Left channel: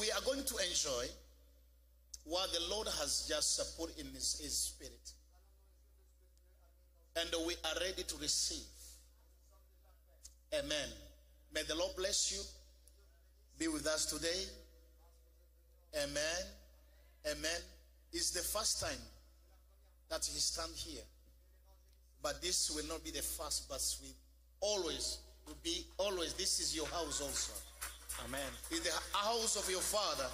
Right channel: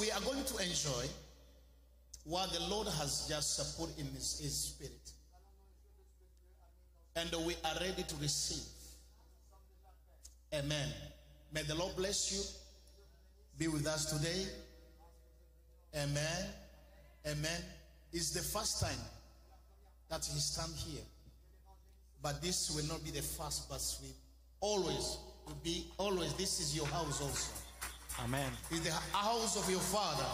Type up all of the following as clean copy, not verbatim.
We are going to enjoy what the Lord has just put in His Spirit. And we are ready to receive. Amen. May the Lord bless you. Be with us today. Amen. Amen. It's the first time that we stand here. But this will not be the first, but we will be always. This is your house also. Amen. It's the house of your Father.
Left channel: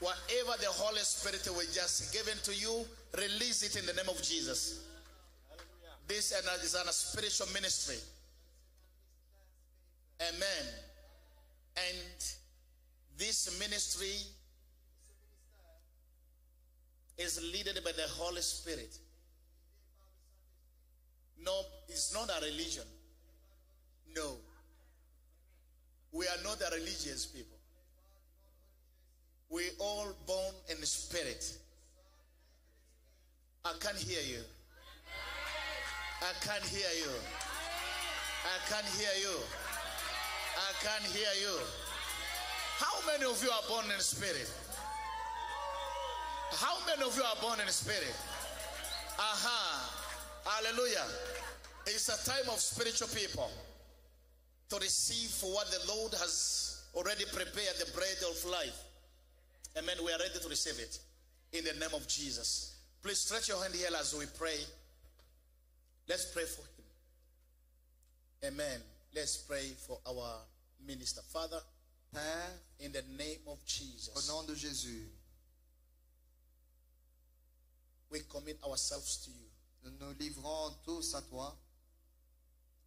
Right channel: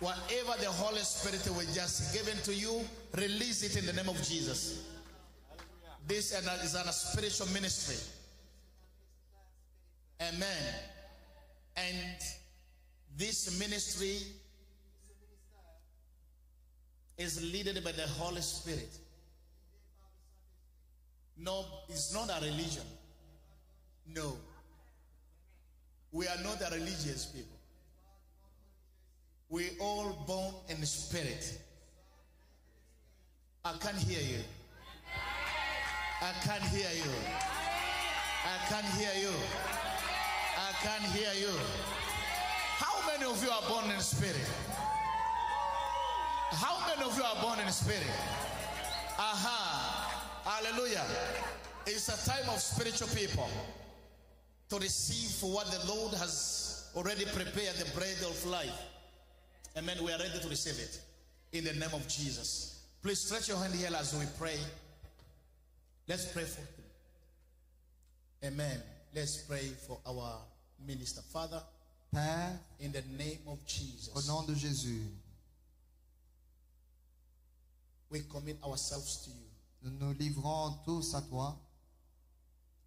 Whatever the Holy Spirit will just give to you, release it in the name of Jesus. This is a spiritual ministry. Amen. And this ministry is led by the Holy Spirit. No, it's not a religion. No. We are not a religious people. We all born in the Spirit. I can't hear you. I can't hear you. I can't hear you. I can't hear you. How many of you are born in the Spirit? How many of you are born in the Spirit? Aha. Hallelujah. It's a time of spiritual people to receive for what the Lord has already prepared, the bread of life. Amen. We are ready to receive it in the name of Jesus. Please stretch your hand here as we pray. Let's pray for him. Amen. Let's pray for our minister. Father, Père, in the name of Jesus, au nom de Jésus, we commit ourselves to you. nous nous livrons tous à toi.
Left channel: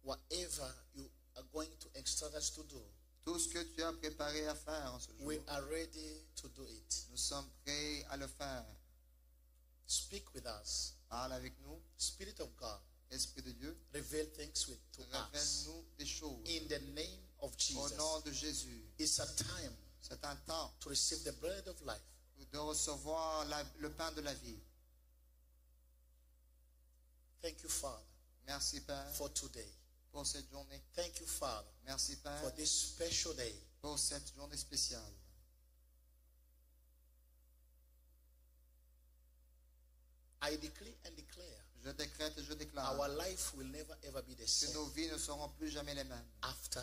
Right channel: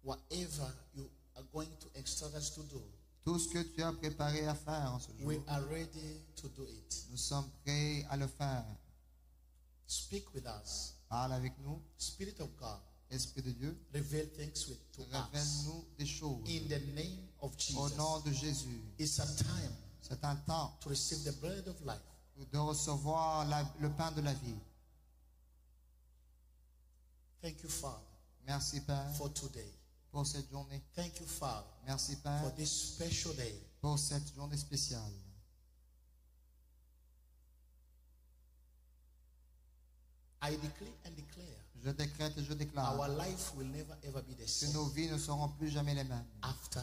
Whatever you are going to instruct us to do, Tout ce que tu as préparé à faire en ce jour, we are ready to do it. nous sommes prêts à le faire. Speak with us. Parle avec nous, Spirit of God, Esprit de Dieu, reveal things to us. révèle-nous des choses. In the name of Au Jesus. nom de Jésus, It's a time c'est un temps to receive the bread of life. de recevoir le pain de la vie. Thank you, Father, Merci Père for today. pour cette journée. Thank you, Father, Merci for Père this special day. pour cette journée spéciale. I decree and declare Je décrète et je our déclare life will never ever be the que nos same vies ne seront plus jamais les mêmes after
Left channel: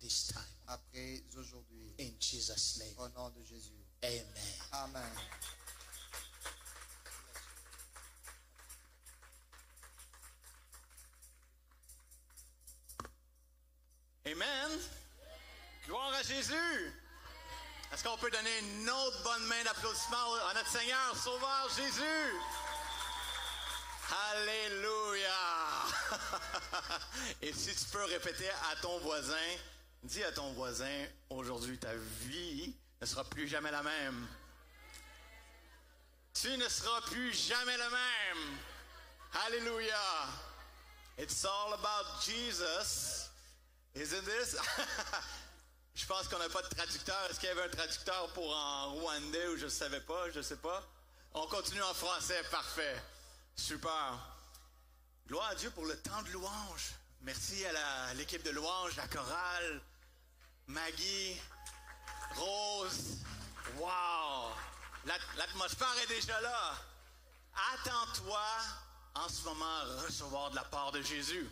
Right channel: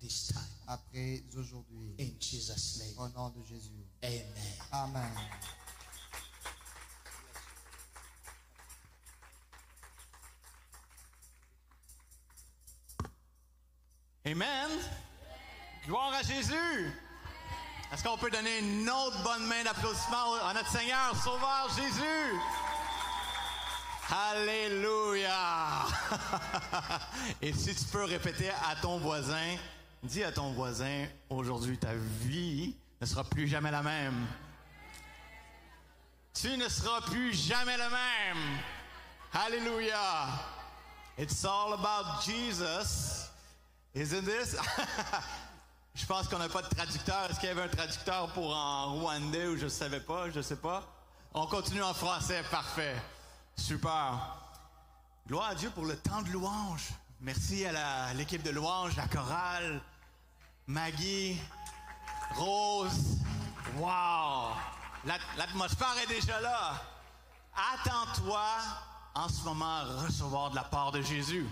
this time. après aujourd'hui. In Jesus' name. Au nom de Jésus. Amen. Amen. Amen. Gloire à Jésus. Est-ce qu'on peut donner une autre bonne main d'applaudissement à notre Seigneur, Sauveur Jésus? Alléluia. Et si tu peux répéter à ton voisin, dis à ton voisin, aujourd'hui ta vie ne sera plus jamais la même. Tu ne seras plus jamais le même. Alléluia. It's all about Jesus. Isn't this? Je pense qu'on n'a pas de traducteur. Est-ce qu'il y avait un traducteur pour en rwandais ou je savais pas? Je sais pas. On continue en français. Parfait. Super. Gloire à Dieu pour le temps de louange. Merci à l'équipe de louange, la chorale, Maggie, Rose. Wow! L'atmosphère est déjà là. Attends-toi en ce moment à recevoir de la part de Jésus.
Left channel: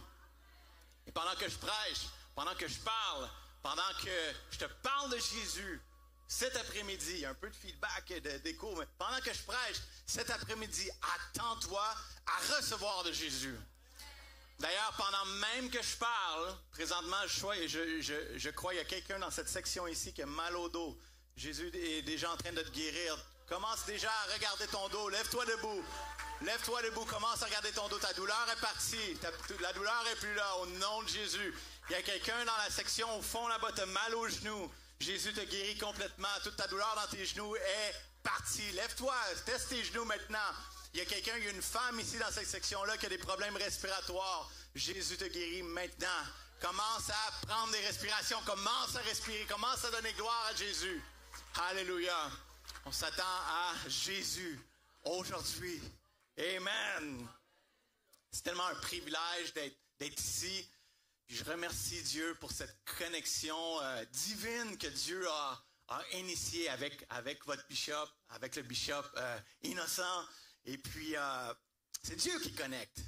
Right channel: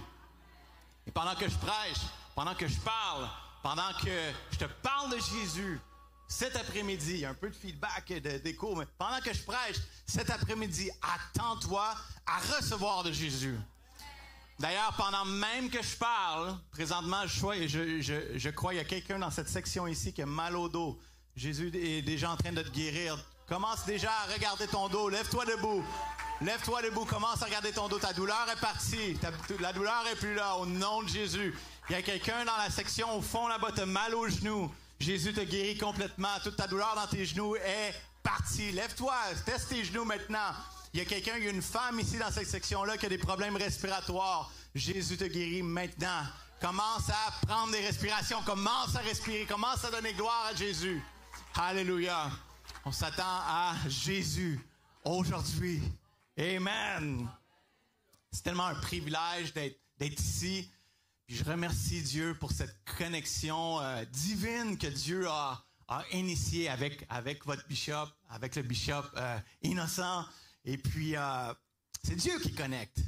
Et pendant que je prêche, pendant que je parle, pendant que je te parle de Jésus, cet après-midi, un peu de feedback et d'écho, mais pendant que je prêche, cet après-midi, attends-toi à recevoir de Jésus. D'ailleurs, pendant même que je parle, présentement, je crois qu'il y a quelqu'un dans cette section ici qui a mal au dos. Jésus est déjà en train de te guérir. Commence déjà à regarder ton dos. Lève-toi debout. Lève-toi debout. Commence à regarder ton dos. Ta douleur est partie. La douleur est plus là. Au nom de Jésus. Il y a quelqu'un dans la section au fond là-bas. T'as mal aux genoux. Jésus te guérit complètement. Toute ta douleur dans tes genoux est partie. Lève-toi. Teste tes genoux maintenant. Il y a quelqu'un, il y a une femme ici dans cette section-là qui a des problèmes respiratoires. Jésus te guérit maintenant. Commence à prendre des respirations. Commence à respirer. Commence à donner gloire à Jésus. Alléluia. On s'attend à Jésus aujourd'hui. Amen. C'est tellement un privilège d'être ici. Puis je remercie Dieu pour cette connexion divine que Dieu a a initié avec votre bishop, avec le bishop Innocent. Et puis, c'est Dieu qui connecte.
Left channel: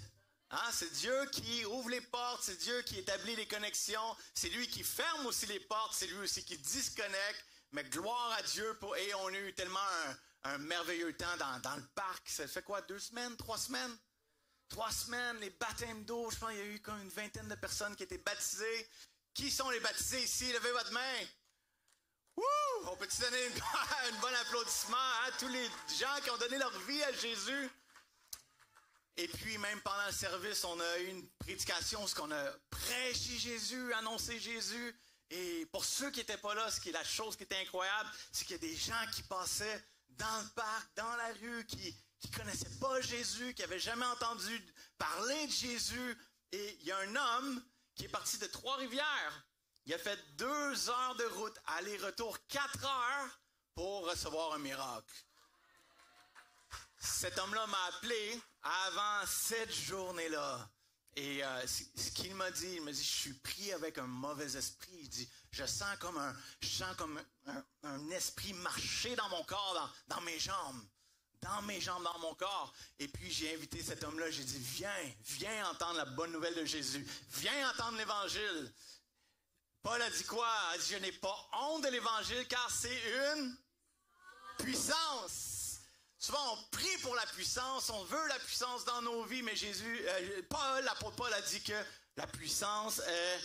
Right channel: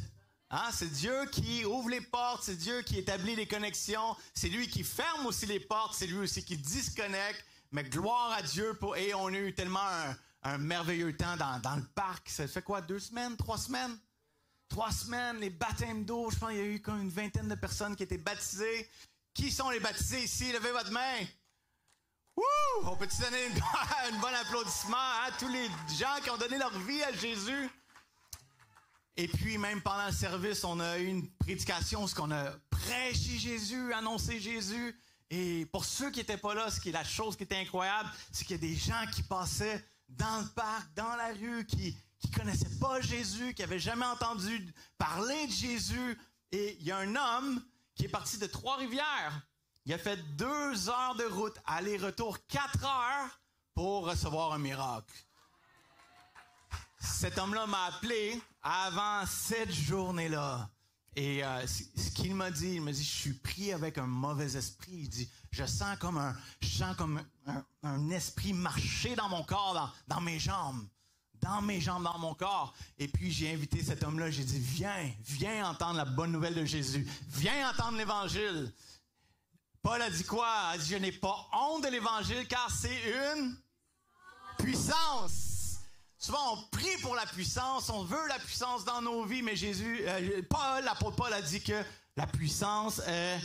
Hein? C'est Dieu qui ouvre les portes, c'est Dieu qui établit les connexions, c'est lui qui ferme aussi les portes, c'est lui aussi qui disconnecte. Mais gloire à Dieu et on a eu tellement un merveilleux temps dans le parc. Ça fait quoi, 2 semaines, 3 semaines? 3 semaines, les baptêmes d'eau, je pense qu'il y a eu comme une vingtaine de personnes qui étaient baptisées. Qui sont les baptisés ici? Levez votre main. Wouh! On peut-tu donner un bon applaudissement à tous les gens qui ont donné leur vie à Jésus? Et puis, même pendant le service, on a eu une prédication, ce qu'on a prêché Jésus, annoncé Jésus. Et pour ceux qui n'étaient pas là, ce qui est la chose qui était incroyable, c'est qu'il y a des gens qui passaient dans le parc, dans la rue, qui connaissaient pas Jésus, qui n'avaient jamais entendu parler de Jésus. Et il y a un homme qui est parti de Trois-Rivières. Il a fait 2 heures de route, aller-retour 4 heures pour recevoir un miracle. Cet homme-là m'a appelé avant cette journée-là. Et ce qu'il m'a dit, il m'a dit, je suis pris avec un mauvais esprit. Il dit, je sens comme un esprit marcher dans mon corps, dans mes jambes. Dans mes jambes, dans mon corps. Et puis, j'ai invité cet homme-là, j'ai dit, viens entendre la bonne nouvelle de Jésus. Viens entendre l'Évangile. Paul a dit quoi? Il a dit, je n'ai pas honte de l'Évangile, car c'est une puissance. Souvent, on prie pour la puissance, on veut la puissance dans nos vies, mais l'apôtre Paul a dit que la puissance est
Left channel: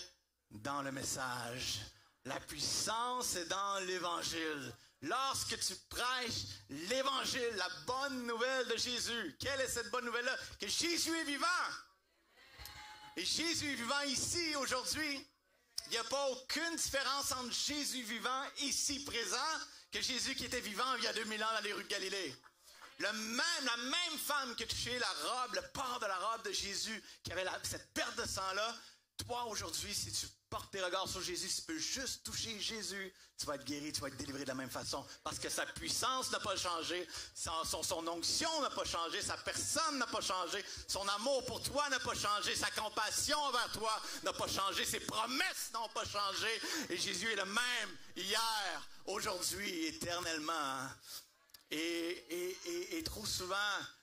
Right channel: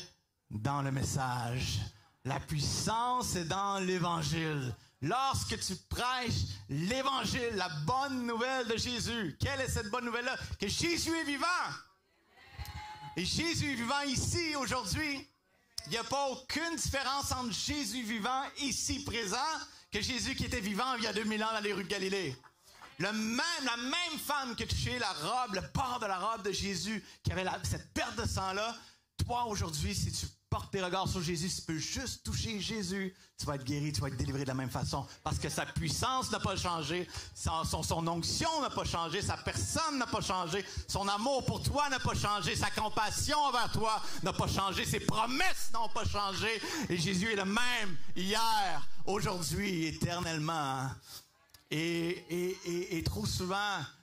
dans le message. La puissance est dans l'Évangile. Lorsque tu prêches l'Évangile, la bonne nouvelle de Jésus, quelle est cette bonne nouvelle-là? Que Jésus est vivant. Et Jésus est vivant ici, aujourd'hui. Il n'y a pas aucune différence entre Jésus vivant, ici, présent, que Jésus qui était vivant il y a 2000 ans dans les rues de Galilée. La même femme qui a touché la robe, le port de la robe de Jésus, qui avait cette perte de sang-là, toi, aujourd'hui, si tu portes tes regards sur Jésus, si tu peux juste toucher Jésus, tu vas être guéri, tu vas être délivré de la même façon. Parce que sa puissance n'a pas changé, son onction n'a pas changé, sa personne n'a pas changé, son amour pour toi n'a pas changé, sa compassion envers toi n'a pas changé, ses promesses n'ont pas changé. Et Jésus est le même hier, aujourd'hui, éternellement. Et trop souvent,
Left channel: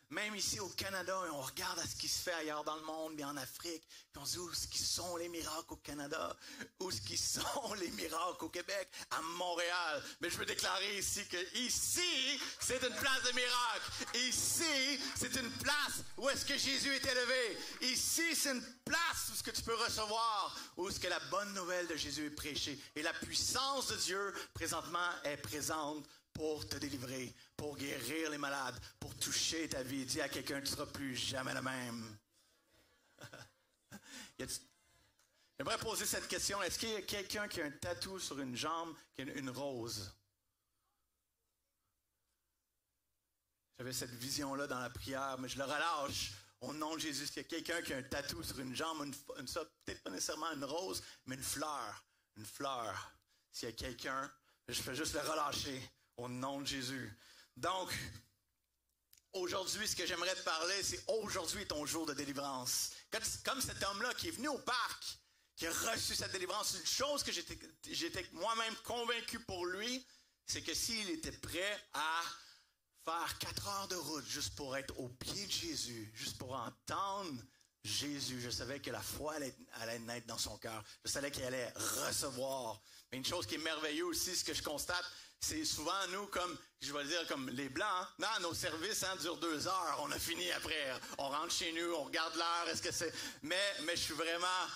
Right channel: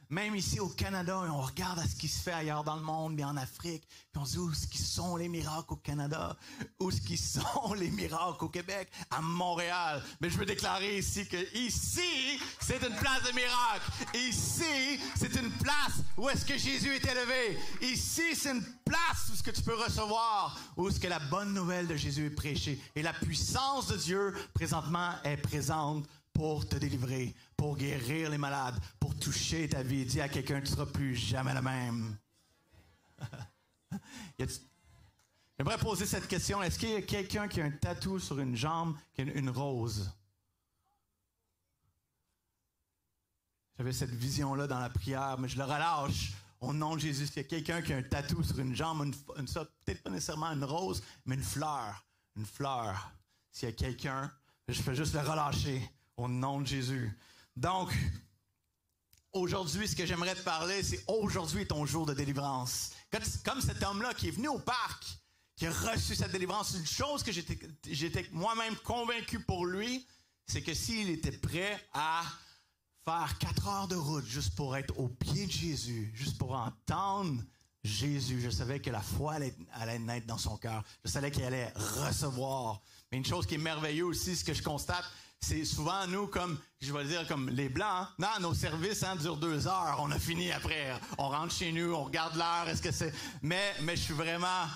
même ici au Canada, on regarde à ce qui se fait ailleurs dans le monde, mais en Afrique, puis on se dit où est-ce qu'ils sont les miracles au Canada, où est-ce qu'ils sont les miracles au Québec, à Montréal. Mais je veux déclarer ici que ici, c'est une place de miracle. Ici, c'est une place où est-ce que Jésus est élevé. Ici, c'est une place où est-ce que tu peux recevoir, où est-ce que la bonne nouvelle de Jésus est prêchée. Et la puissance de Dieu, présentement, est présente pour te délivrer, pour guérir les malades, pour toucher ta vie. Dis à quelqu'un, tu ne seras plus jamais le même. J'aimerais poser cette question. Est-ce qu'il y a quelqu'un qui a un tatou sur une jambe, qui a une rose? J'avais cette vision-là dans la prière, mais je le relâche au nom de Jésus. Est-ce qu'il y a quelqu'un qui a un tatou sur une jambe, peut-être pas nécessairement une rose, mais une fleur. Une fleur. S'il y a quelqu'un, je fais juste le relâcher. Au nom de Jésus. Donc, aujourd'hui, ce que j'aimerais te parler, c'est aujourd'hui ton jour de délivrance. Comme cet homme-là qui est venu au parc, qui a reçu cette délivrance, une chose que j'étais moi-même convaincu pour lui, c'est que s'il était prêt à faire 4 heures de route juste pour être au pied de Jésus, juste pour entendre Jésus, je savais que la foi allait naître dans son cœur. Je savais qu'il allait recevoir. Mais une chose qui est merveilleuse aussi, ce que je constate, c'est souvent nous, comme, je vais dire, comme les Blancs, hein? Non, nos services durent 2 heures, on a fini après, on rentre chez nous, on regarde l'heure, est-ce que c'est... Mais je suis vraiment,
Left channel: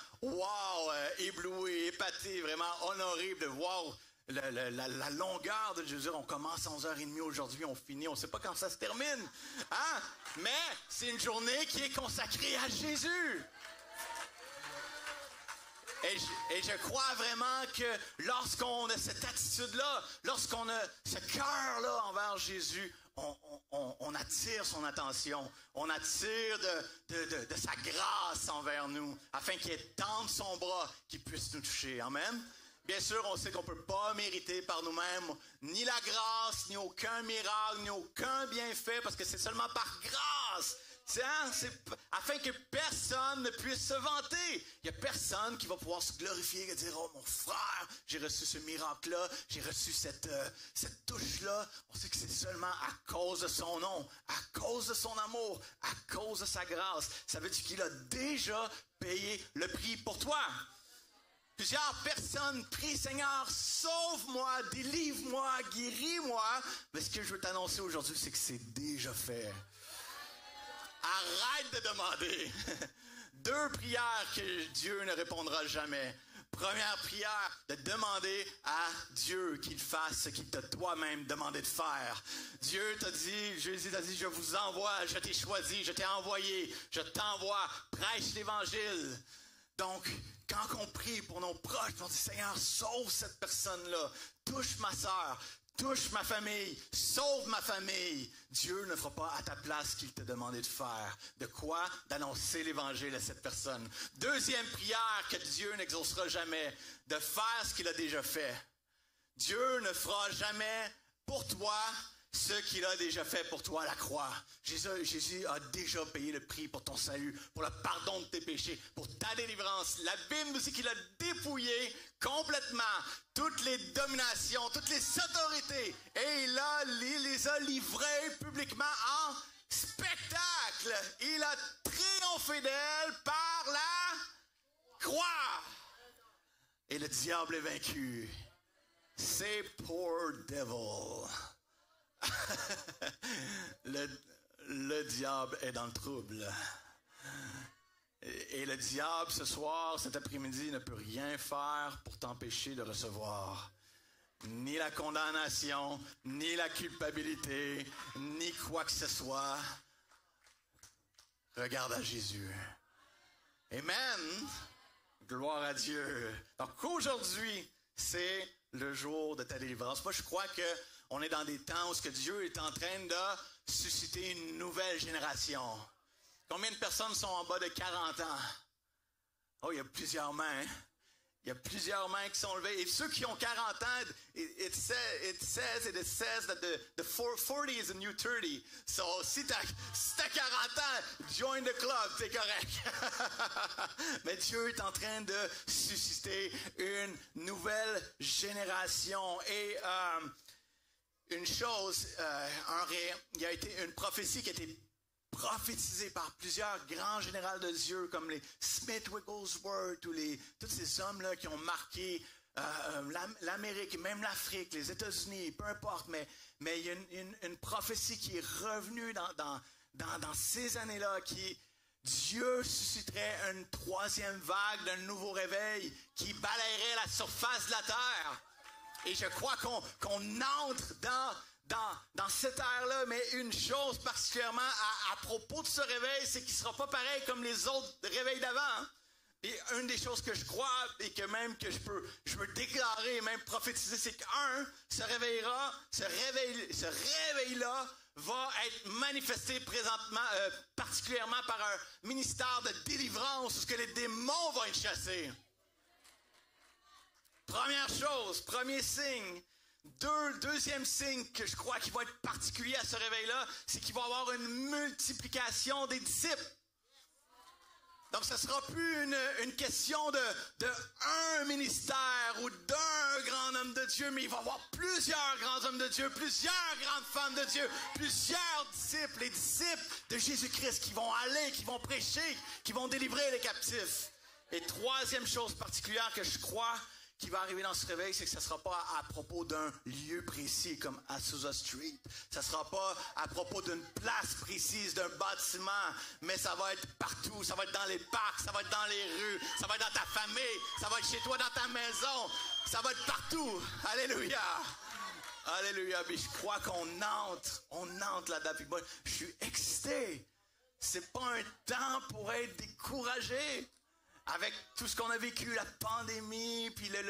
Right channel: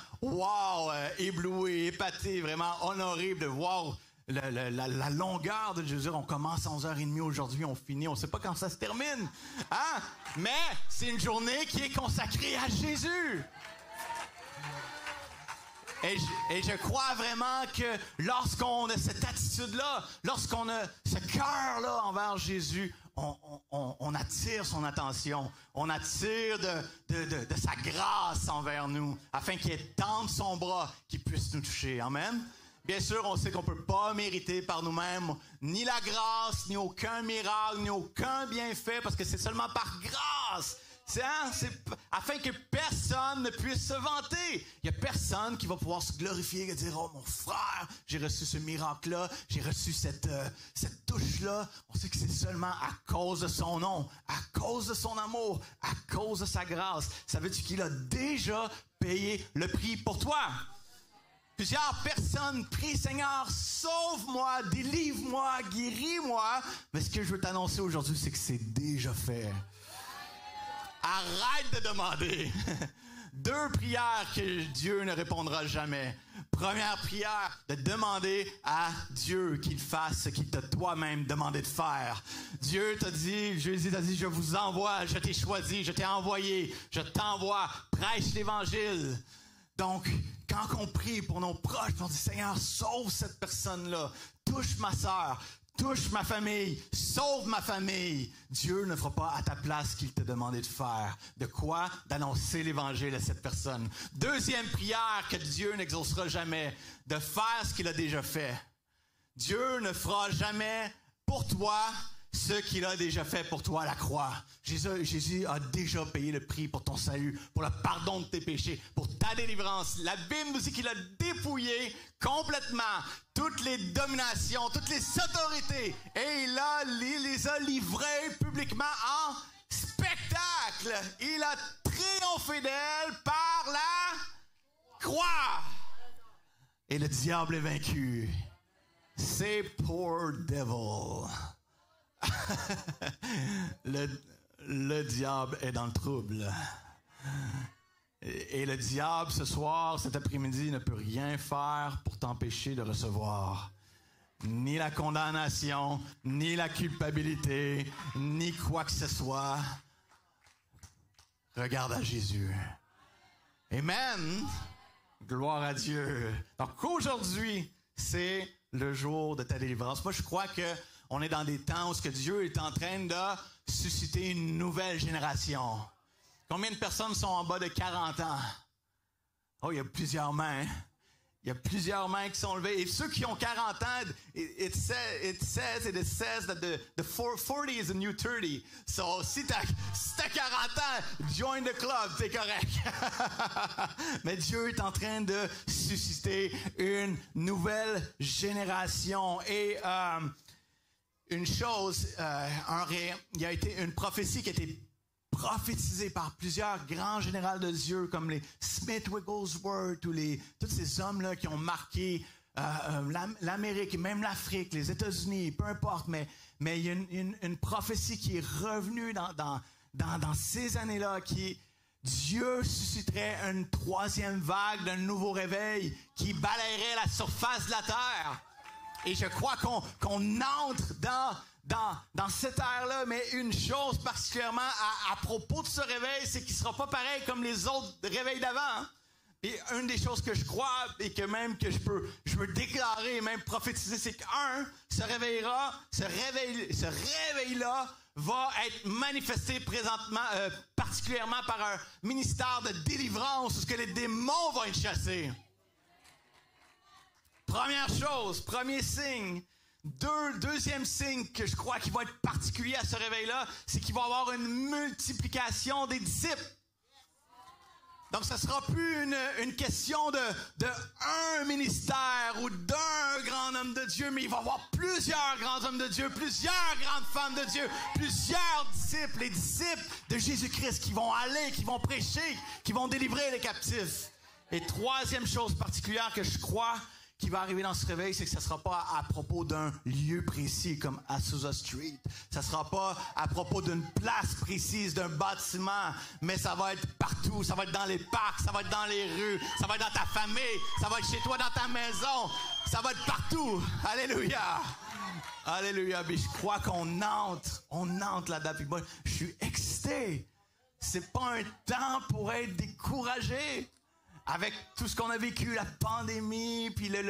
ébloui, épaté, vraiment honoré de voir la longueur de Jésus. On commence à 11h30 aujourd'hui, on finit, on ne sait pas quand ça se termine. Hein? Mais c'est une journée qui est consacrée à Jésus. Et je crois vraiment que lorsqu'on a cette attitude-là, lorsqu'on a ce cœur-là envers Jésus, on attire son attention. On attire de sa grâce envers nous, afin qu'il étende son bras, qu'il puisse nous toucher. Amen. Bien sûr, on sait qu'on ne peut pas mériter par nous-mêmes ni la grâce, ni aucun miracle, ni aucun bienfait, parce que c'est seulement par grâce afin que personne ne puisse se vanter. Il n'y a personne qui va pouvoir se glorifier et dire, oh mon frère, j'ai reçu ce miracle-là, j'ai reçu cette touche-là. On sait que c'est seulement à cause de son nom, à cause de son amour, à cause de sa grâce. Ça veut dire qu'il a déjà payé le prix pour toi. Plusieurs personnes prient, Seigneur, sauve-moi, délivre-moi, guéris-moi. Mais ce que je veux t'annoncer aujourd'hui, c'est que c'est déjà fait. Arrête de demander. 2 prières que Dieu ne répondra jamais. Première prière, de demander à Dieu qu'il fasse ce qu'il t'a toi-même demandé de faire. Dieu t'a dit, Jésus t'a dit, je vous envoie, je t'ai choisi, je t'ai envoyé, je t'envoie, prêche l'Évangile. Donc, quand on prie pour nos proches, on dit, Seigneur, sauve cette personne-là, touche ma sœur, touche ma famille, sauve ma famille. Dieu ne fera pas à ta place ce qu'il t'a demandé de faire. De quoi? D'annoncer l'Évangile à cette personne. Deuxième prière que Dieu n'exaucera jamais, de faire ce qu'il a déjà fait. Dieu ne fera jamais pour toi ce qu'il a déjà fait pour toi à la croix. Jésus a déjà payé le prix pour ton salut, pour le pardon de tes péchés, pour ta délivrance. La Bible nous dit qu'il a dépouillé complètement toutes les dominations, toutes les autorités, et il les a livrées publiquement en spectacle. Il a triomphé d'elle par la croix. Et le diable est vaincu. C'est poor devil. Le diable est dans le trouble. Et le diable, ce soir, cet après-midi, ne peut rien faire pour t'empêcher de recevoir ni la condamnation, ni la culpabilité, ni quoi que ce soit. Regarde à Jésus. Amen. Gloire à Dieu. Donc aujourd'hui, c'est le jour de ta délivrance. Moi, je crois que on est dans des temps où Dieu est en train de susciter une nouvelle génération. Combien de personnes sont en bas de 40 ans? Oh, il y a plusieurs mains. Il y a plusieurs mains qui sont levées. Et ceux qui ont 40 ans, it says that the 40 is a new 30. So, si t'as 40 ans, join the club, c'est correct. Mais Dieu est en train de susciter une nouvelle génération. Et une chose, il y a été une prophétie qui a été prophétisée par plusieurs grands généraux de Dieu comme les Smith Wigglesworth ou tous ces hommes-là qui ont marqué l'Amérique, même l'Afrique, les États-Unis, peu importe, mais il y a une prophétie qui est revenue dans ces années-là qui Dieu susciterait une troisième vague d'un nouveau réveil qui balayerait la surface de la terre. Et je crois qu'on entre dans cette ère-là, mais une chose particulièrement à propos de ce réveil, c'est qu'il ne sera pas pareil comme les autres réveils d'avant. Hein? Et une des choses que je crois et que même que je peux déclarer et même prophétiser, c'est ce réveil-là va être manifesté présentement, particulièrement par un ministère de délivrance où les démons vont être chassés. Première chose, premier signe. Deuxième signe que je crois qui va être particulier à ce réveil-là, c'est qu'il va y avoir une multiplication des disciples. Donc, ce ne sera plus une question de un ministère ou d'un grand homme de Dieu, mais il va y avoir plusieurs grands hommes de Dieu, plusieurs grandes femmes de Dieu, plusieurs disciples, les disciples de Jésus-Christ qui vont aller, qui vont prêcher, qui vont délivrer les captifs. Et troisième chose particulière que je crois qui va arriver dans ce réveil, c'est que ce ne sera pas à propos d'un lieu précis comme Azusa Street. Ça ne sera pas à propos d'une place précise, d'un bâtiment, mais ça va être partout. Ça va être dans les parcs, ça va être dans les rues, ça va être dans ta famille, ça va être chez toi, dans ta maison. Ça va être partout. Alléluia. Alléluia. Mais je crois qu'on entre là-dedans. Puis moi, je suis excité. C'est pas un temps pour être découragé. Avec tout ce qu'on a vécu, la pandémie, puis la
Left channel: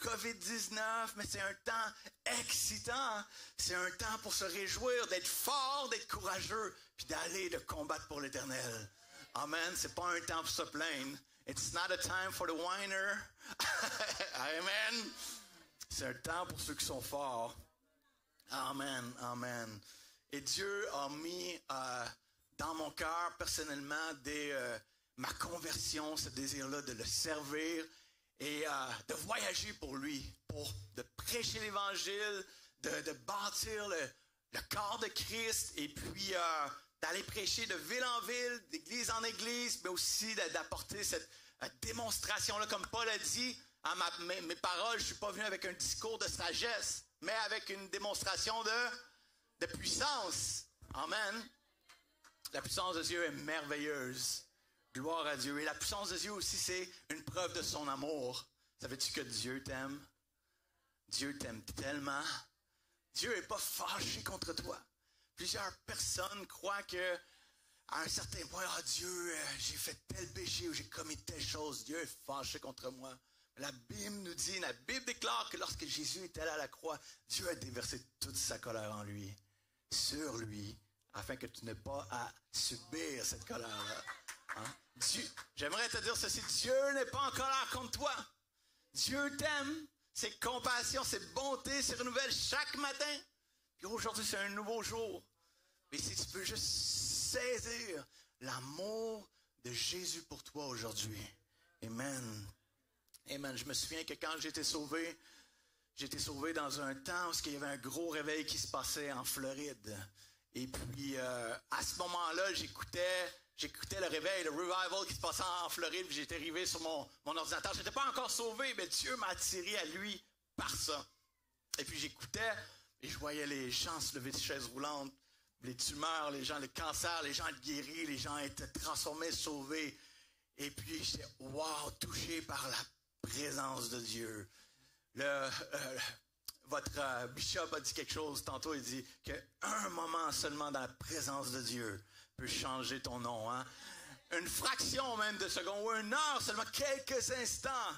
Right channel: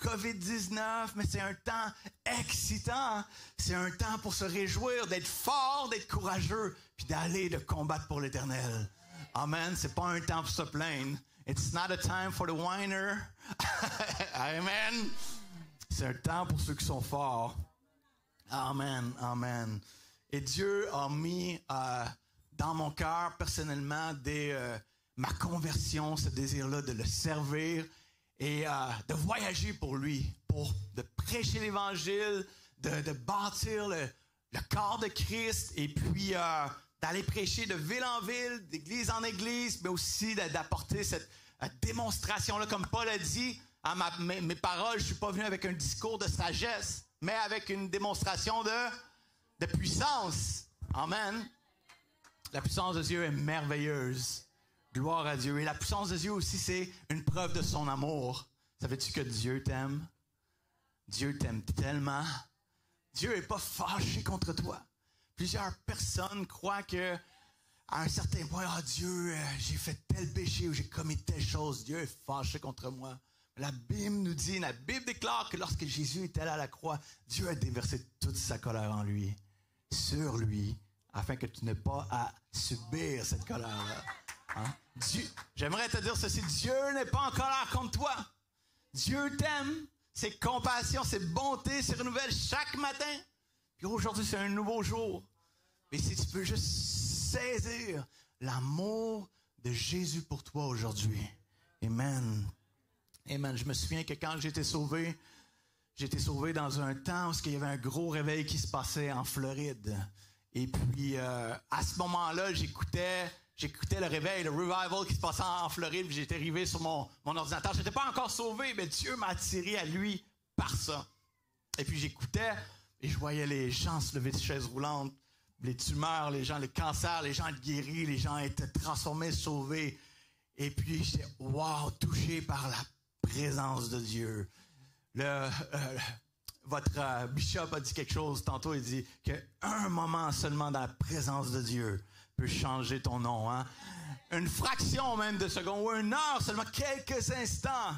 COVID-19, mais c'est un temps excitant. C'est un temps pour se réjouir, d'être fort, d'être courageux, puis d'aller de combattre pour l'Éternel. Amen. C'est pas un temps pour se plaindre. It's not a time for the whiner. Amen. C'est un temps pour ceux qui sont forts. Amen. Amen. Et Dieu a mis dans mon cœur, personnellement, dès ma conversion, ce désir-là de le servir et de voyager pour lui, de prêcher l'Évangile, de bâtir le corps de Christ et puis d'aller prêcher de ville en ville, d'église en église, mais aussi d'apporter cette démonstration-là, comme Paul a dit, mes paroles, je ne suis pas venu avec un discours de sagesse, mais avec une démonstration de puissance. Amen. La puissance de Dieu est merveilleuse. Gloire à Dieu. Et la puissance de Dieu aussi, c'est une preuve de son amour. Savais-tu que Dieu t'aime? Dieu t'aime tellement. Dieu n'est pas fâché contre toi. Plusieurs personnes croient que à un certain point, Dieu, j'ai fait tel péché ou j'ai commis telle chose. Dieu est fâché contre moi. La Bible déclare que lorsque Jésus était allé à la croix, Dieu a déversé toute sa colère en lui, sur lui, afin que tu n'aies pas à subir cette colère-là. Hein? J'aimerais te dire ceci, Dieu n'est pas en colère contre toi. Dieu t'aime, ses compassions, ses bontés se renouvellent chaque matin. Puis aujourd'hui, c'est un nouveau jour. Mais si tu peux juste saisir l'amour de Jésus pour toi aujourd'hui. Amen. Amen. Je me souviens que quand j'ai été sauvé dans un temps où il y avait un gros réveil qui se passait en Floride. Et puis, à ce moment-là, j'écoutais le réveil, le revival qui se passait en Floride. Puis j'étais arrivé sur mon ordinateur. Je n'étais pas encore sauvé, mais Dieu m'a attiré à lui par ça. Et puis j'écoutais et je voyais les gens se lever de chaises roulantes, les tumeurs, les cancers, les gens guéris, les gens étaient transformés, sauvés. Et puis j'étais, wow, touché par la présence de Dieu. Votre bishop a dit quelque chose tantôt, il dit qu'un moment seulement dans la présence de Dieu peut changer ton nom. Hein? Une fraction même de seconde ou une heure, seulement quelques instants.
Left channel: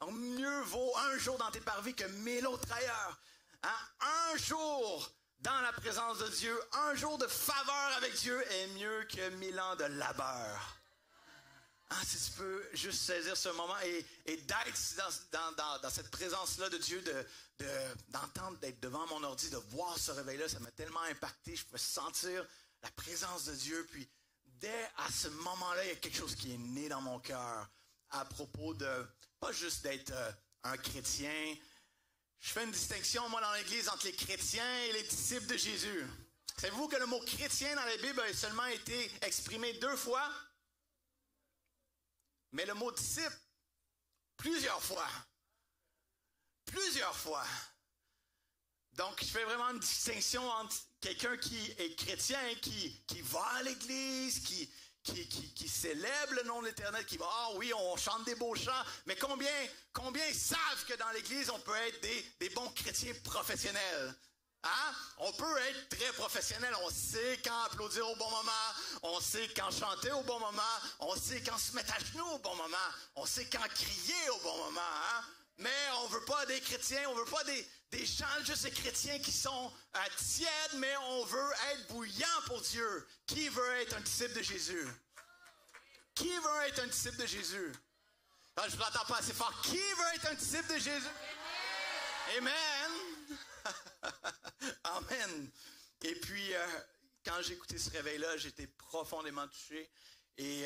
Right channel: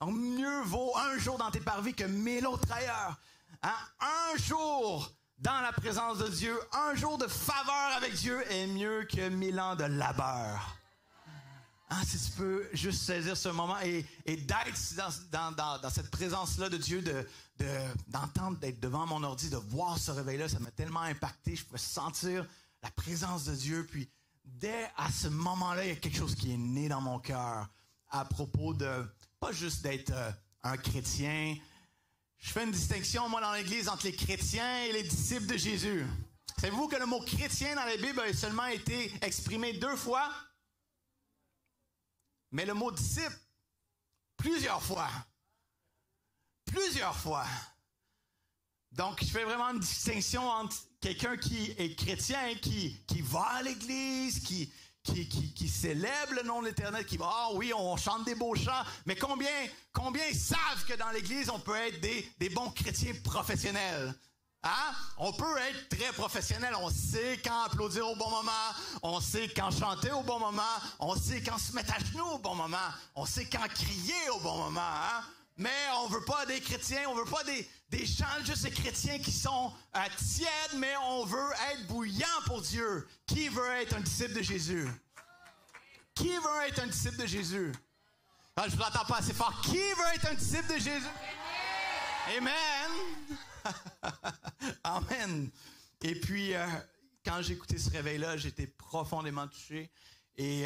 Donc mieux vaut un jour dans tes parvis que 1000 autres ailleurs. Hein? Un jour dans la présence de Dieu, un jour de faveur avec Dieu est mieux que 1000 ans de labeur. Hein, si tu peux juste saisir ce moment et d'être dans cette présence-là de Dieu, d'entendre, d'être devant mon ordi, de voir ce réveil-là, ça m'a tellement impacté. Je pouvais sentir la présence de Dieu. Puis, dès à ce moment-là, il y a quelque chose qui est né dans mon cœur à propos de, pas juste d'être un chrétien. Je fais une distinction, moi, dans l'Église, entre les chrétiens et les disciples de Jésus. Savez-vous que le mot chrétien dans la Bible a seulement été exprimé 2 fois? Mais le mot disciple, plusieurs fois. Plusieurs fois. Donc, je fais vraiment une distinction entre quelqu'un qui est chrétien, qui va à l'église, qui célèbre le nom de l'Éternel, qui va, oui, on chante des beaux chants, mais combien savent que dans l'église, on peut être des bons chrétiens professionnels? Hein? On peut être très professionnel. On sait quand applaudir au bon moment. On sait quand chanter au bon moment. On sait quand se mettre à genoux au bon moment. On sait quand crier au bon moment. Hein? Mais on veut pas des chrétiens. On veut pas des chants juste des chrétiens qui sont tièdes, mais on veut être bouillant pour Dieu. Qui veut être un disciple de Jésus? Qui veut être un disciple de Jésus? Non, je ne vous entends pas assez fort. Qui veut être un disciple de Jésus? Amen. Amen. Et puis, quand j'ai écouté ce réveil-là, j'étais profondément touché. Et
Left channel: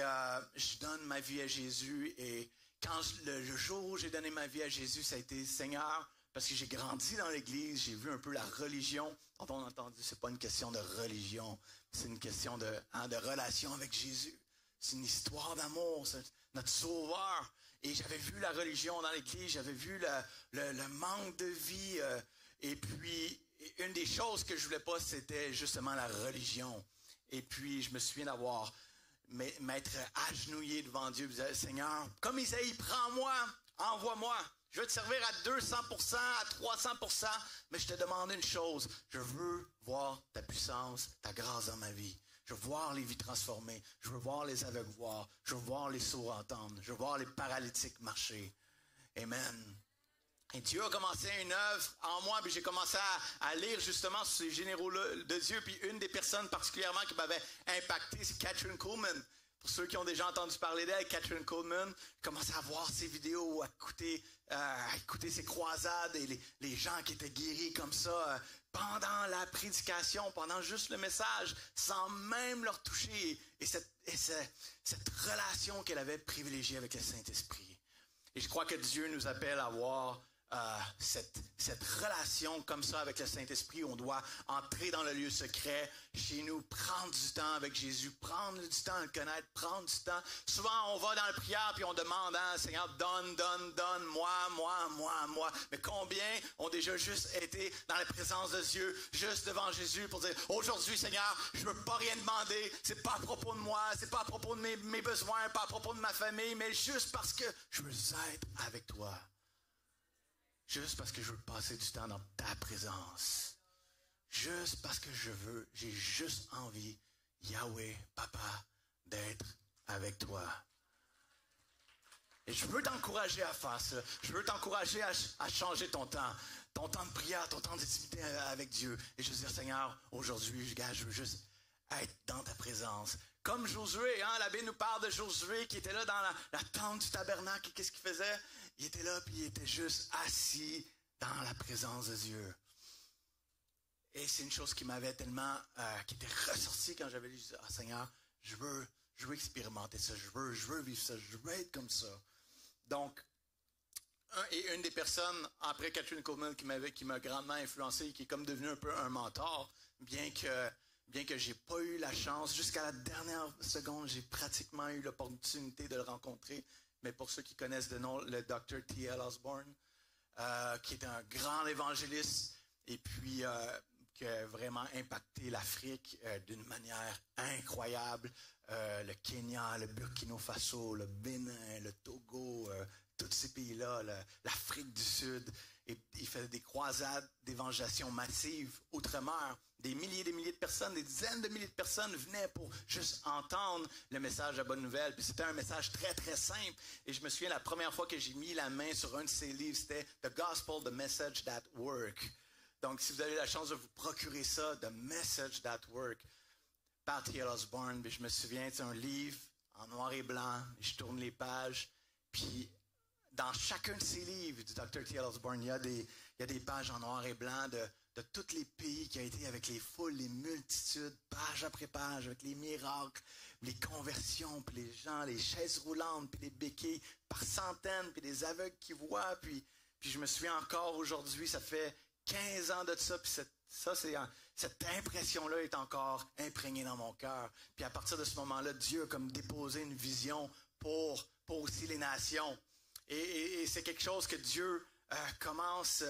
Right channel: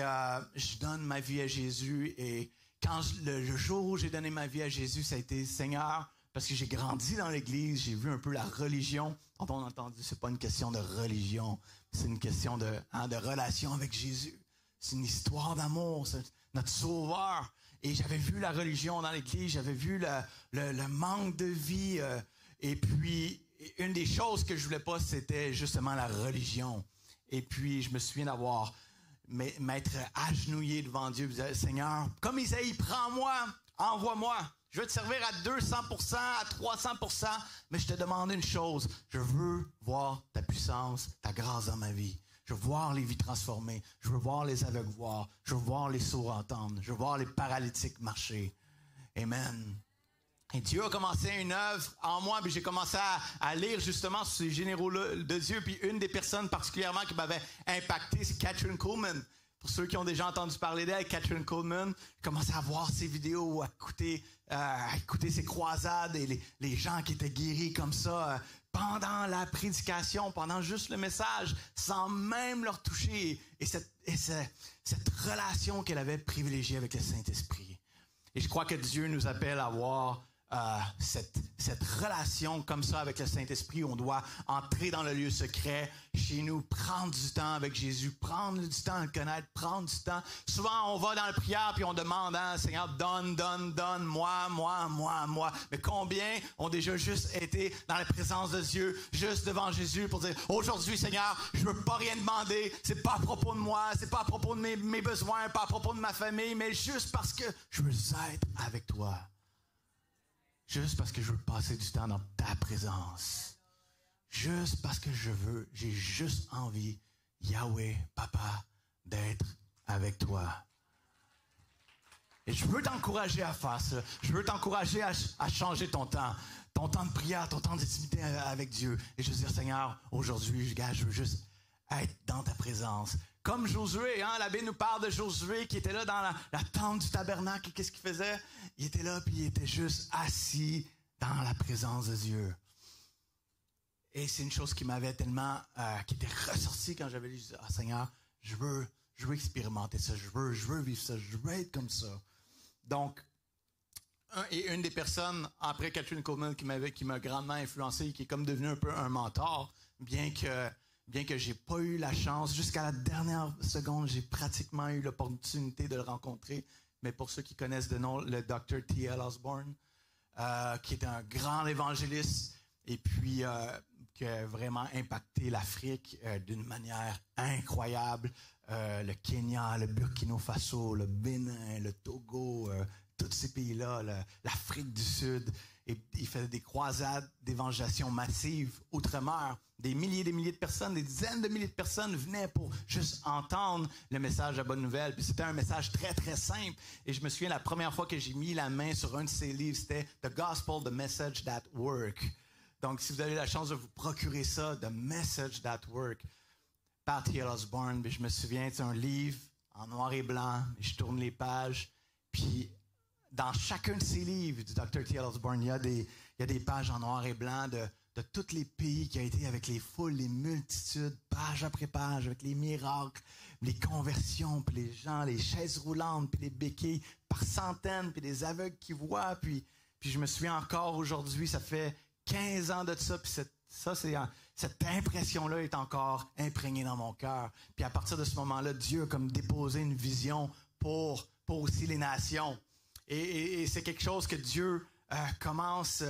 je donne ma vie à Jésus. Et quand le jour où j'ai donné ma vie à Jésus, ça a été Seigneur, parce que j'ai grandi dans l'Église, j'ai vu un peu la religion. Quand on a entendu, c'est pas une question de religion, c'est une question de relation avec Jésus. C'est une histoire d'amour, c'est notre Sauveur. Et j'avais vu la religion dans l'Église, j'avais vu le manque de vie. Et puis, une des choses que je voulais pas, c'était justement la religion. Et puis, je me souviens m'être agenouillé devant Dieu, et dire, Seigneur, comme Isaïe, prends-moi, envoie-moi. Je veux te servir à 200%, à 300%, mais je te demande une chose. Je veux voir ta puissance, ta grâce dans ma vie. Je veux voir les vies transformées. Je veux voir les aveugles voir. Je veux voir les sourds entendre. Je veux voir les paralytiques marcher. Amen. Et Dieu a commencé une œuvre en moi, puis j'ai commencé à lire justement sur ces généraux de Dieu. Puis une des personnes particulièrement qui m'avait impacté, c'est Kathryn Kuhlman. Pour ceux qui ont déjà entendu parler d'elle, Kathryn Kuhlman, j'ai commencé à voir ses vidéos, à écouter ses croisades et les gens qui étaient guéris comme ça pendant la prédication, pendant juste le message, sans même leur toucher. Et cette relation qu'elle avait privilégiée avec le Saint-Esprit. Et je crois que Dieu nous appelle à avoir cette relation comme ça avec le Saint-Esprit. On doit entrer dans le lieu secret, chez nous, prendre du temps avec Jésus, prendre du temps à le connaître, prendre du temps. Souvent, on va dans la prière puis on demande, hein, Seigneur, donne, moi. Mais combien ont déjà juste été dans la présence de Dieu, juste devant Jésus pour dire, aujourd'hui, Seigneur, je veux pas rien demander, c'est pas à propos de moi, c'est pas à propos de mes besoins, pas à propos de ma famille, mais juste parce que je veux être avec toi. Juste parce que je veux passer du temps dans ta présence. Juste parce que j'ai juste envie, Yahweh, Papa, d'être avec toi. Et je veux t'encourager à faire ça. Je veux t'encourager à changer ton temps de prière, ton temps d'intimité avec Dieu. Et je veux dire, Seigneur, aujourd'hui, je veux juste être dans ta présence. Comme Josué, hein, la Bible nous parle de Josué qui était là dans la tente du tabernacle. Et qu'est-ce qu'il faisait? Il était là, puis il était juste assis dans la présence de Dieu. Et c'est une chose qui m'avait tellement, qui était ressortie quand j'avais dit, ah, Seigneur, je veux expérimenter ça, je veux vivre ça, je veux être comme ça. Donc, une des personnes, après Catherine Coleman, qui m'a grandement influencé, qui est comme devenu un peu un mentor, bien que j'ai pas eu la chance, jusqu'à la dernière seconde, j'ai pratiquement eu l'opportunité de le rencontrer. Mais pour ceux qui connaissent de nom, le Dr. T.L. Osborne, qui est un grand évangéliste et puis qui a vraiment impacté l'Afrique d'une manière incroyable. Le Kenya, le Burkina Faso, le Bénin, le Togo, tous ces pays-là, l'Afrique du Sud. Et il faisait des croisades d'évangélisation massive outre-mer. Des milliers de personnes, des dizaines de milliers de personnes venaient pour juste entendre le message de la bonne nouvelle. Puis c'était un message très, très simple. Et je me souviens, la première fois que j'ai mis la main sur un de ses livres, c'était « The Gospel, the Message That Work ». Donc, si vous avez la chance de vous procurer ça, « The Message That Work », par T.L. Osborne, je me souviens, c'est un livre en noir et blanc. Je tourne les pages, puis dans chacun de ces livres du Dr. T.L. Osborne, il y a des pages en noir et blanc de tous les pays qui a été avec les foules, les multitudes, page après page, avec les miracles, les conversions, puis les gens, les chaises roulantes, puis les béquilles par centaines, puis les aveugles qui voient. Puis je me souviens encore aujourd'hui, ça fait 15 ans de ça, puis cette impression-là est encore imprégnée dans mon cœur. Puis à partir de ce moment-là, Dieu a comme déposé une vision pour aussi les nations. Et c'est quelque chose que Dieu commence,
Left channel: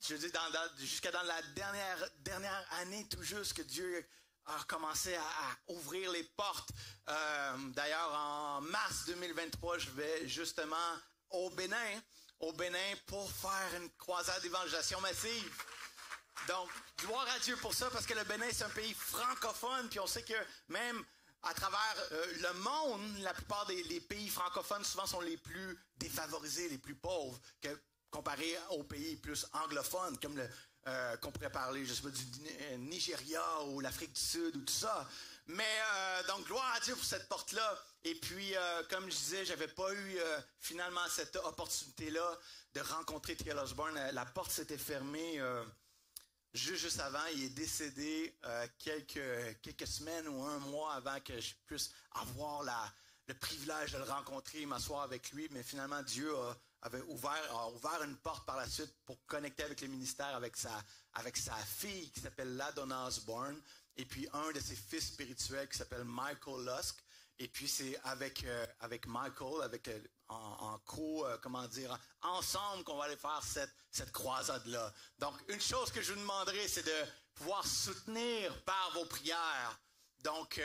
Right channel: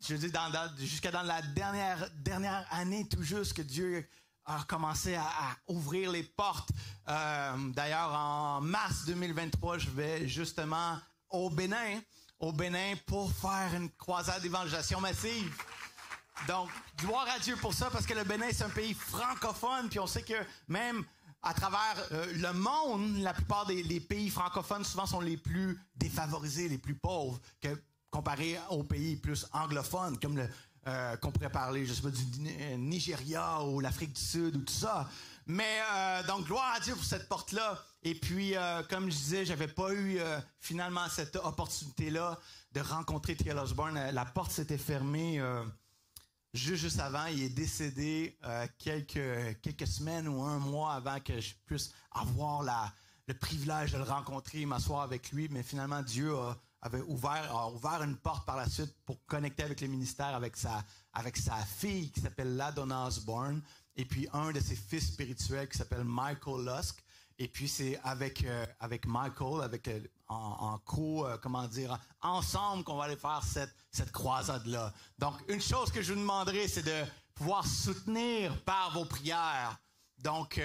je veux dire, jusqu'à dans la dernière année tout juste, que Dieu a commencé à ouvrir les portes. D'ailleurs, en mars 2023, je vais justement au Bénin pour faire une croisade d'évangélisation massive. Donc, gloire à Dieu pour ça, parce que le Bénin, c'est un pays francophone, puis on sait que même à travers le monde, la plupart des pays francophones souvent sont les plus défavorisés, les plus pauvres, comparé aux pays plus anglophones, comme qu'on pourrait parler, je sais pas, du Nigeria ou l'Afrique du Sud ou tout ça. Mais donc, gloire à Dieu pour cette porte-là. Et puis, comme je disais, j'avais pas eu finalement cette opportunité-là de rencontrer T.L. Osborne. La porte s'était fermée juste avant. Il est décédé quelques semaines ou un mois avant que je puisse avoir le privilège de le rencontrer, m'asseoir avec lui. Mais finalement, Dieu a ouvert une porte par la suite pour connecter avec les ministères, avec sa fille qui s'appelle LaDonna Osborne, et puis un de ses fils spirituels qui s'appelle Michael Lusk. Et puis c'est avec Michael, ensemble qu'on va aller faire cette croisade-là. Donc, une chose que je vous demanderai, c'est de pouvoir soutenir par vos prières. Donc,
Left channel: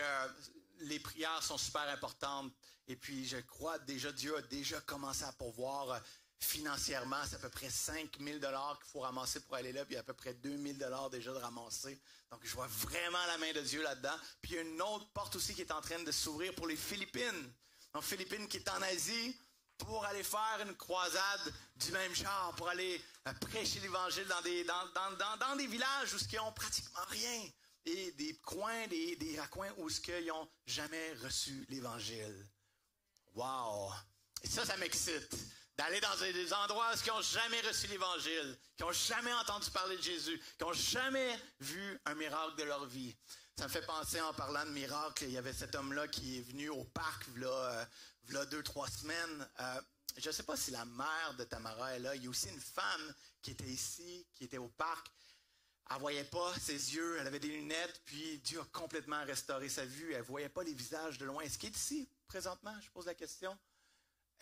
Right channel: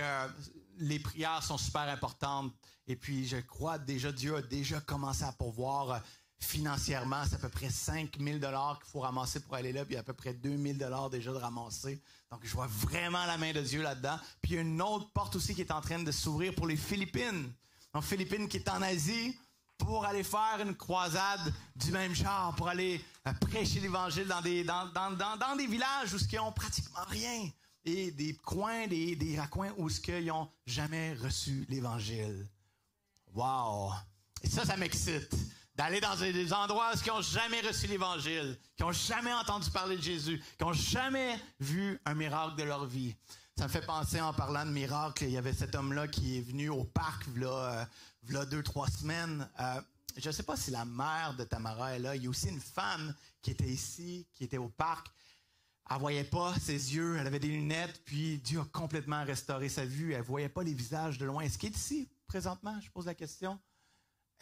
les prières sont super importantes. Et puis, je crois déjà, Dieu a déjà commencé à pourvoir financièrement. C'est à peu près 5 000 $ qu'il faut ramasser pour aller là. Puis, à peu près 2 000 $ déjà de ramasser. Donc, je vois vraiment la main de Dieu là-dedans. Puis, il y a une autre porte aussi qui est en train de s'ouvrir pour les Philippines. Donc, Philippines qui est en Asie, pour aller faire une croisade du même genre, pour aller prêcher l'Évangile dans des villages où ils n'ont pratiquement rien. Et des coins, des raccoins où ils n'ont jamais reçu l'Évangile. Wow! Et ça m'excite d'aller dans des endroits où ils n'ont jamais reçu l'Évangile, qui n'ont jamais entendu parler de Jésus, qui n'ont jamais vu un miracle de leur vie. Ça me fait penser, en parlant de miracles, il y avait cet homme-là qui est venu au parc il y a 2-3 semaines. Je ne sais pas si la mère de Tamara est là. Il y a aussi une femme qui était ici, qui était au parc. Elle ne voyait pas ses yeux, elle avait des lunettes, puis Dieu a complètement restauré sa vue. Elle ne voyait pas les visages de loin. Est-ce qu'il est ici présentement? Je pose la question.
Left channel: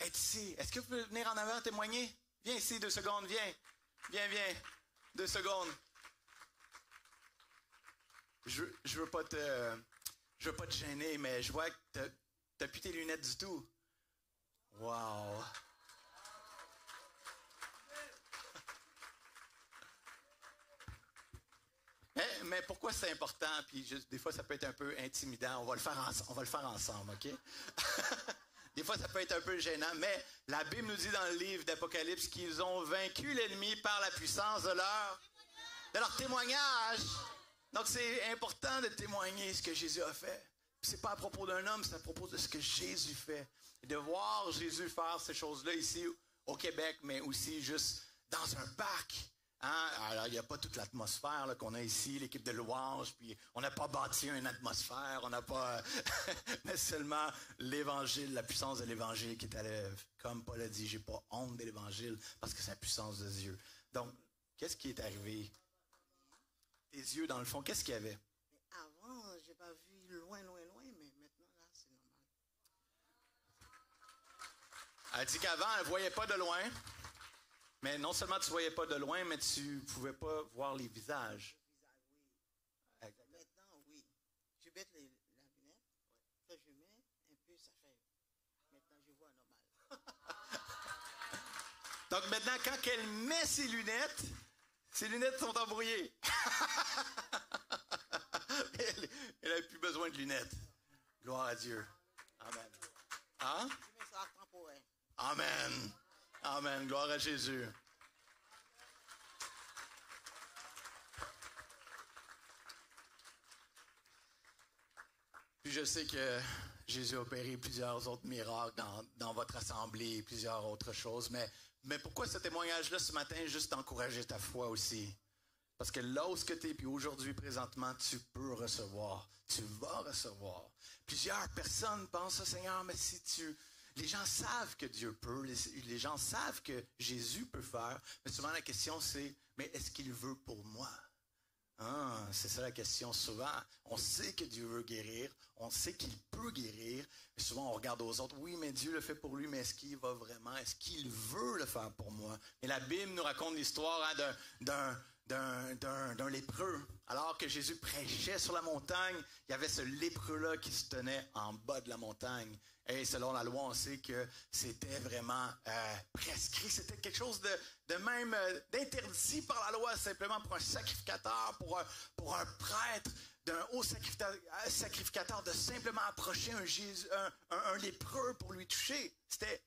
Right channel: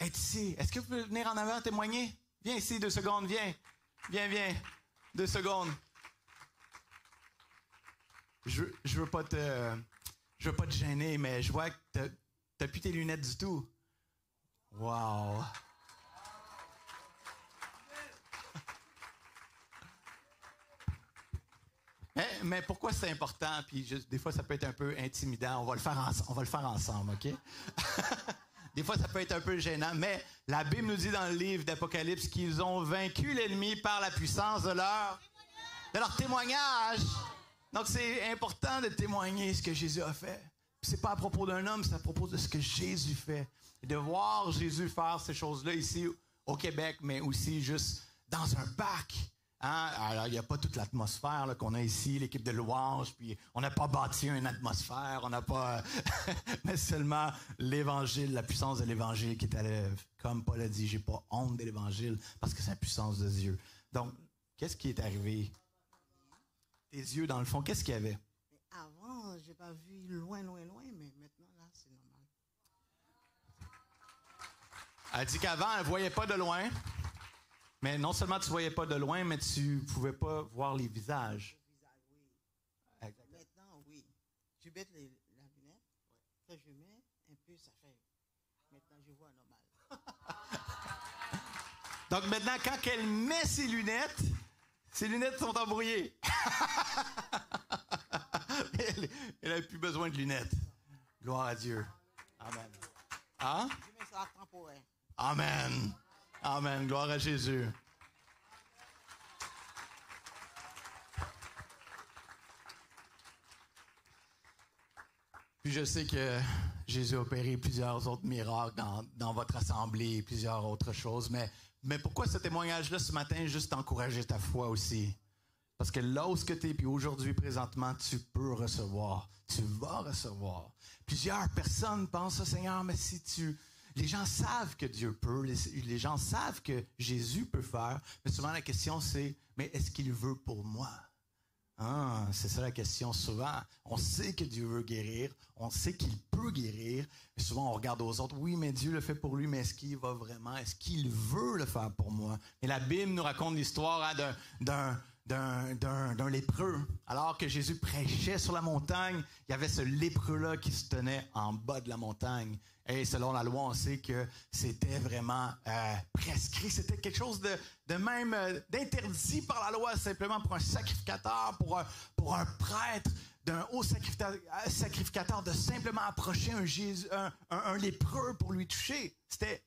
Est ici. Est-ce que vous pouvez venir en avant témoigner? Viens ici, 2 secondes, viens. Viens. 2 secondes. Je veux pas te gêner, mais je vois que t'as plus tes lunettes du tout. Wow. Mais pourquoi c'est important? Puis des fois, ça peut être un peu intimidant. On va le faire ensemble, OK? Des fois, ça peut être un peu gênant. Mais la Bible nous dit dans le livre d'Apocalypse qu'ils ont vaincu l'ennemi par la puissance de leur témoignage. Donc, c'est important de témoigner ce que Jésus a fait. Puis c'est pas à propos d'un homme, c'est à propos de ce que Jésus fait. Et de voir Jésus faire ces choses-là ici au Québec, mais aussi juste dans un parc. Hein? Alors, il n'y a pas toute l'atmosphère là, qu'on a ici, l'équipe de louange, puis on n'a pas bâti une atmosphère, on n'a pas... mais seulement l'Évangile, la puissance de l'Évangile qui est à l'œuvre. Comme Paul a dit, j'ai pas honte de l'Évangile parce que c'est la puissance de Dieu. Donc, qu'est-ce qui est arrivé? Tes yeux, dans le fond, qu'est-ce qu'il y avait? Avant, je n'ai pas vu loin, mais maintenant, là, c'est normal. Elle dit qu'avant, elle ne voyait pas de loin. Mais non seulement tu ne voyais pas de loin, mais tu ne pouvais pas voir les visages. Le visage, oui. Maintenant, oui. Je mets la lunette. Quand je mets un peu, ça fait... Maintenant, je vois normal. Donc maintenant, quand elle met ses lunettes sont embrouillées. Elle n'a plus besoin de lunettes. Gloire à Dieu. Amen. Hein? Je mets ça temporaire. Amen. Amen. Gloire à Jésus. Puis je sais que Jésus a opéré plusieurs autres miracles dans votre assemblée et plusieurs autres choses, mais pourquoi ce témoignage-là ce matin, juste encourager ta foi aussi? Parce que là où tu es, puis aujourd'hui, présentement, tu peux recevoir. Tu vas recevoir. Plusieurs personnes pensent, Seigneur, mais si tu... Les gens savent que Dieu peut, les gens savent que Jésus peut faire, mais souvent la question c'est, mais est-ce qu'il veut pour moi? Ah, c'est ça la question souvent. On sait que Dieu veut guérir, on sait qu'il peut guérir, mais souvent on regarde aux autres, oui, mais Dieu le fait pour lui, mais est-ce qu'il va vraiment, est-ce qu'il veut le faire pour moi? Et la Bible nous raconte l'histoire d'un lépreux. Alors que Jésus prêchait sur la montagne, il y avait ce lépreux-là qui se tenait en bas de la montagne. Et selon la loi, on sait que c'était vraiment prescrit. C'était quelque chose de même d'interdit par la loi, simplement pour un sacrificateur, pour un prêtre, d'un haut sacrificateur, de simplement approcher un lépreux pour lui toucher. C'était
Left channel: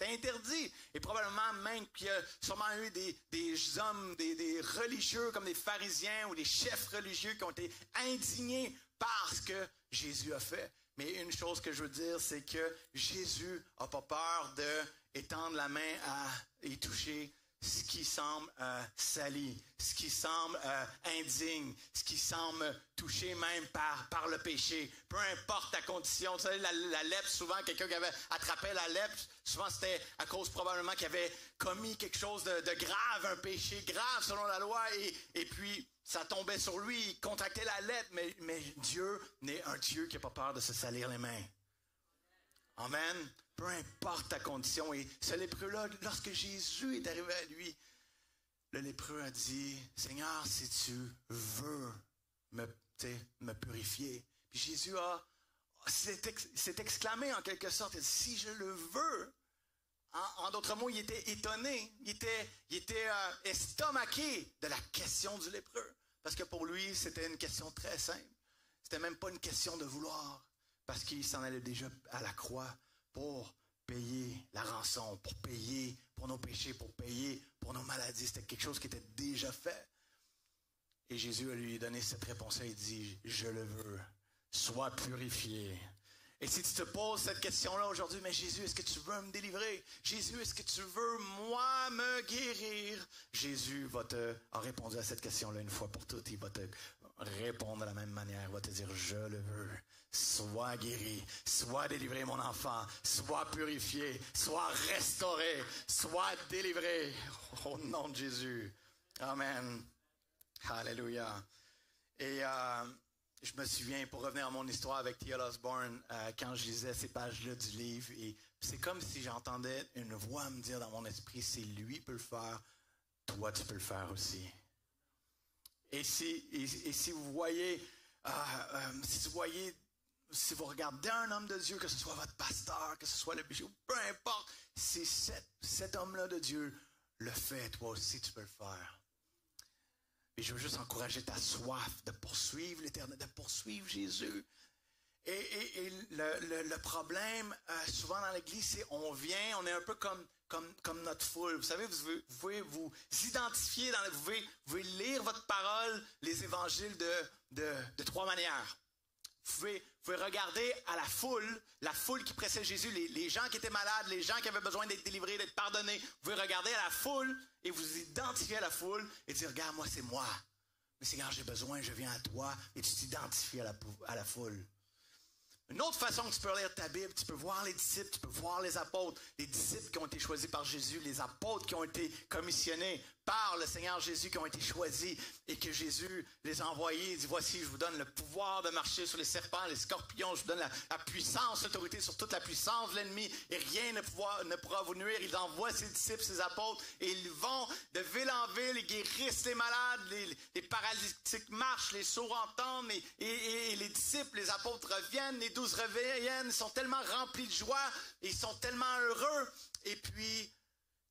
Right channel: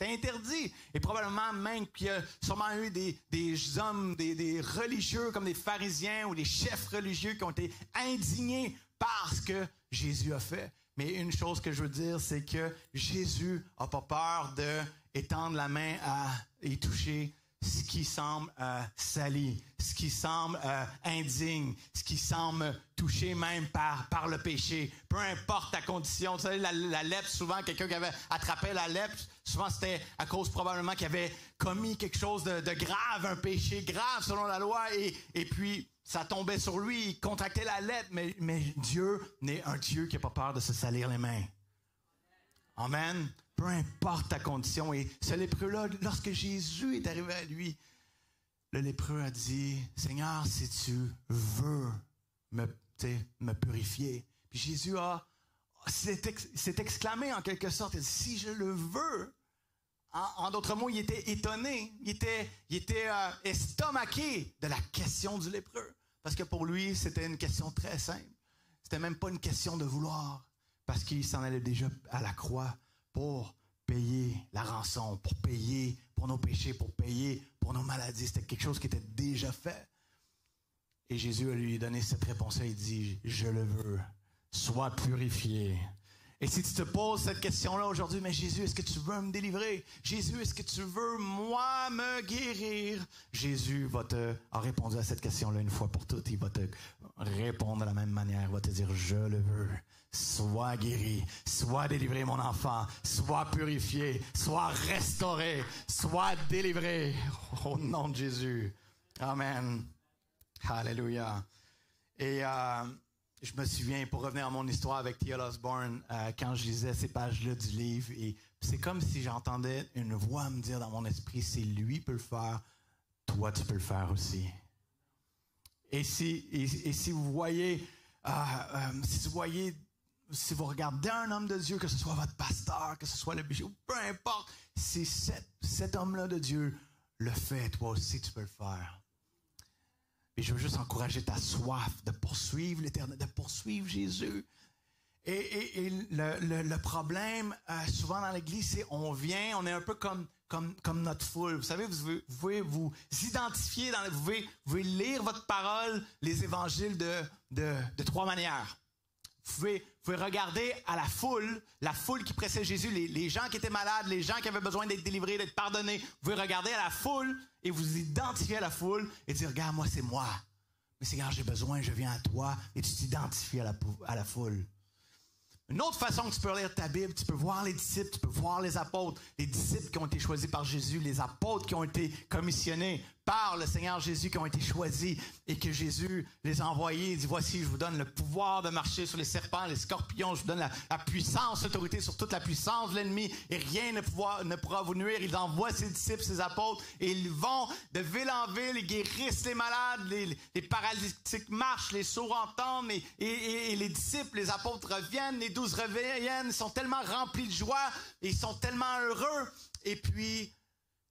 interdit. Et probablement même qu'il y a sûrement eu des hommes, des religieux comme des pharisiens ou des chefs religieux qui ont été indignés par ce que Jésus a fait. Mais une chose que je veux dire, c'est que Jésus n'a pas peur d'étendre la main et toucher ce qui semble sali, ce qui semble indigne, ce qui semble touché même par le péché. Peu importe ta condition. Vous savez, la lèpre, souvent, quelqu'un qui avait attrapé la lèpre, souvent c'était à cause probablement qu'il avait commis quelque chose de grave, un péché grave selon la loi, et puis ça tombait sur lui, il contractait la lèpre, mais Dieu n'est un Dieu qui n'a pas peur de se salir les mains. Amen. Peu importe ta condition. Et ce lépreux-là, lorsque Jésus est arrivé à lui, le lépreux a dit, Seigneur, si tu veux me purifier. Puis Jésus s'est exclamé en quelque sorte, il dit, si je le veux. En d'autres mots, il était étonné, il était estomaqué de la question du lépreux. Parce que pour lui, c'était une question très simple. C'était même pas une question de vouloir. Parce qu'il s'en allait déjà à la croix pour payer la rançon, pour payer pour nos péchés, pour payer pour nos maladies. C'était quelque chose qui était déjà fait. Et Jésus a lui donné cette réponse-là. Il dit, je le veux, sois purifié. Et si tu te poses cette question-là aujourd'hui, mais Jésus, est-ce que tu veux me délivrer? Jésus, est-ce que tu veux, moi, me guérir? Jésus a répondu à cette question-là une fois pour toutes. Il va te répondre de la même manière. Il va te dire, je le veux. Sois guéri, sois délivré, mon enfant. Sois purifié, sois restauré, sois délivré. Au nom de Jésus. Amen. Alléluia. Et je me souviens, pour revenir à mon histoire avec T.L. Osborne, quand je lisais ces pages-là du livre, et c'est comme si j'entendais une voix me dire dans mon esprit, si lui peut le faire, toi tu peux le faire aussi. Et si vous voyez, si vous regardez un homme de Dieu, que ce soit votre pasteur, que ce soit le bishop, peu importe, si cet homme-là de Dieu le fait, toi aussi tu peux le faire. Et je veux juste encourager ta soif de poursuivre l'Éternel, de poursuivre Jésus. Et le problème, souvent dans l'Église, c'est on est un peu comme notre foule. Vous savez, vous pouvez vous identifier, vous pouvez lire votre parole, les évangiles de trois manières. Vous pouvez regarder à la foule qui précède Jésus, les gens qui étaient malades, les gens qui avaient besoin d'être délivrés, d'être pardonnés. Vous pouvez regarder à la foule et vous identifier à la foule et dire, regarde, moi, c'est moi. Mais Seigneur, j'ai besoin, je viens à toi et tu t'identifies à la foule. Une autre façon que tu peux lire ta Bible, tu peux voir les disciples, tu peux voir les apôtres, les disciples qui ont été choisis par Jésus, les apôtres qui ont été commissionnés par le Seigneur Jésus, qui ont été choisis et que Jésus les a envoyés. Il dit, voici, je vous donne le pouvoir de marcher sur les serpents, les scorpions, je vous donne la puissance, l'autorité sur toute la puissance de l'ennemi et rien ne pourra vous nuire. Il envoie ses disciples, ses apôtres et ils vont de ville en ville, ils guérissent les malades, les paralytiques marchent, les sourds entendent et les disciples, les apôtres reviennent, les 12 reviennent, ils sont tellement remplis de joie, et ils sont tellement heureux et puis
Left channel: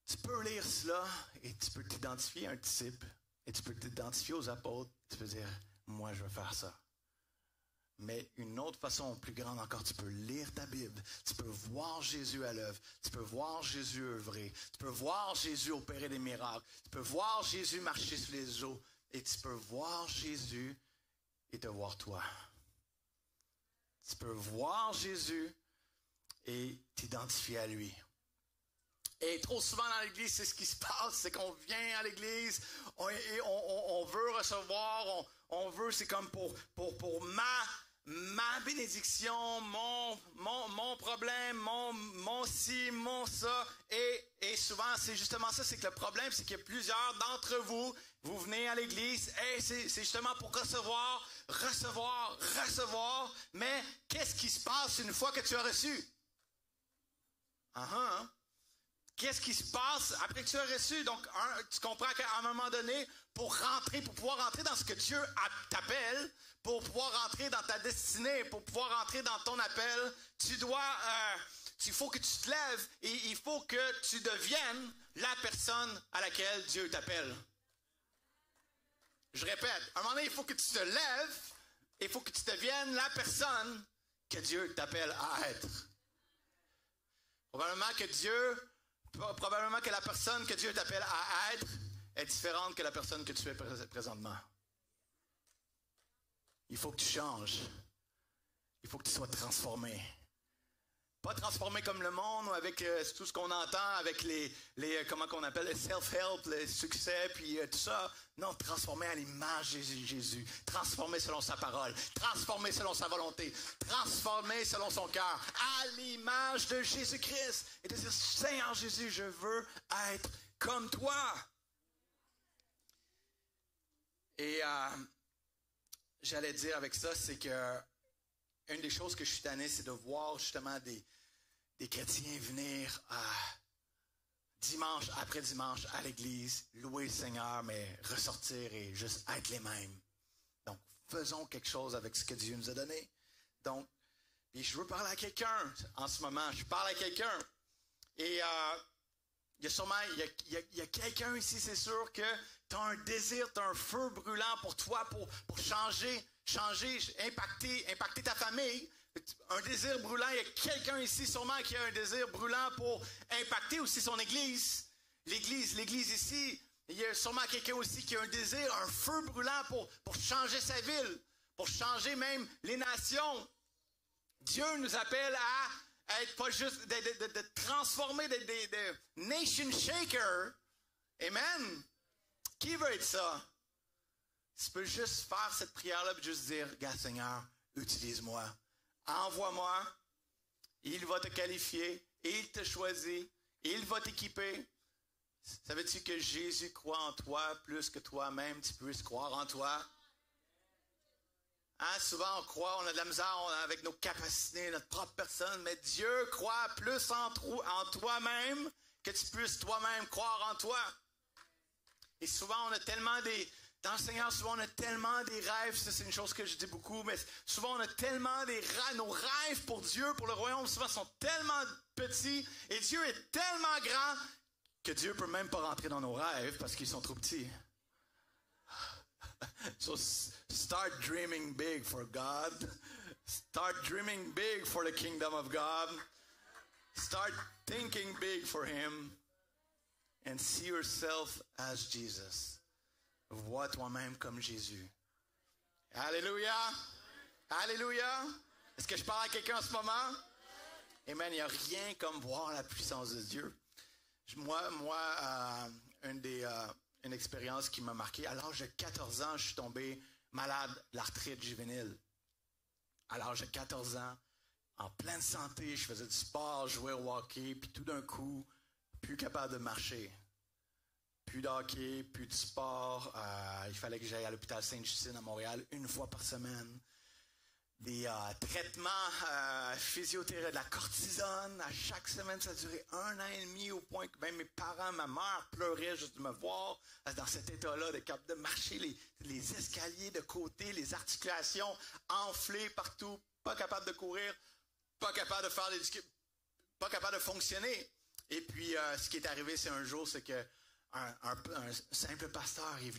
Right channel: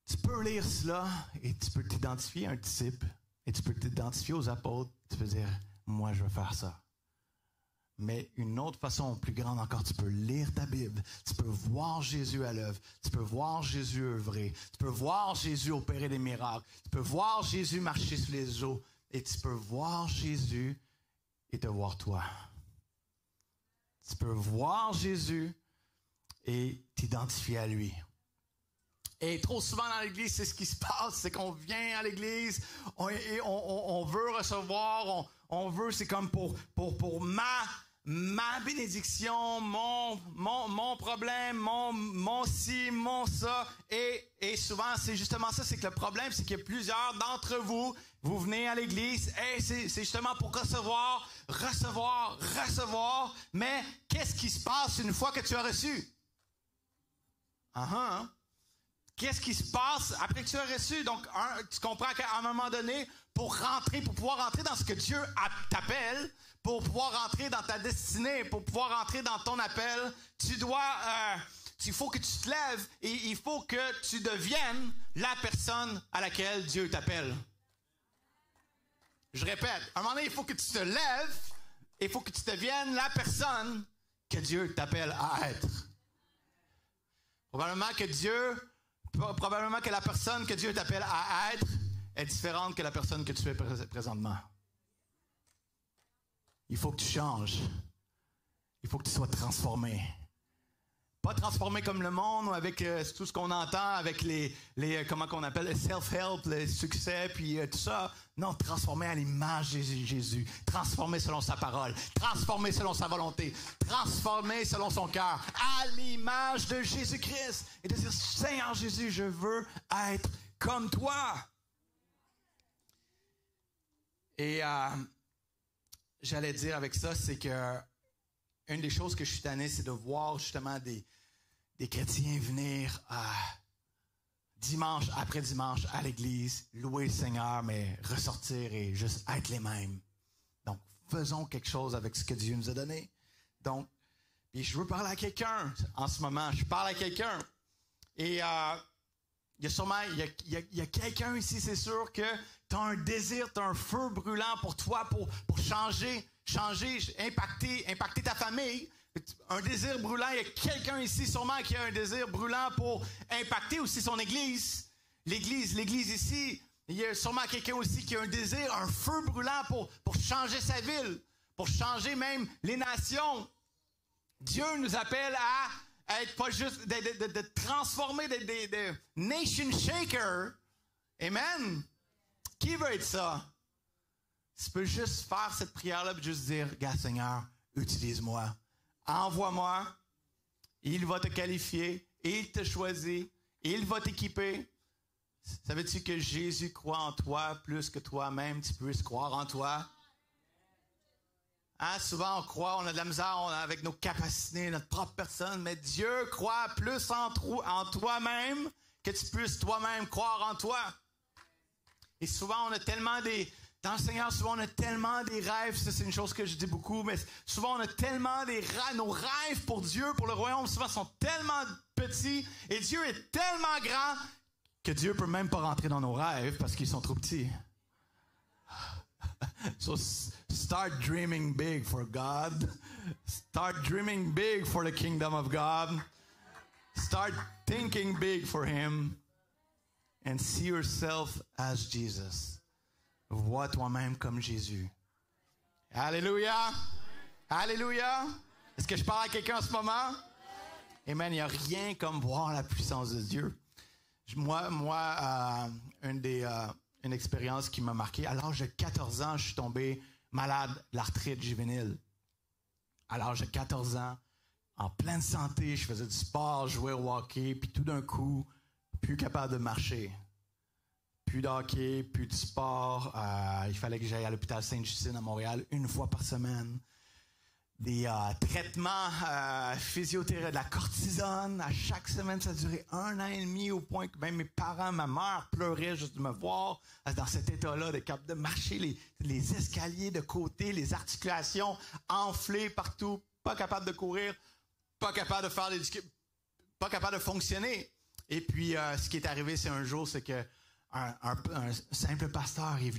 tu peux lire cela et tu peux t'identifier à un disciple et tu peux t'identifier aux apôtres. Tu peux dire, moi je veux faire ça. Mais une autre façon plus grande encore, tu peux lire ta Bible, tu peux voir Jésus à l'œuvre, tu peux voir Jésus œuvrer, tu peux voir Jésus opérer des miracles, tu peux voir Jésus marcher sur les eaux et tu peux voir Jésus et te voir toi. Tu peux voir Jésus et t'identifier à lui. Et trop souvent dans l'Église, c'est ce qui se passe, c'est qu'on vient à l'Église, on veut recevoir, on veut, c'est comme pour ma bénédiction, mon problème, mon ci, mon ça. Et souvent, c'est justement ça, c'est que le problème, c'est qu'il y a plusieurs d'entre vous, vous venez à l'Église, et c'est justement pour recevoir, mais qu'est-ce qui se passe une fois que tu as reçu? Qu'est-ce qui se passe après que tu as reçu? Donc, tu comprends qu'à un moment donné, pour pouvoir rentrer dans ce que Dieu t'appelle, pour pouvoir rentrer dans ta destinée, pour pouvoir rentrer dans ton appel, il faut que tu te lèves et il faut que tu deviennes la personne à laquelle Dieu t'appelle. Je répète, à un moment donné, il faut que tu te lèves et il faut que tu deviennes la personne que Dieu t'appelle à être. Probablement que la personne que Dieu t'appelle à être est différente que la personne que tu es présentement. Il faut que tu changes. Il faut que tu sois transformé. Pas transformé comme le monde, avec tout ce qu'on entend, avec les comment qu'on appelle, les self-help, les succès, puis tout ça. Non, transformé à l'image de Jésus. Transformé selon sa parole. Transformé selon sa volonté. Transformé selon son cœur. À l'image de Jésus-Christ. Et de dire, Seigneur Jésus, je veux être comme toi. Et j'allais dire avec ça, c'est que une des choses que je suis tanné, c'est de voir justement des chrétiens venir dimanche après dimanche à l'église, louer le Seigneur, mais ressortir et juste être les mêmes. Donc, faisons quelque chose avec ce que Dieu nous a donné. Donc, et je veux parler à quelqu'un en ce moment. Je parle à quelqu'un. Et il y a sûrement, il y a quelqu'un ici, c'est sûr que tu as un désir, tu as un feu brûlant pour toi, pour changer, impacter ta famille. Un désir brûlant, il y a quelqu'un ici sûrement qui a un désir brûlant pour impacter aussi son église. L'église ici, il y a sûrement quelqu'un aussi qui a un désir, un feu brûlant pour changer sa ville, pour changer même les nations. Dieu nous appelle à être pas juste, de transformer des nation shakers. Amen. Qui veut être ça? Tu peux juste faire cette prière-là et juste dire, regarde Seigneur, utilise-moi. Envoie-moi. Il va te qualifier. Il te choisit. Il va t'équiper. Savais-tu que Jésus croit en toi plus que toi-même, tu puisses croire en toi? Hein, souvent on croit, on a de la misère avec nos capacités, notre propre personne, mais Dieu croit plus en toi-même que tu puisses toi-même croire en toi. Et souvent on a tellement dans le Seigneur, souvent on a tellement des rêves, ça c'est une chose que je dis beaucoup, mais souvent on a tellement nos rêves pour Dieu, pour le royaume, souvent sont tellement petits, et Dieu est tellement grand que Dieu peut même pas rentrer dans nos rêves parce qu'ils sont trop petits. So start dreaming big for God. Start dreaming big for the kingdom of God. Start thinking big for Him. And see yourself as Jesus. Vois toi-même comme Jésus. Alléluia. Alléluia. Est-ce que je parle à quelqu'un en ce moment? Amen. Il n'y a rien comme voir la puissance de Dieu. Moi, une expérience qui m'a marqué. À l'âge de 14 ans, je suis tombé malade de l'arthrite juvénile. À l'âge de 14 ans, en pleine santé, je faisais du sport, je jouais au hockey, puis tout d'un coup, plus capable de marcher. Plus de hockey, plus de sport. Il fallait que j'aille à l'hôpital Sainte-Justine à Montréal une fois par semaine. Des traitements physiothérapeutes, de la cortisone. À chaque semaine, ça durait 1 an et demi, au point que même mes parents, ma mère pleuraient juste de me voir dans cet état-là, de marcher les escaliers de côté, les articulations enflées partout, pas capable de courir, pas capable de faire pas capable de fonctionner. Et puis, ce qui est arrivé, c'est un jour, c'est que un simple pasteur est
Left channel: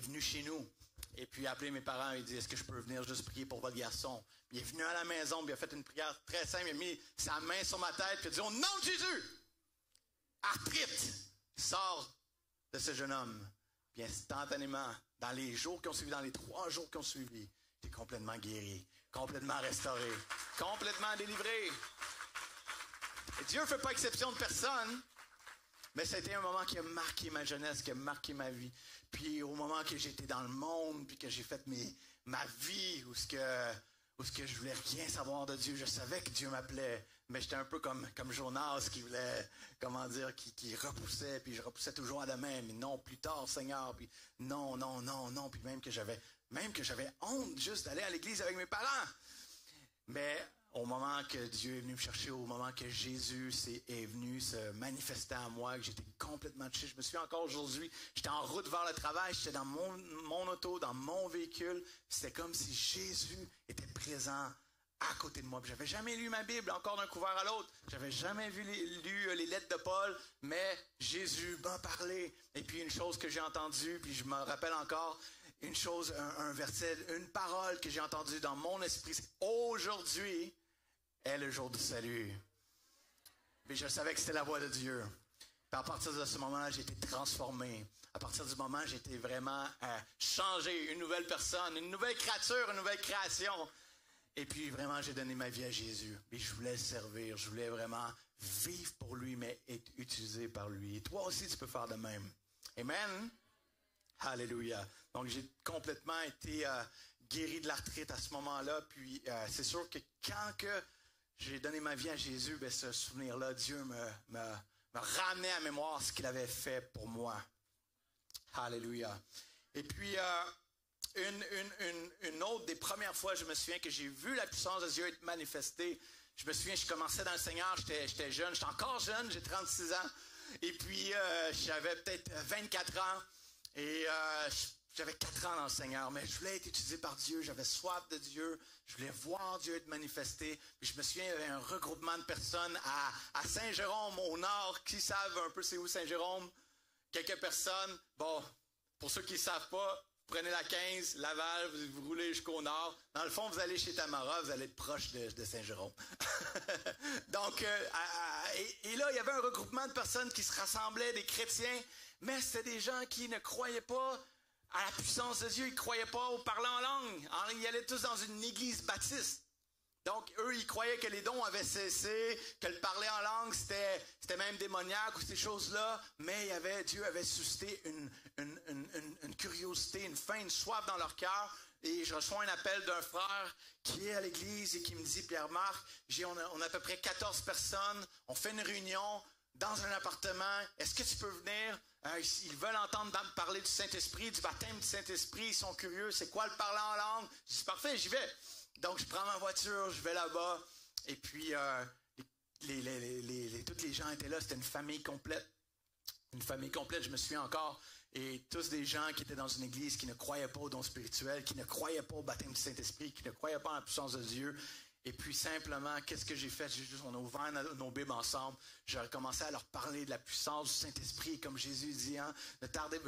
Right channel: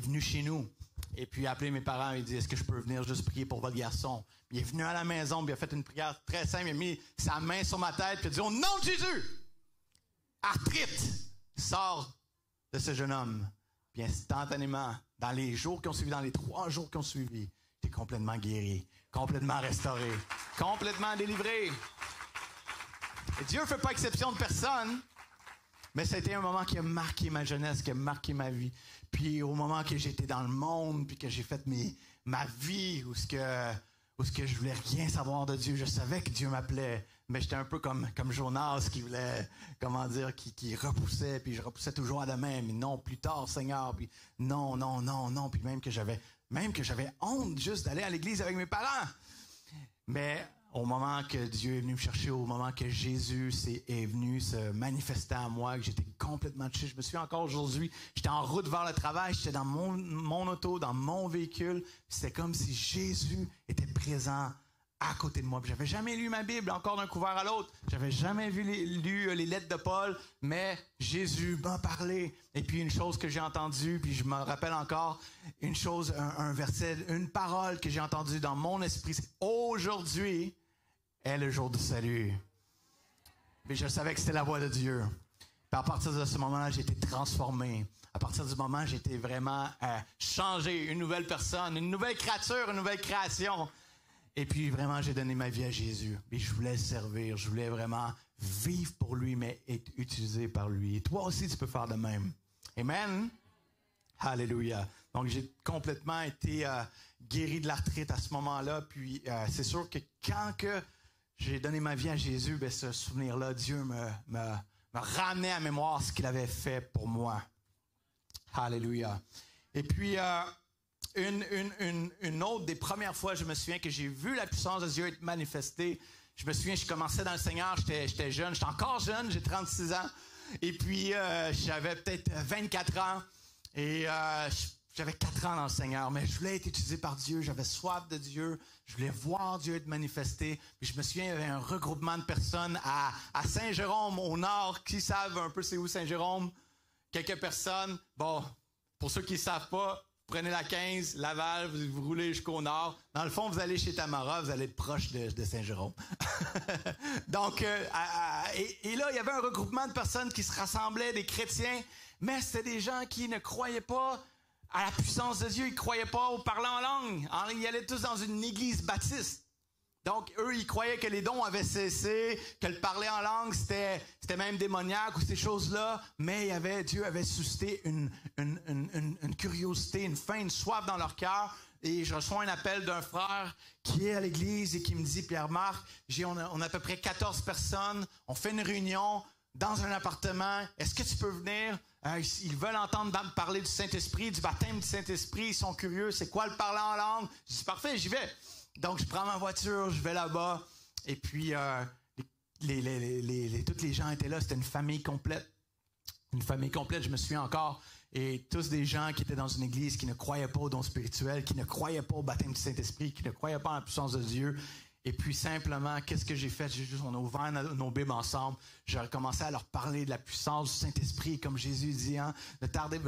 venu chez nous. Et puis, il a appelé mes parents et il dit, est-ce que je peux venir juste prier pour votre garçon? Puis, il est venu à la maison, puis il a fait une prière très simple. Il a mis sa main sur ma tête, puis il a dit, au nom de Jésus, arthrite sort de ce jeune homme. Puis, instantanément, dans les jours qui ont suivi, dans les 3 jours qui ont suivi, j'étais complètement guéri, complètement restauré, complètement délivré. Et Dieu ne fait pas exception de personne, mais c'était un moment qui a marqué ma jeunesse, qui a marqué ma vie. Puis au moment que j'étais dans le monde, puis que j'ai fait ma vie, où ce que je voulais rien savoir de Dieu, je savais que Dieu m'appelait, mais j'étais un peu comme Jonas qui voulait, qui repoussait, puis je repoussais toujours à la main, mais non, plus tard, Seigneur, puis non, puis même que j'avais honte juste d'aller à l'église avec mes parents. Mais au moment que Dieu est venu me chercher, au moment que Jésus est venu se manifester à moi, que j'étais complètement touché. Je me souviens encore aujourd'hui, j'étais en route vers le travail, j'étais dans mon auto, dans mon véhicule. C'était comme si Jésus était présent à côté de moi. J'avais jamais lu ma Bible, encore d'un couvert à l'autre. J'avais jamais lu les lettres de Paul, mais Jésus m'a parlé. Et puis une chose que j'ai entendue, puis je me rappelle encore, une chose, un verset, une parole que j'ai entendue dans mon esprit, c'est aujourd'hui est le jour du salut. Mais je savais que c'était la voix de Dieu. Puis à partir de ce moment-là, j'ai été transformé. À partir du moment, j'ai été vraiment changé, une nouvelle personne, une nouvelle créature, une nouvelle création. Et puis vraiment, j'ai donné ma vie à Jésus. Et je voulais le servir, je voulais vraiment vivre pour lui, mais être utilisé par lui. Et toi aussi, tu peux faire de même. Amen. Alléluia. Donc, j'ai complètement été guéri de l'arthrite à ce moment-là. Puis, c'est sûr que quand j'ai donné ma vie à Jésus, ben, ce souvenir-là, Dieu me ramenait à mémoire ce qu'il avait fait pour moi. Alléluia. Et puis, une autre des premières fois, je me souviens que j'ai vu la puissance de Dieu être manifestée. Je me souviens, je commençais dans le Seigneur, j'étais jeune, j'étais encore jeune, j'ai 36 ans. Et puis, j'avais peut-être 24 ans. Et j'avais 4 ans dans le Seigneur, mais je voulais être utilisé par Dieu, j'avais soif de Dieu, je voulais voir Dieu être manifesté. Puis je me souviens, il y avait un regroupement de personnes à Saint-Jérôme, au nord, qui savent un peu c'est où Saint-Jérôme. Quelques personnes, bon, pour ceux qui ne savent pas, prenez la 15, Laval, vous roulez jusqu'au nord. Dans le fond, vous allez chez Tamara, vous allez être proche de Saint-Jérôme. Donc, et là, il y avait un regroupement de personnes qui se rassemblaient, des chrétiens, mais c'était des gens qui ne croyaient pas à la puissance de Dieu, ils ne croyaient pas au parler en langue. Ils allaient tous dans une église baptiste. Donc, eux, ils croyaient que les dons avaient cessé, que le parler en langue, c'était même démoniaque ou ces choses-là, mais Dieu avait suscité une curiosité, une faim, une soif dans leur cœur. Et je reçois un appel d'un frère qui est à l'église et qui me dit, Pierre-Marc, on a à peu près 14 personnes, on fait une réunion dans un appartement, est-ce que tu peux venir? Ils veulent entendre parler du Saint-Esprit, du baptême du Saint-Esprit, ils sont curieux, c'est quoi le parler en langue? Je dis, parfait, j'y vais. Donc, je prends ma voiture, je vais là-bas, et puis tous les gens étaient là, c'était une famille complète. Une famille complète, je me souviens encore, et tous des gens qui étaient dans une église qui ne croyaient pas aux dons spirituels, qui ne croyaient pas au baptême du Saint-Esprit, qui ne croyaient pas en la puissance de Dieu. Et puis simplement, qu'est-ce que j'ai fait? On a ouvert nos Bibles ensemble. J'ai recommencé à leur parler de la puissance du Saint-Esprit. Comme Jésus dit, ne tardez,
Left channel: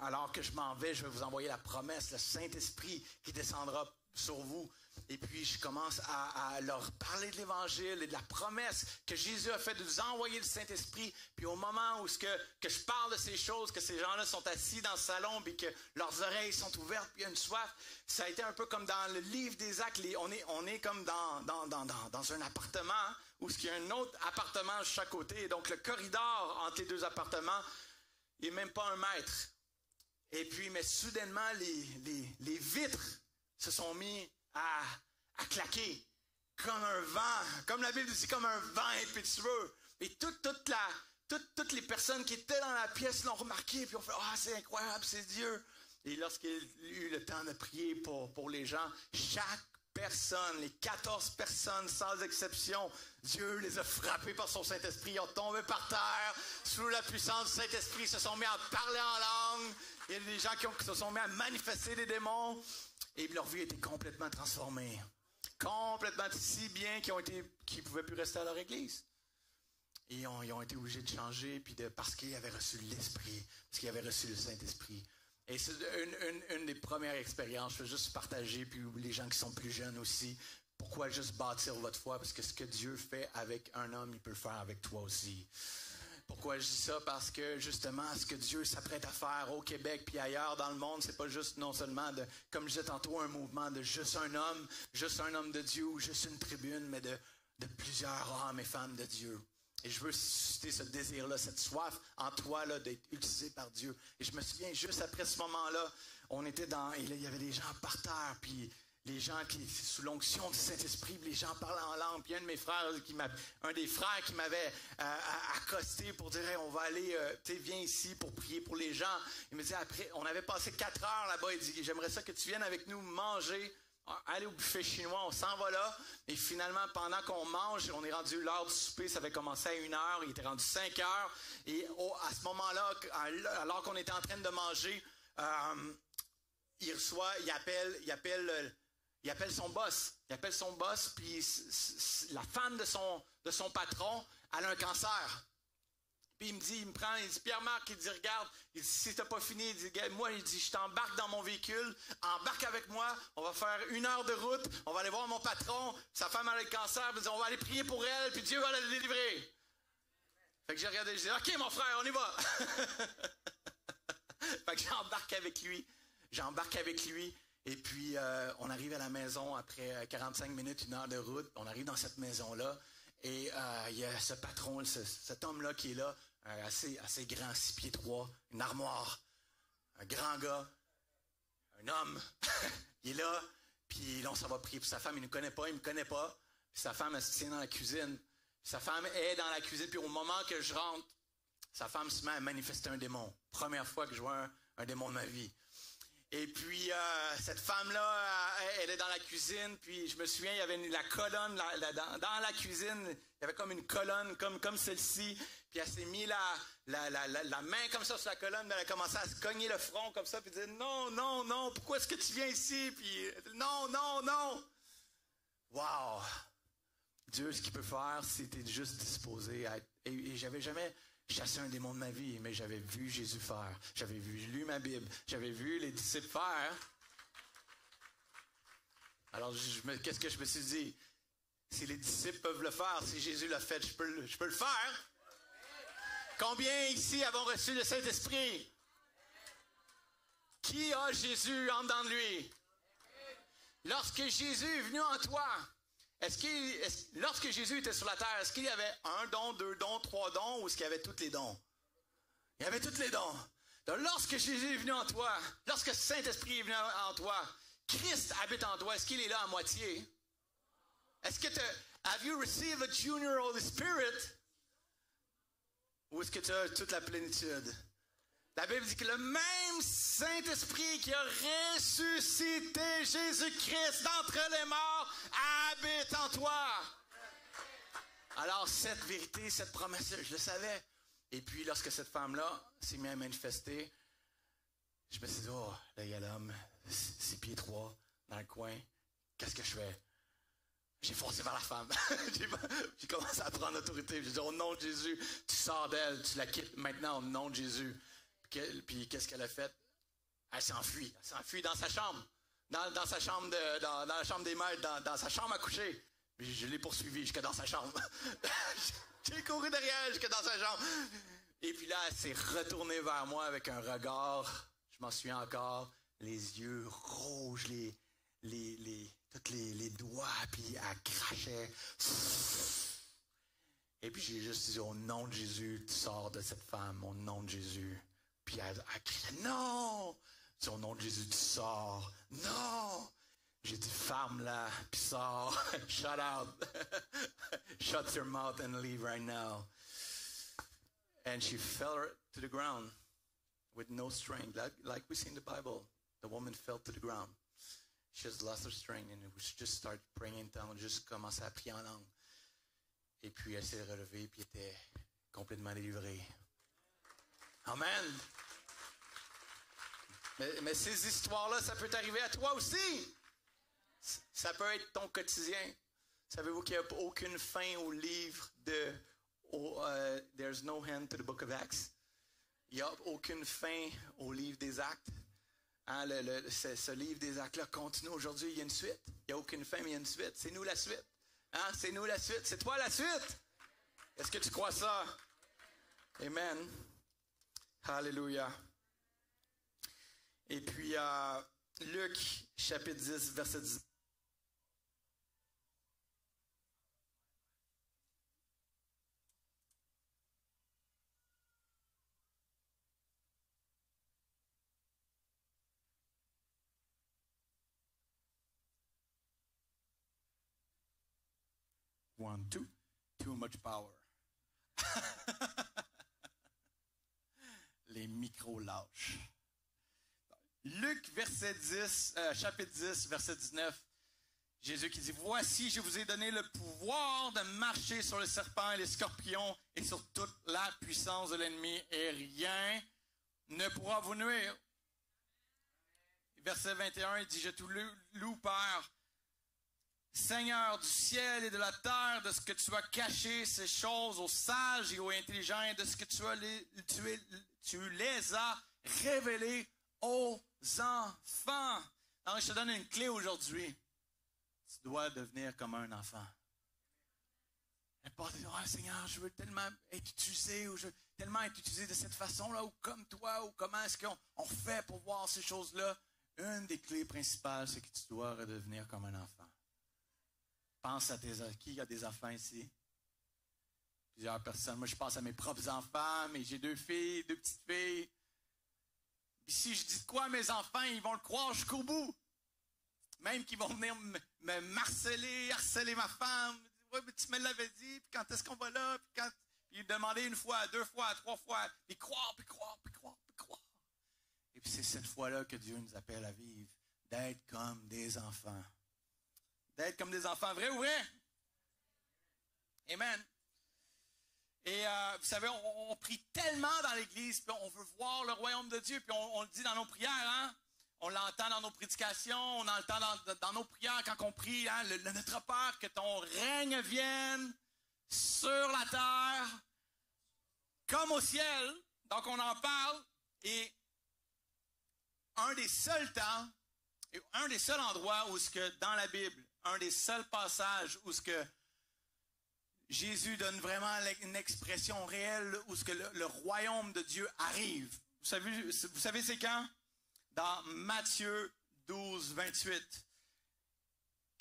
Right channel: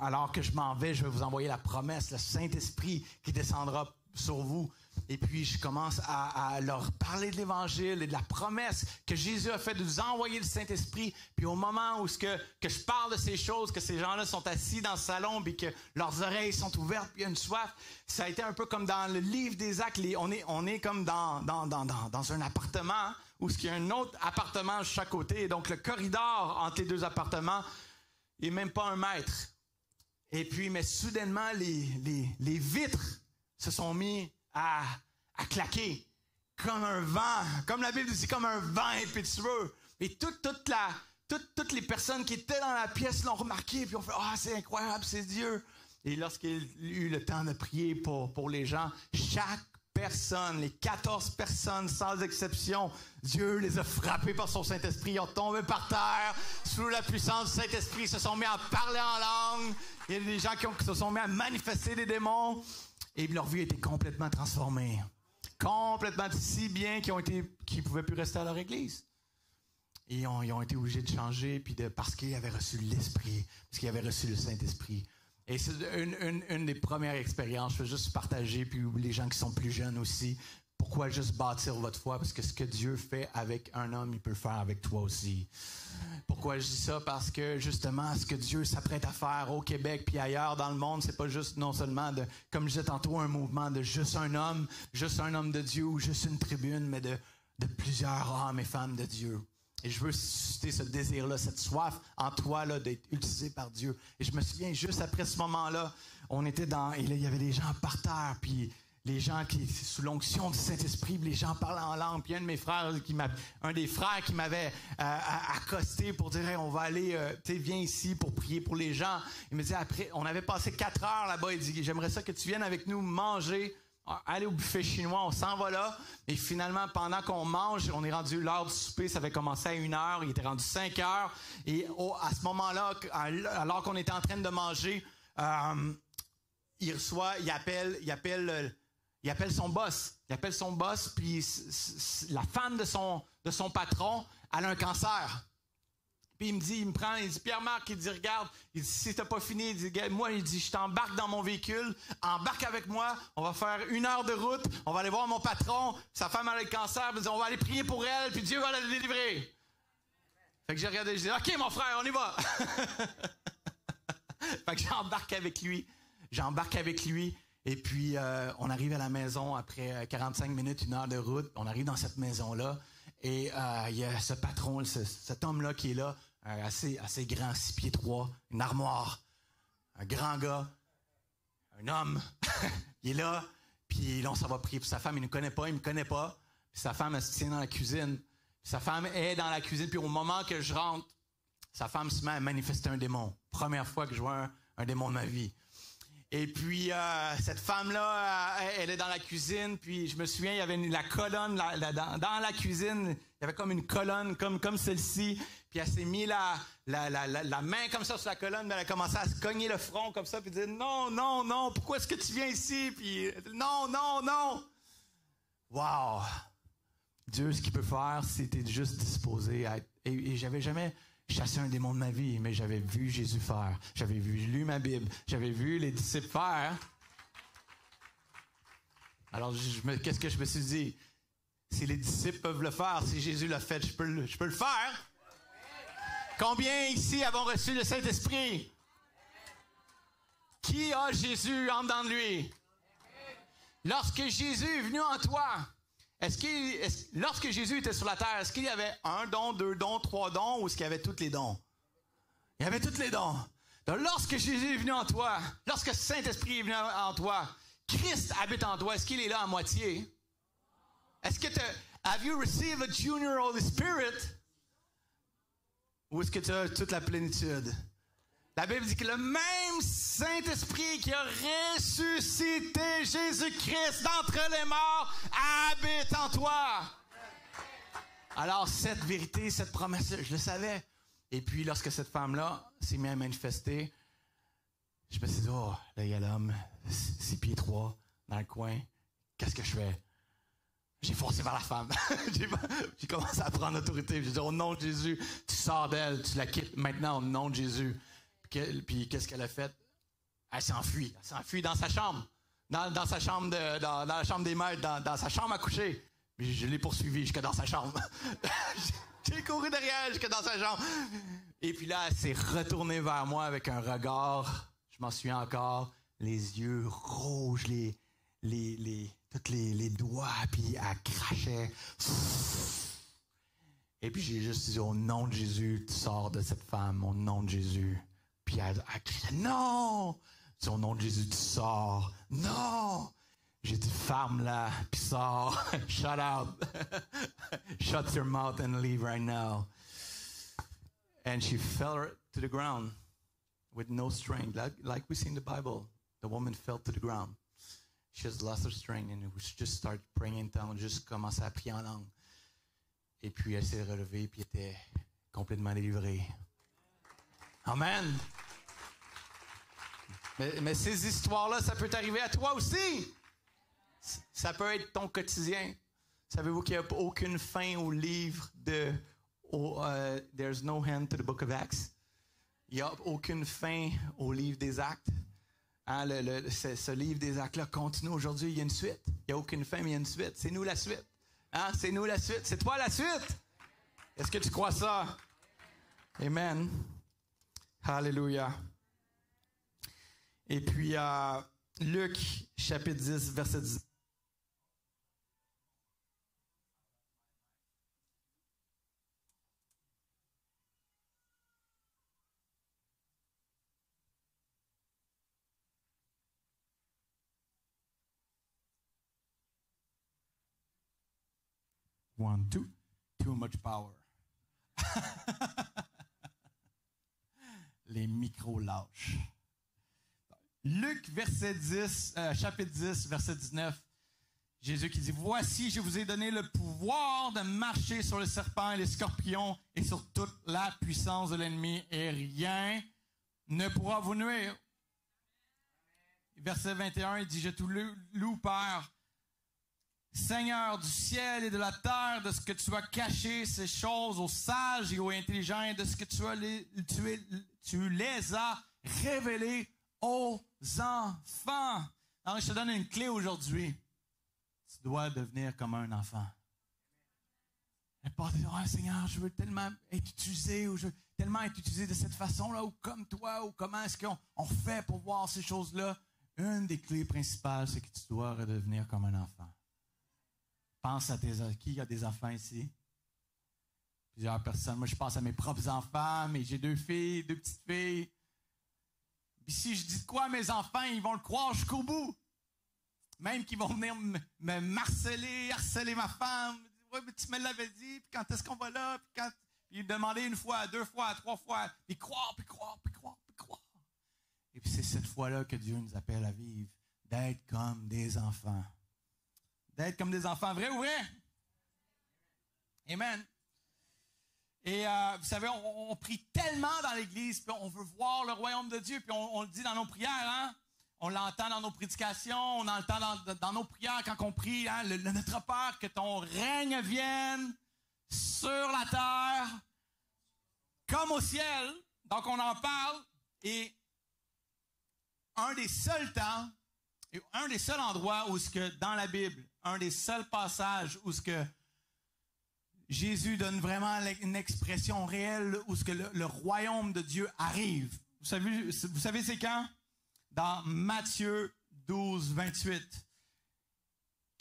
alors que je m'en vais, je vais vous envoyer la promesse, le Saint-Esprit qui descendra sur vous. Et puis, je commence à leur parler de l'Évangile et de la promesse que Jésus a fait de nous envoyer le Saint-Esprit. Puis au moment où que je parle de ces choses, que ces gens-là sont assis dans le salon, puis que leurs oreilles sont ouvertes, puis il y a une soif, ça a été un peu comme dans le livre des Actes. On est comme dans un appartement où il y a un autre appartement de chaque côté. Et donc, le corridor entre les deux appartements n'est même pas 1 mètre. Et puis, mais soudainement, les vitres se sont mis à claquer comme un vent, comme la Bible dit, comme un vent impétueux. Et toutes les personnes qui étaient dans la pièce l'ont remarqué, puis ont fait « Ah, c'est incroyable, c'est Dieu! » Et lorsqu'il a eu le temps de prier pour les gens, chaque personne, les 14 personnes sans exception, Dieu les a frappés par son Saint-Esprit, ils ont tombé par terre, sous la puissance du Saint-Esprit, se sont mis à parler en langue. Il y a des gens qui se sont mis à manifester des démons. Et leur vie a été complètement transformée. Complètement si bien qu'ils ne pouvaient plus rester à leur église. Et ils ont été obligés de changer parce qu'ils avaient reçu l'Esprit, parce qu'ils avaient reçu le Saint-Esprit. Et c'est une des premières expériences. Je veux juste partager, puis les gens qui sont plus jeunes aussi. Pourquoi juste bâtir votre foi? Parce que ce que Dieu fait avec un homme, il peut le faire avec toi aussi. Pourquoi je dis ça? Parce que justement, ce que Dieu s'apprête à faire au Québec puis ailleurs dans le monde, c'est pas juste non seulement comme je disais tantôt, un mouvement de juste un homme de Dieu ou juste une tribune, mais de plusieurs hommes et femmes de Dieu. Et je veux susciter ce désir-là, cette soif en toi là d'être utilisé par Dieu. Et je me souviens, juste après ce moment-là, on était et là, il y avait des gens par terre, puis les gens qui, sous l'onction du Saint-Esprit, les gens parlaient en langue. Puis un des frères qui m'avait accosté pour dire hey, on va aller, viens ici pour prier pour les gens. Il me dit après, on avait passé 4 heures là-bas. Il dit j'aimerais ça que tu viennes avec nous manger, aller au buffet chinois. On s'en va là. Et finalement, pendant qu'on mange, on est rendu l'heure du souper. Ça avait commencé à 1h. Il était rendu 5h. Et à ce moment-là, alors qu'on était en train de manger, il appelle son boss. Il appelle son boss, puis la femme de son patron, elle a un cancer. Puis il me dit, Pierre-Marc, il dit, regarde, il dit, si t'as pas fini, il dit, moi, il dit, je t'embarque dans mon véhicule, embarque avec moi, on va faire 1 heure de route, on va aller voir mon patron, sa femme a le cancer, il dit, on va aller prier pour elle, puis Dieu va la délivrer. Fait que j'ai regardé, je dis, OK, mon frère, on y va. Fait que j'embarque avec lui. Et puis, on arrive à la maison après 45 minutes, 1 heure de route. On arrive dans cette maison-là. Et il y a ce patron, cet homme-là qui est là, assez grand, 6 pieds 3, une armoire, un grand gars, un homme. Il est là, puis là, on s'en va prier pour sa femme. Il ne me connaît pas. Puis sa femme, elle se tient dans la cuisine. Puis sa femme est dans la cuisine. Puis au moment que je rentre, sa femme se met à manifester un démon. Première fois que je vois un démon de ma vie. Et puis, cette femme-là, elle est dans la cuisine, puis je me souviens, il y avait la colonne dans la cuisine, il y avait comme une colonne, comme celle-ci, puis elle s'est mis la main comme ça sur la colonne, mais elle a commencé à se cogner le front comme ça, puis dire « Non, pourquoi est-ce que tu viens ici? » Puis « Non! » Wow! Dieu, ce qu'il peut faire, c'était juste disposé à être... Et j'avais jamais... chassé un démon de ma vie, mais j'avais vu Jésus faire. J'avais lu ma Bible. J'avais vu les disciples faire. Alors, qu'est-ce que je me suis dit? Si les disciples peuvent le faire, si Jésus l'a fait, je peux le faire. Combien ici avons reçu le Saint-Esprit? Qui a Jésus en dedans de lui? Lorsque Jésus est venu en toi, lorsque Jésus était sur la terre, est-ce qu'il y avait un don, 2 dons, 3 dons, ou est-ce qu'il y avait tous les dons? Il y avait tous les dons. Donc, lorsque Jésus est venu en toi, lorsque le Saint-Esprit est venu en toi, Christ habite en toi, est-ce qu'il est là à moitié? Est-ce que have you received a junior Holy Spirit? Ou est-ce que tu as toute la plénitude? La Bible dit que le même Saint-Esprit qui a ressuscité Jésus-Christ d'entre les morts habite en toi. Alors, cette vérité, cette promesse, je le savais. Et puis, lorsque cette femme-là s'est mise à manifester, je me suis dit, oh, là, il y a l'homme, 6 pieds 3, dans le coin. Qu'est-ce que je fais? J'ai foncé vers la femme. J'ai commencé à prendre l'autorité. J'ai dit, au nom de Jésus, tu sors d'elle, tu la quittes maintenant au nom de Jésus. Puis qu'est-ce qu'elle a fait? Elle s'enfuit. Elle s'enfuit dans sa chambre. Dans sa chambre, dans la chambre des maîtres, dans sa chambre à coucher. Puis je l'ai poursuivie jusque dans sa chambre. J'ai couru derrière jusque dans sa chambre. Et puis là, elle s'est retournée vers moi avec un regard, je m'en souviens encore, les yeux rouges, tous les doigts, puis elle crachait. Et puis j'ai juste dit, au nom de Jésus, tu sors de cette femme, au nom de Jésus. Puis elle criait, non! Je dis, au nom de Jésus, tu sors. Non! J'ai dit, ferme-la, puis sors. Shut up. Shut your mouth and leave right now. And she fell to the ground with no strength. Like we see in the Bible, the woman fell to the ground. She has lost her strength and we just started praying in tongues, juste commençait à prier en langue. Et puis elle s'est relevée, puis était complètement délivrée. Amen. Mais ces histoires-là, ça peut t'arriver à toi aussi. Ça peut être ton quotidien. Savez-vous qu'il n'y a aucune fin au livre de There's no end to the book of Acts? Il n'y a aucune fin au livre des Actes. Hein, ce livre des Actes-là continue aujourd'hui. Il y a une suite. Il n'y a aucune fin, mais il y a une suite. C'est nous la suite. Hein? C'est nous la suite. C'est toi la suite. Est-ce que tu crois ça? Amen. Alléluia. Et puis, Luc, chapitre 10, verset 10. One, two. Too much power. Les micros lâches. Luc, verset 10, chapitre 10, verset 19. Jésus qui dit, voici, je vous ai donné le pouvoir de marcher sur les serpents et les scorpions et sur toute la puissance de l'ennemi et rien ne pourra vous nuire. Verset 21, il dit, je te loue, Père, Seigneur du ciel et de la terre, de ce que tu as caché ces choses aux sages et aux intelligents, de ce que tu les as révélées aux enfants. Alors, je te donne une clé aujourd'hui. Tu dois devenir comme un enfant. Et pas dire, oh, Seigneur, je veux tellement être utilisé, ou je veux tellement être utilisé de cette façon-là, ou comme toi, ou comment est-ce qu'on fait pour voir ces choses-là. Une des clés principales, c'est que tu dois redevenir comme un enfant. Pense à qui a des enfants ici? Plusieurs personnes. Moi, je pense à mes propres enfants, mais j'ai 2 filles, 2 petites filles. Puis si je dis quoi à mes enfants, ils vont le croire jusqu'au bout. Même qu'ils vont venir me harceler ma femme. Ouais, mais tu me l'avais dit, puis quand est-ce qu'on va là? Puis demander 1 fois, 2 fois, 3 fois, puis croire. Et puis c'est cette fois-là que Dieu nous appelle à vivre, d'être comme des enfants. D'être comme des enfants, vrai ou vrai? Amen. Et vous savez, on prie tellement dans l'Église, puis on veut voir le royaume de Dieu, puis on le dit dans nos prières, hein? On l'entend dans nos prédications, on l'entend dans nos prières quand on prie, hein? Notre Père, que ton règne vienne sur la terre, comme au ciel. Donc on en parle, et un des seuls temps, et un des seuls endroits où ce que dans la Bible, un des seuls passages où ce que Jésus donne vraiment une expression réelle où ce que le royaume de Dieu arrive. Vous savez c'est quand? Dans Matthieu 12, 28.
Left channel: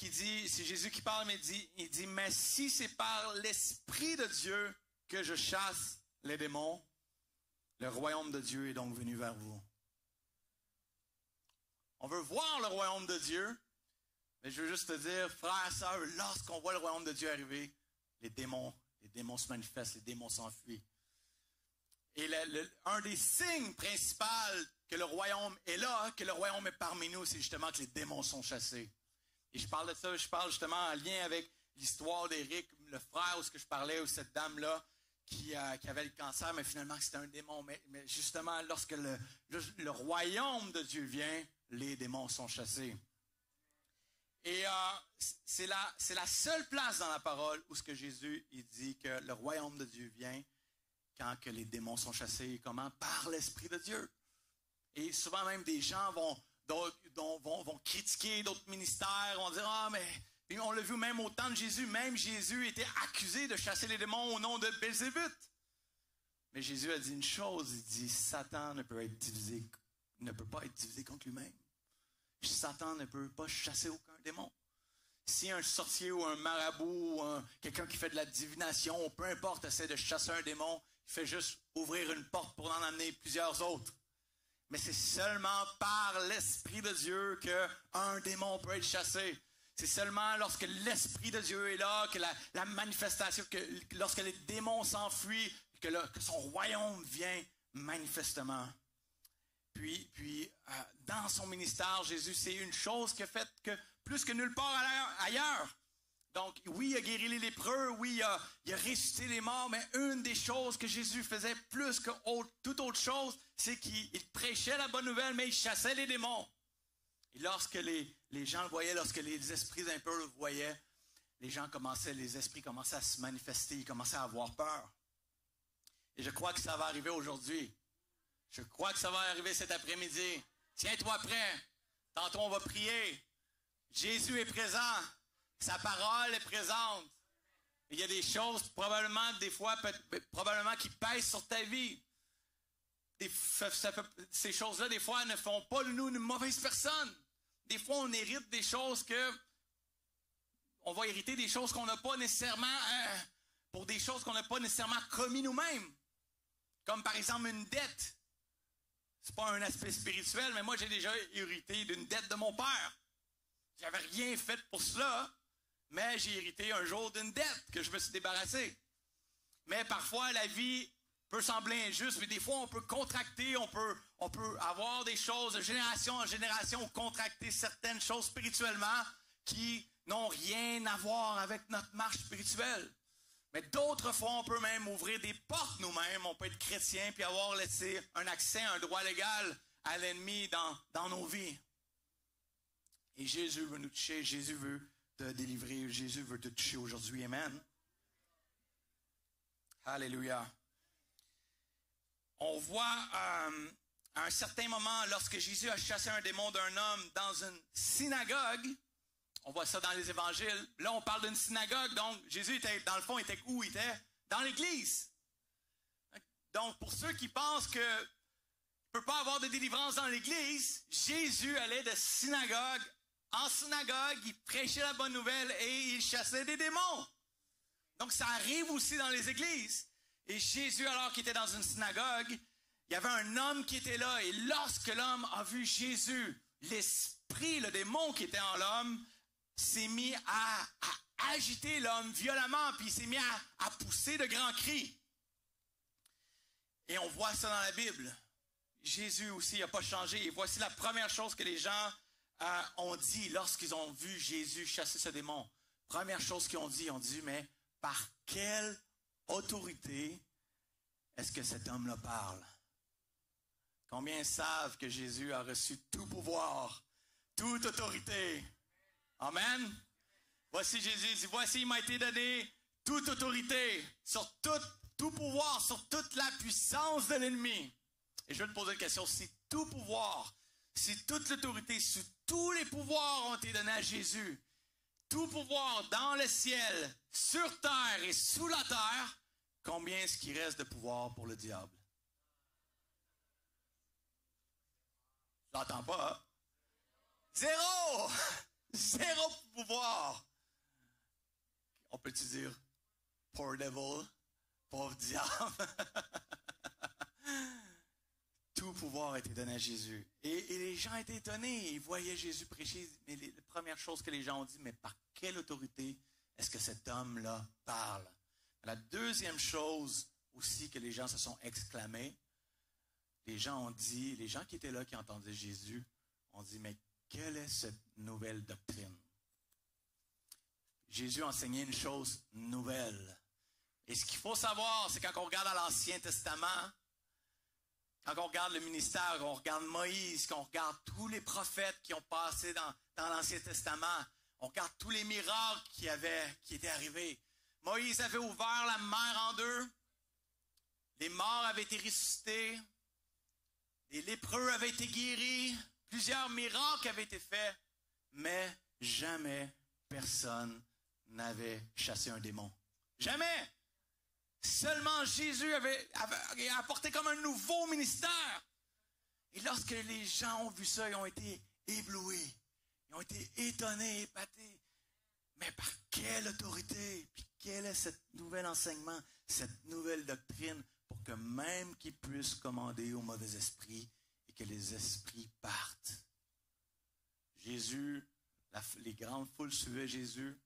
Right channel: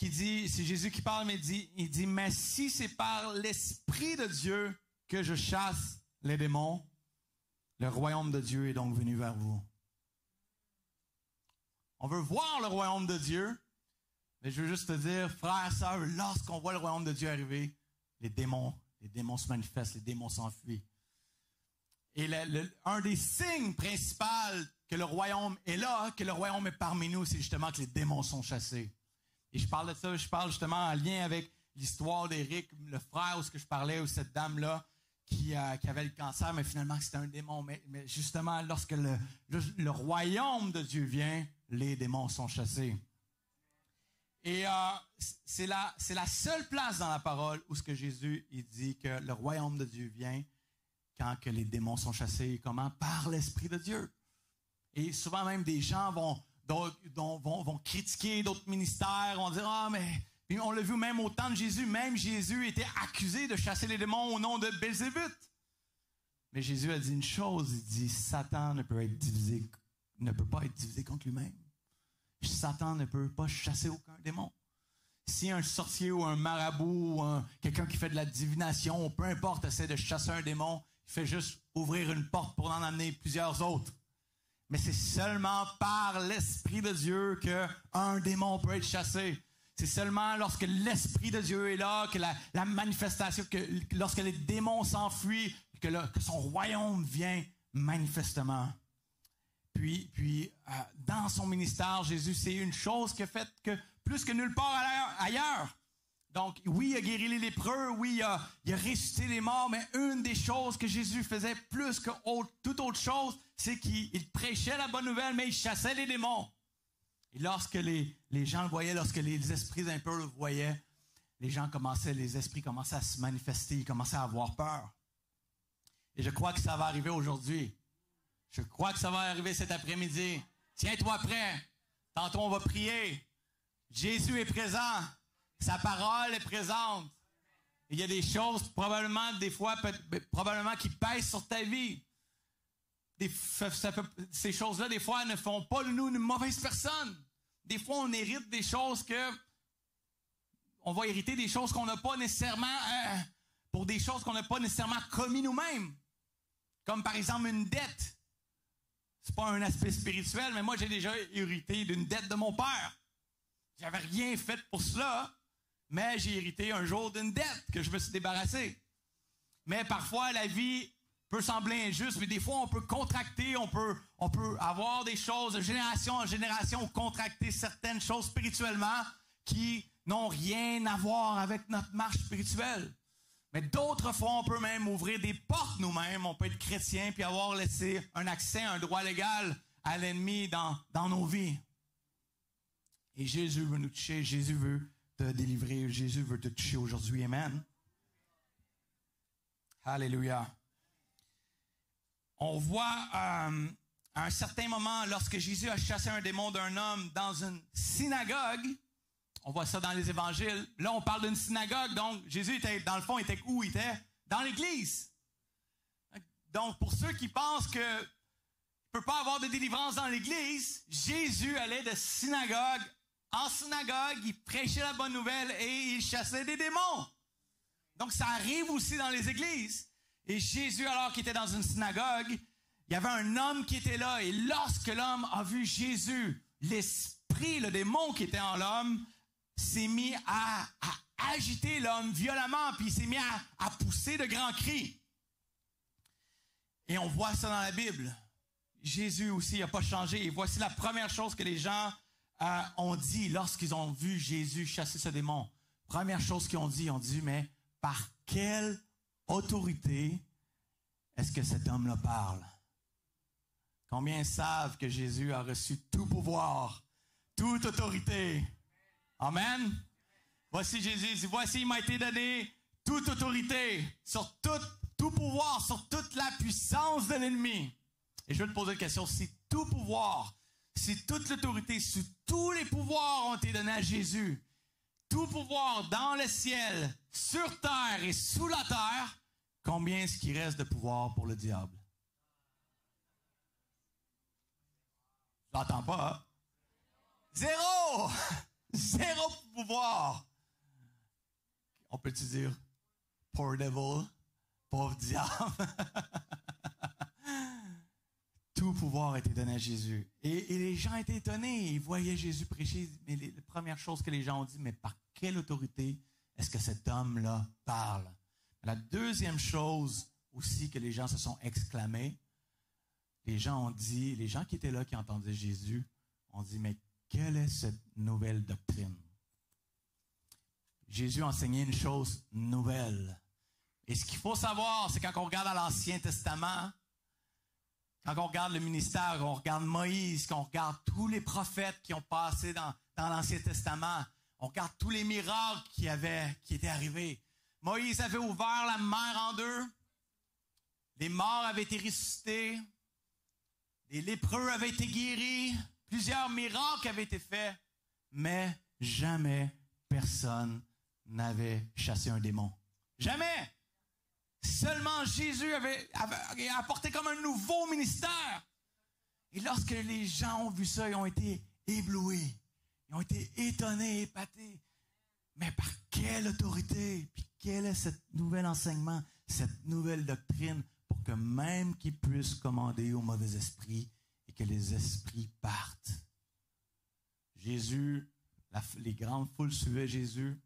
qui dit, c'est Jésus qui parle, mais il dit, mais si c'est par l'Esprit de Dieu que je chasse les démons, le royaume de Dieu est donc venu vers vous. On veut voir le royaume de Dieu, mais je veux juste te dire, frères et sœurs, lorsqu'on voit le royaume de Dieu arriver, les démons se manifestent, les démons s'enfuient. Et un des signes principaux que le royaume est là, que le royaume est parmi nous, c'est justement que les démons sont chassés. Et je parle de ça, je parle justement en lien avec l'histoire d'Éric, le frère où je parlais, ou cette dame-là qui avait le cancer, mais finalement c'était un démon. Mais justement, lorsque le royaume de Dieu vient, les démons sont chassés. Et c'est la seule place dans la parole où ce que Jésus il dit que le royaume de Dieu vient quand que les démons sont chassés. Comment? Par l'Esprit de Dieu. Et souvent même des gens vont critiquer d'autres ministères, vont dire « Ah, mais... » Puis on l'a vu même au temps de Jésus, même Jésus était accusé de chasser les démons au nom de Belzébuth. Mais Jésus a dit une chose, il dit « Satan ne peut pas être divisé contre lui-même. Satan ne peut pas chasser aucun démon. Si un sorcier ou un marabout ou quelqu'un qui fait de la divination, ou peu importe, essaie de chasser un démon, il fait juste ouvrir une porte pour en amener plusieurs autres. Mais c'est seulement par l'Esprit de Dieu qu'un démon peut être chassé. C'est seulement lorsque l'Esprit de Dieu est là, que la manifestation, lorsque les démons s'enfuient, que son royaume vient manifestement. Puis dans son ministère, Jésus, c'est une chose qu'il a faite que plus que nulle part ailleurs. Donc, oui, il a guéri les lépreux, oui, il a ressuscité les morts, mais une des choses que Jésus faisait plus que toute autre chose, c'est qu'il prêchait la bonne nouvelle, mais il chassait les démons. Et lorsque les gens le voyaient, lorsque les esprits impurs le voyaient, les esprits commençaient à se manifester, ils commençaient à avoir peur. Et je crois que ça va arriver aujourd'hui. Je crois que ça va arriver cet après-midi. Tiens-toi prêt. Tantôt, on va prier. Jésus est présent. Sa parole est présente. Il y a des choses, probablement qui pèsent sur ta vie. Ces choses-là, des fois, ne font pas de nous une mauvaise personne. Des fois, on hérite des choses on va hériter des choses qu'on n'a pas nécessairement, pour des choses qu'on n'a pas nécessairement commis nous-mêmes. Comme par exemple une dette. C'est pas un aspect spirituel, mais moi, j'ai déjà hérité d'une dette de mon père. J'avais rien fait pour cela, mais j'ai hérité un jour d'une dette que je me suis débarrassé. Mais parfois, la vie peut sembler injuste, mais des fois, on peut contracter, on peut avoir des choses de génération en génération, contracter certaines choses spirituellement qui n'ont rien à voir avec notre marche spirituelle. Mais d'autres fois, on peut même ouvrir des portes nous-mêmes. On peut être chrétien puis avoir laissé un accès, un droit légal à l'ennemi dans nos vies. Et Jésus veut nous toucher. Jésus veut te délivrer. Jésus veut te toucher aujourd'hui. Amen. Alléluia. On voit à un certain moment, lorsque Jésus a chassé un démon d'un homme dans une synagogue, on voit ça dans les évangiles. Là, on parle d'une synagogue. Donc, Jésus était, dans le fond, était où? Il était dans l'église. Donc, pour ceux qui pensent que ne peut pas avoir de délivrance dans l'église, Jésus allait de synagogue en synagogue, il prêchait la bonne nouvelle et il chassait des démons. Donc, ça arrive aussi dans les églises. Et Jésus, alors qu'il était dans une synagogue, il y avait un homme qui était là. Et lorsque l'homme a vu Jésus, l'esprit, le démon qui était en l'homme, s'est mis à agiter l'homme violemment, puis il s'est mis à pousser de grands cris. Et on voit ça dans la Bible. Jésus aussi n'a pas changé. Et voici la première chose que les gens ont dit lorsqu'ils ont vu Jésus chasser ce démon. Première chose qu'ils ont dit, mais par quelle autorité est-ce que cet homme-là parle? Combien savent que Jésus a reçu tout pouvoir, toute autorité? Amen. Voici Jésus dit, voici il m'a été donné toute autorité sur tout pouvoir, sur toute la puissance de l'ennemi. Et je vais te poser une question, si tout pouvoir, si toute l'autorité, si tous les pouvoirs ont été donnés à Jésus, tout pouvoir dans le ciel, sur terre et sous la terre, combien est-ce qu'il reste de pouvoir pour le diable? Je l'entends pas, hein? Zéro! Zéro pouvoir pouvoir. On peut-tu dire poor devil, pauvre diable? Tout pouvoir a été donné à Jésus. Et les gens étaient étonnés. Ils voyaient Jésus prêcher. Mais la première chose que les gens ont dit, mais par quelle autorité est-ce que cet homme-là parle? La deuxième chose aussi que les gens se sont exclamés, les gens qui étaient là, qui entendaient Jésus, ont dit, mais quelle est cette nouvelle doctrine? Jésus enseignait une chose nouvelle. Et ce qu'il faut savoir, c'est quand on regarde dans l'Ancien Testament, quand on regarde le ministère, qu'on regarde Moïse, qu'on regarde tous les prophètes qui ont passé dans l'Ancien Testament, on regarde tous les miracles qui étaient arrivés. Moïse avait ouvert la mer en deux, les morts avaient été ressuscités, les lépreux avaient été guéris, plusieurs miracles avaient été faits, mais jamais personne n'avait chassé un démon. Jamais! Seulement Jésus avait apporté comme un nouveau ministère. Et lorsque les gens ont vu ça, ils ont été éblouis. Ils ont été étonnés, épatés. Mais par quelle autorité? Puis quel est ce nouvel enseignement, cette nouvelle doctrine, pour que même qu'ils puissent commander aux mauvais esprits et que les esprits partent? Jésus, les grandes foules suivaient Jésus.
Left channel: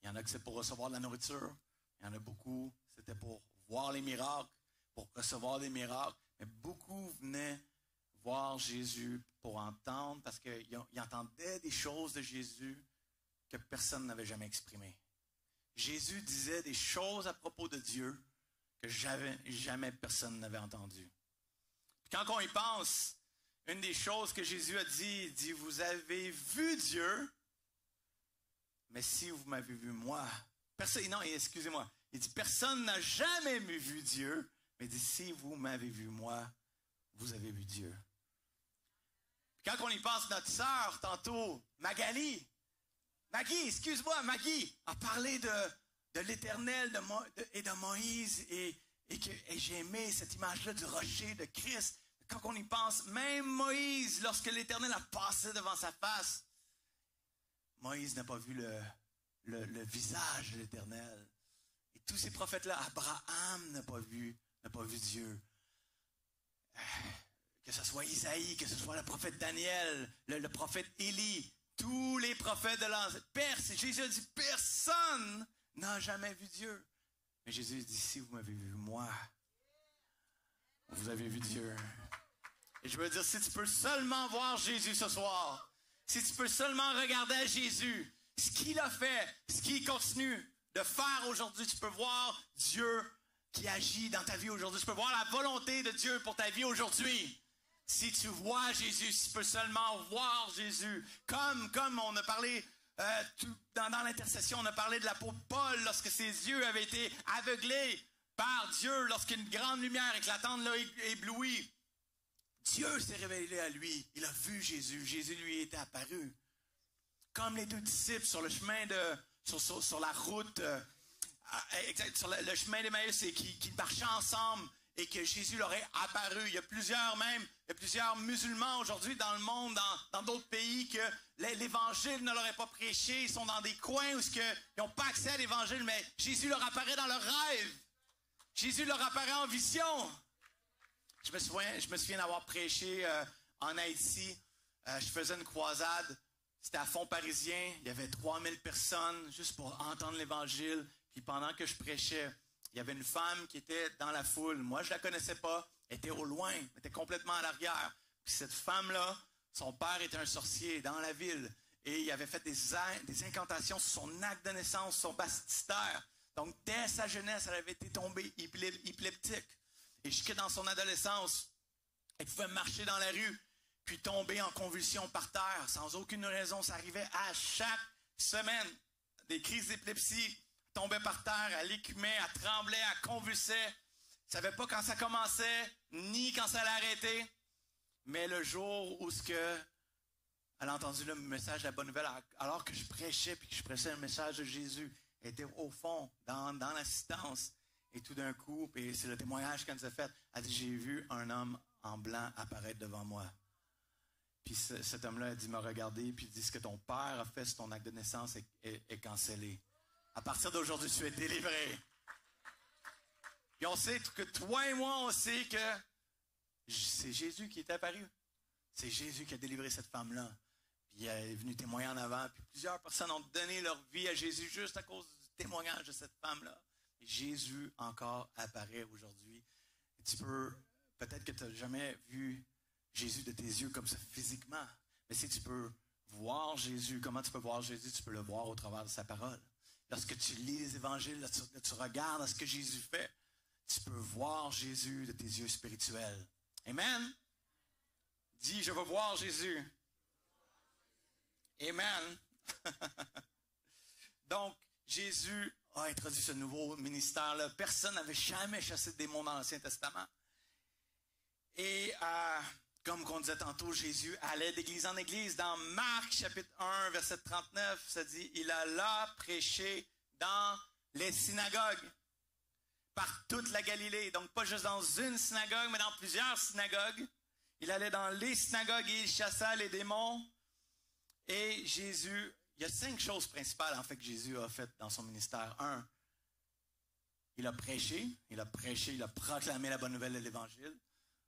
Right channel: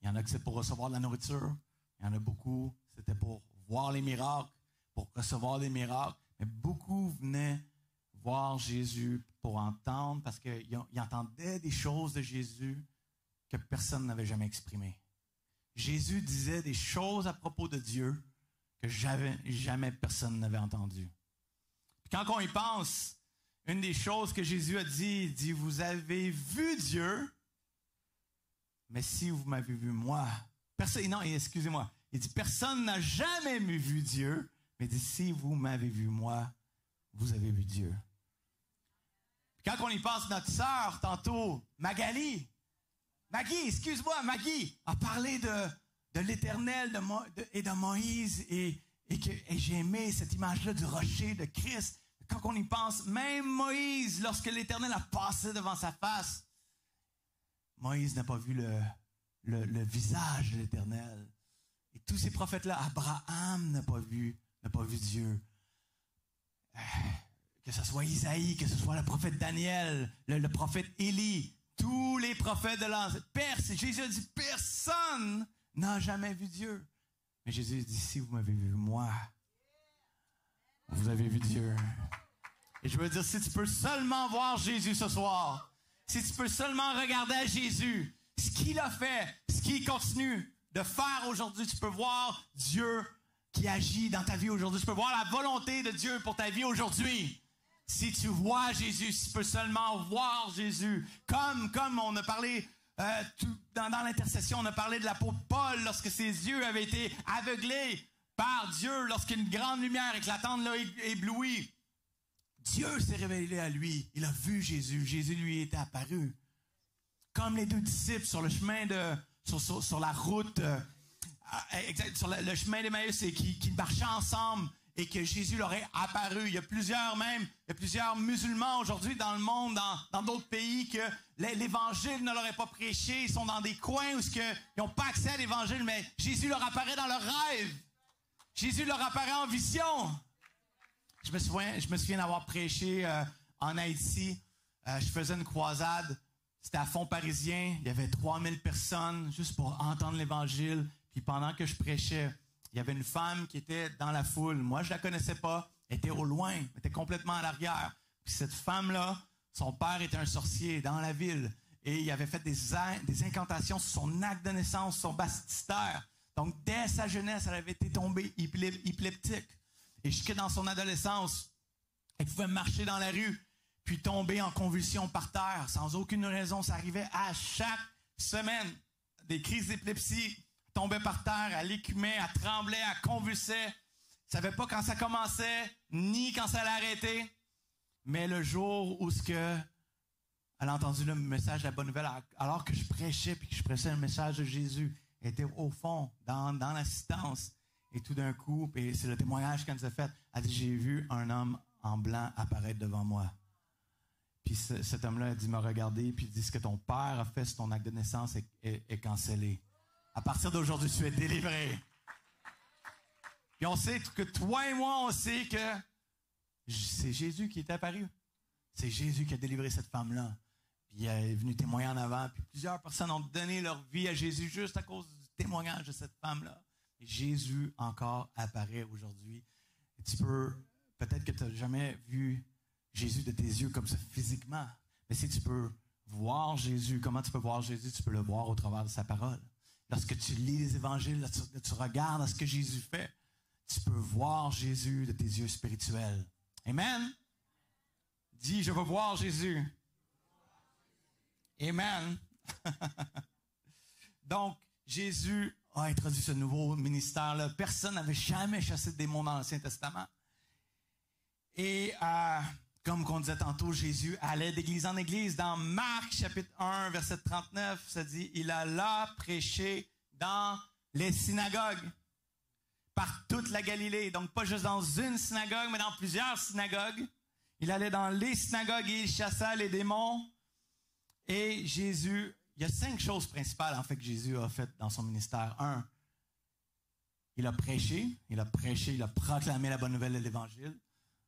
Il y en a qui c'est pour recevoir de la nourriture. Il y en a beaucoup, c'était pour voir les miracles, pour recevoir des miracles. Mais beaucoup venaient voir Jésus pour entendre, parce qu'ils entendaient des choses de Jésus que personne n'avait jamais exprimées. Jésus disait des choses à propos de Dieu que jamais personne n'avait entendues. Puis quand on y pense, une des choses que Jésus a dit, il dit, vous avez vu Dieu, mais si vous m'avez vu moi, excusez-moi. Il dit, personne n'a jamais vu Dieu, mais il dit, si vous m'avez vu moi, vous avez vu Dieu. Puis quand on y pense, notre sœur, tantôt, Maggie, a parlé de l'Éternel et de Moïse, et j'ai aimé cette image-là du rocher de Christ. Quand on y pense, même Moïse, lorsque l'Éternel a passé devant sa face, Moïse n'a pas vu le visage de l'Éternel. Et tous ces prophètes-là, Abraham n'a pas vu Dieu. Que ce soit Isaïe, que ce soit le prophète Daniel, le prophète Élie, tous les prophètes de l'Ancien. Jésus a dit, personne n'a jamais vu Dieu. Mais Jésus dit, si vous m'avez vu moi, vous avez vu Dieu. Et je veux dire, si tu peux seulement voir Jésus ce soir, si tu peux seulement regarder à Jésus, ce qu'il a fait, ce qu'il continue de faire aujourd'hui, tu peux voir Dieu qui agit dans ta vie aujourd'hui. Tu peux voir la volonté de Dieu pour ta vie aujourd'hui. Si tu vois Jésus, si tu peux seulement voir Jésus, comme on a parlé dans l'intercession, on a parlé de l'apôtre Paul lorsque ses yeux avaient été aveuglés par Dieu, lorsqu'une grande lumière éclatante l'a ébloui. Dieu s'est révélé à lui. Il a vu Jésus. Jésus lui était apparu. Comme les deux disciples sur le chemin sur la route, sur le chemin d'Emmaüs, et qui marchaient ensemble et que Jésus leur est apparu. Il y a plusieurs musulmans aujourd'hui dans le monde, dans d'autres pays, que l'Évangile ne leur est pas prêché. Ils sont dans des coins où ils n'ont pas accès à l'Évangile, mais Jésus leur apparaît dans leurs rêves. Jésus leur apparaît en vision. Je me souviens d'avoir prêché en Haïti. Je faisais une croisade. C'était à Fond-Parisien. Il y avait 3000 personnes juste pour entendre l'Évangile. Puis pendant que je prêchais, il y avait une femme qui était dans la foule. Moi, je la connaissais pas. Elle était au loin. Elle était complètement à l'arrière. Puis cette femme-là, son père était un sorcier dans la ville. Et il avait fait des incantations sur son acte de naissance, son baptistère. Donc, dès sa jeunesse, elle avait été tombée épileptique. Et jusque dans son adolescence, elle pouvait marcher dans la rue, puis tomber en convulsion par terre, sans aucune raison. Ça arrivait à chaque semaine. Des crises d'épilepsie, elle tombait par terre, elle écumait, elle tremblait, elle convulsait. Elle ne savait pas quand ça commençait, ni quand ça allait arrêter. Mais le jour où elle a entendu le message de la bonne nouvelle, alors que je prêchais, puis que je prêchais le message de Jésus, elle était au fond, dans l'assistance. Et tout d'un coup, et c'est le témoignage qu'elle nous a fait, elle dit, j'ai vu un homme en blanc apparaître devant moi. Puis cet homme-là a dit, m'a regardé, puis il dit, ce que ton père a fait sur ton acte de naissance est cancellé. À partir d'aujourd'hui, tu es délivré. Puis on sait que toi et moi, on sait que c'est Jésus qui est apparu. C'est Jésus qui a délivré cette femme-là. Puis il est venu témoigner en avant. Puis plusieurs personnes ont donné leur vie à Jésus juste à cause du témoignage de cette femme-là. Et Jésus encore apparaît aujourd'hui. Et tu peux, peut-être que tu n'as jamais vu Jésus de tes yeux comme ça physiquement. Mais si tu peux voir Jésus, comment tu peux voir Jésus? Tu peux le voir au travers de sa parole. Lorsque tu lis les évangiles, lorsque tu regardes ce que Jésus fait, tu peux voir Jésus de tes yeux spirituels. Amen. Dis, je veux voir Jésus. Amen. Donc, Jésus a introduit ce nouveau ministère-là. Personne n'avait jamais chassé de démons dans l'Ancien Testament. Et comme on disait tantôt, Jésus allait d'église en église. Dans Marc, chapitre 1, verset 39, ça dit, il alla prêcher dans les synagogues par toute la Galilée. Donc, pas juste dans une synagogue, mais dans plusieurs synagogues. Il allait dans les synagogues et il chassa les démons. Et Jésus, il y a 5 choses principales, en fait, que Jésus a faites dans son ministère. 1, il a prêché, il a proclamé la bonne nouvelle de l'Évangile.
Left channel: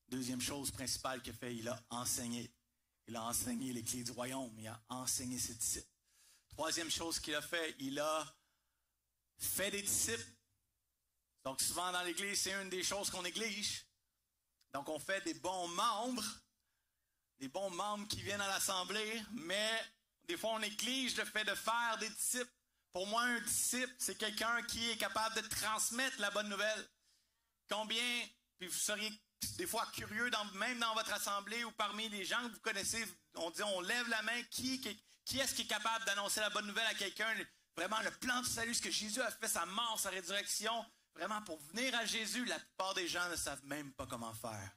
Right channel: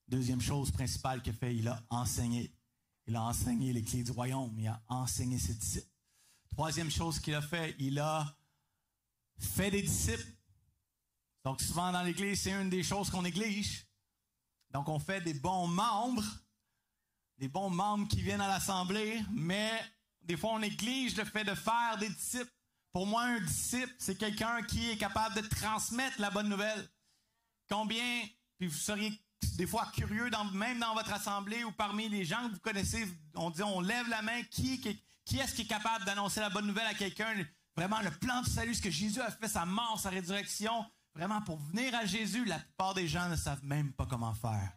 Deuxième chose principale qu'il a fait, il a enseigné. Il a enseigné les clés du royaume, il a enseigné ses disciples. Troisième chose qu'il a fait, il a fait des disciples. Donc souvent dans l'Église, c'est une des choses qu'on néglige. Donc on fait des bons membres qui viennent à l'Assemblée, mais des fois on néglige le fait de faire des disciples. Pour moi, un disciple, c'est quelqu'un qui est capable de transmettre la bonne nouvelle. Combien, puis vous seriez des fois curieux, même dans votre assemblée ou parmi les gens que vous connaissez, on lève la main, qui est-ce qui est capable d'annoncer la bonne nouvelle à quelqu'un? Vraiment, le plan de salut, ce que Jésus a fait, sa mort, sa résurrection, vraiment pour venir à Jésus, la plupart des gens ne savent même pas comment faire.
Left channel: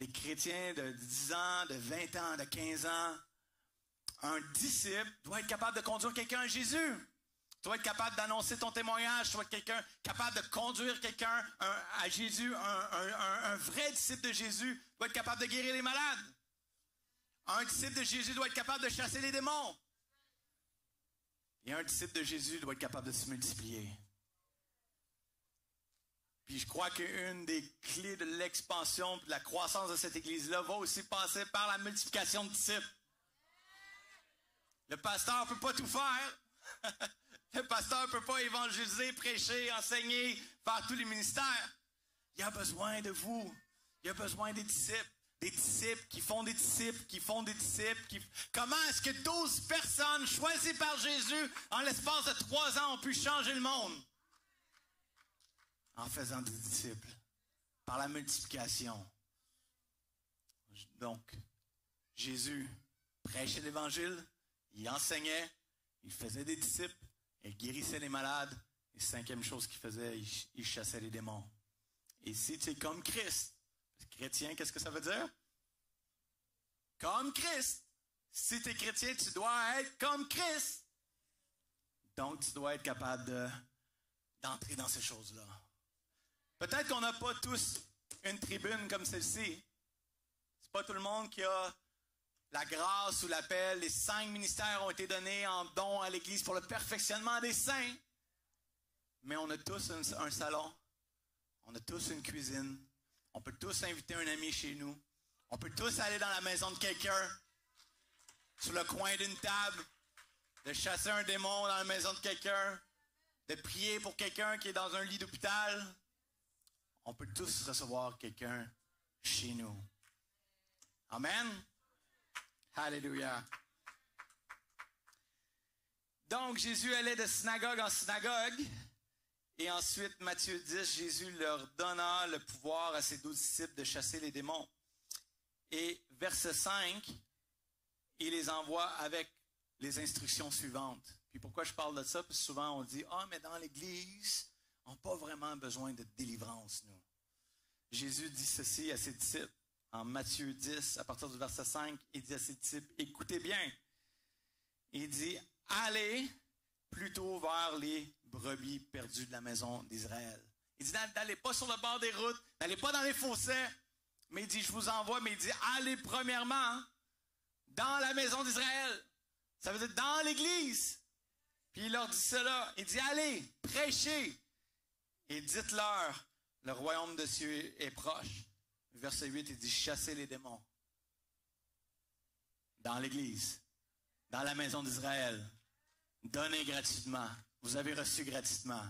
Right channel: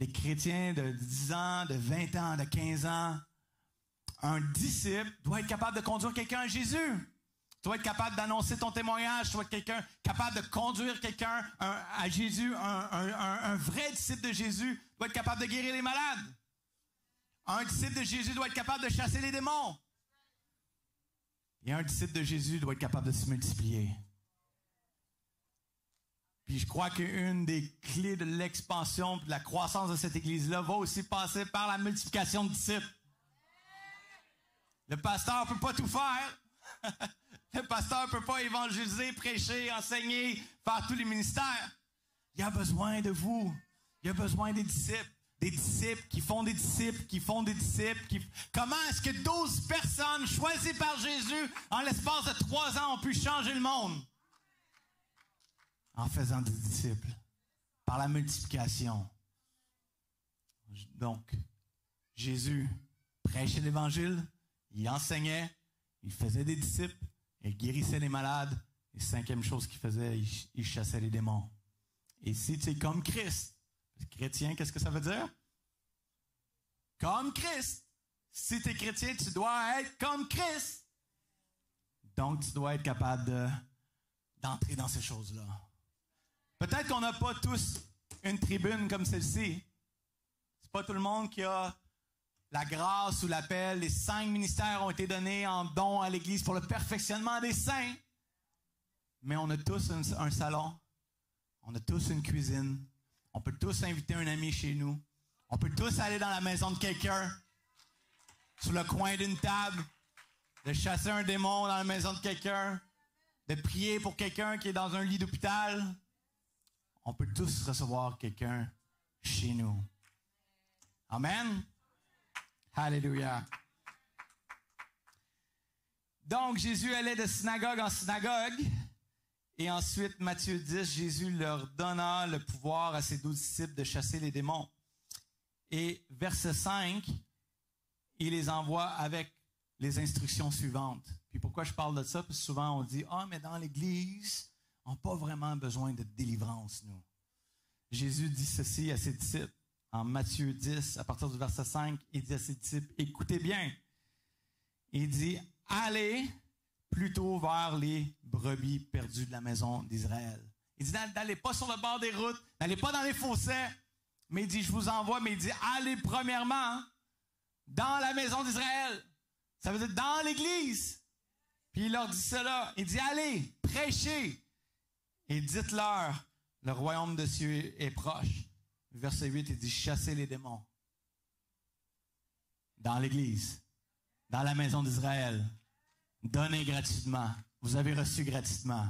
Les chrétiens de 10 ans, de 20 ans, de 15 ans, un disciple doit être capable de conduire quelqu'un à Jésus. Tu dois être capable d'annoncer ton témoignage. Tu dois être quelqu'un capable de conduire quelqu'un à Jésus. Un vrai disciple de Jésus doit être capable de guérir les malades. Un disciple de Jésus doit être capable de chasser les démons. Et un disciple de Jésus doit être capable de se multiplier. Puis je crois qu'une des clés de l'expansion et de la croissance de cette Église-là va aussi passer par la multiplication de disciples. Le pasteur ne peut pas tout faire. Le pasteur ne peut pas évangéliser, prêcher, enseigner, faire tous les ministères. Il y a besoin de vous. Il y a besoin des disciples. Des disciples qui font des disciples, qui font des disciples. Comment est-ce que 12 personnes choisies par Jésus, en l'espace de 3 ans, ont pu changer le monde? En faisant des disciples. Par la multiplication. Donc, Jésus prêchait l'Évangile, il enseignait, il faisait des disciples, il guérissait les malades. Et 5e chose qu'il faisait, il chassait les démons. Et si tu es comme Christ, chrétien, qu'est-ce que ça veut dire? Comme Christ. Si tu es chrétien, tu dois être comme Christ. Donc, tu dois être capable d'entrer dans ces choses-là. Peut-être qu'on n'a pas tous une tribune comme celle-ci. C'est pas tout le monde qui a la grâce ou l'appel. Les 5 ministères ont été donnés en don à l'Église pour le perfectionnement des saints. Mais on a tous un salon. On a tous une cuisine. On peut tous inviter un ami chez nous. On peut tous aller dans la maison de quelqu'un, sur le coin d'une table, de chasser un démon dans la maison de quelqu'un, de prier pour quelqu'un qui est dans un lit d'hôpital. On peut tous recevoir quelqu'un chez nous. Amen. Alléluia. Donc, Jésus allait de synagogue en synagogue. Et ensuite, Matthieu 10, Jésus leur donna le pouvoir à ses 12 disciples de chasser les démons. Et verset 5, il les envoie avec les instructions suivantes. Puis pourquoi je parle de ça? Parce que souvent on dit, mais dans l'Église, on n'a pas vraiment besoin de délivrance, nous. Jésus dit ceci à ses disciples. En Matthieu 10, à partir du verset 5, il dit à ses disciples, écoutez bien. Il dit, allez plutôt vers les brebis perdues de la maison d'Israël. Il dit, n'allez pas sur le bord des routes, n'allez pas dans les fossés, mais il dit, je vous envoie, mais il dit, allez premièrement maison d'Israël. Ça veut dire dans l'Église. Puis il leur dit cela. Il dit, allez, prêchez. Et dites-leur, le royaume de Dieu est proche. Verset 8, il dit, chassez les démons. Dans l'Église. Dans la maison d'Israël. Donnez gratuitement. Vous avez reçu gratuitement.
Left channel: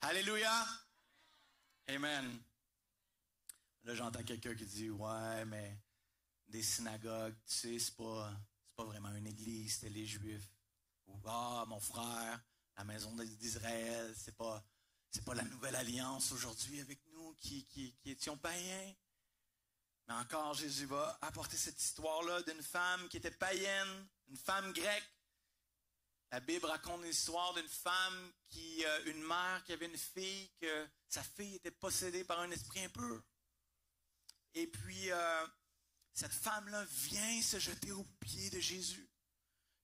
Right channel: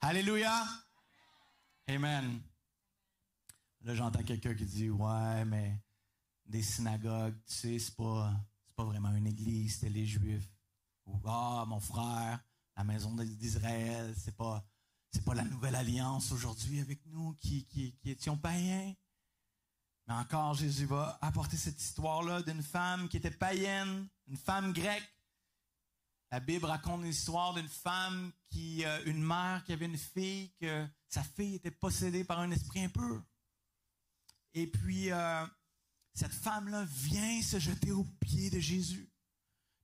Alléluia. Amen. Là, j'entends quelqu'un qui dit, ouais, mais des synagogues, tu sais, c'est pas vraiment une église, c'était les Juifs. Ou, mon frère, la maison d'Israël, c'est pas la nouvelle alliance aujourd'hui avec nous qui étions païens. Mais encore, Jésus va apporter cette histoire-là d'une femme qui était païenne, une femme grecque. La Bible raconte l'histoire d'une femme une mère qui avait une fille, que sa fille était possédée par un esprit impur. Et puis, cette femme-là vient se jeter aux pieds de Jésus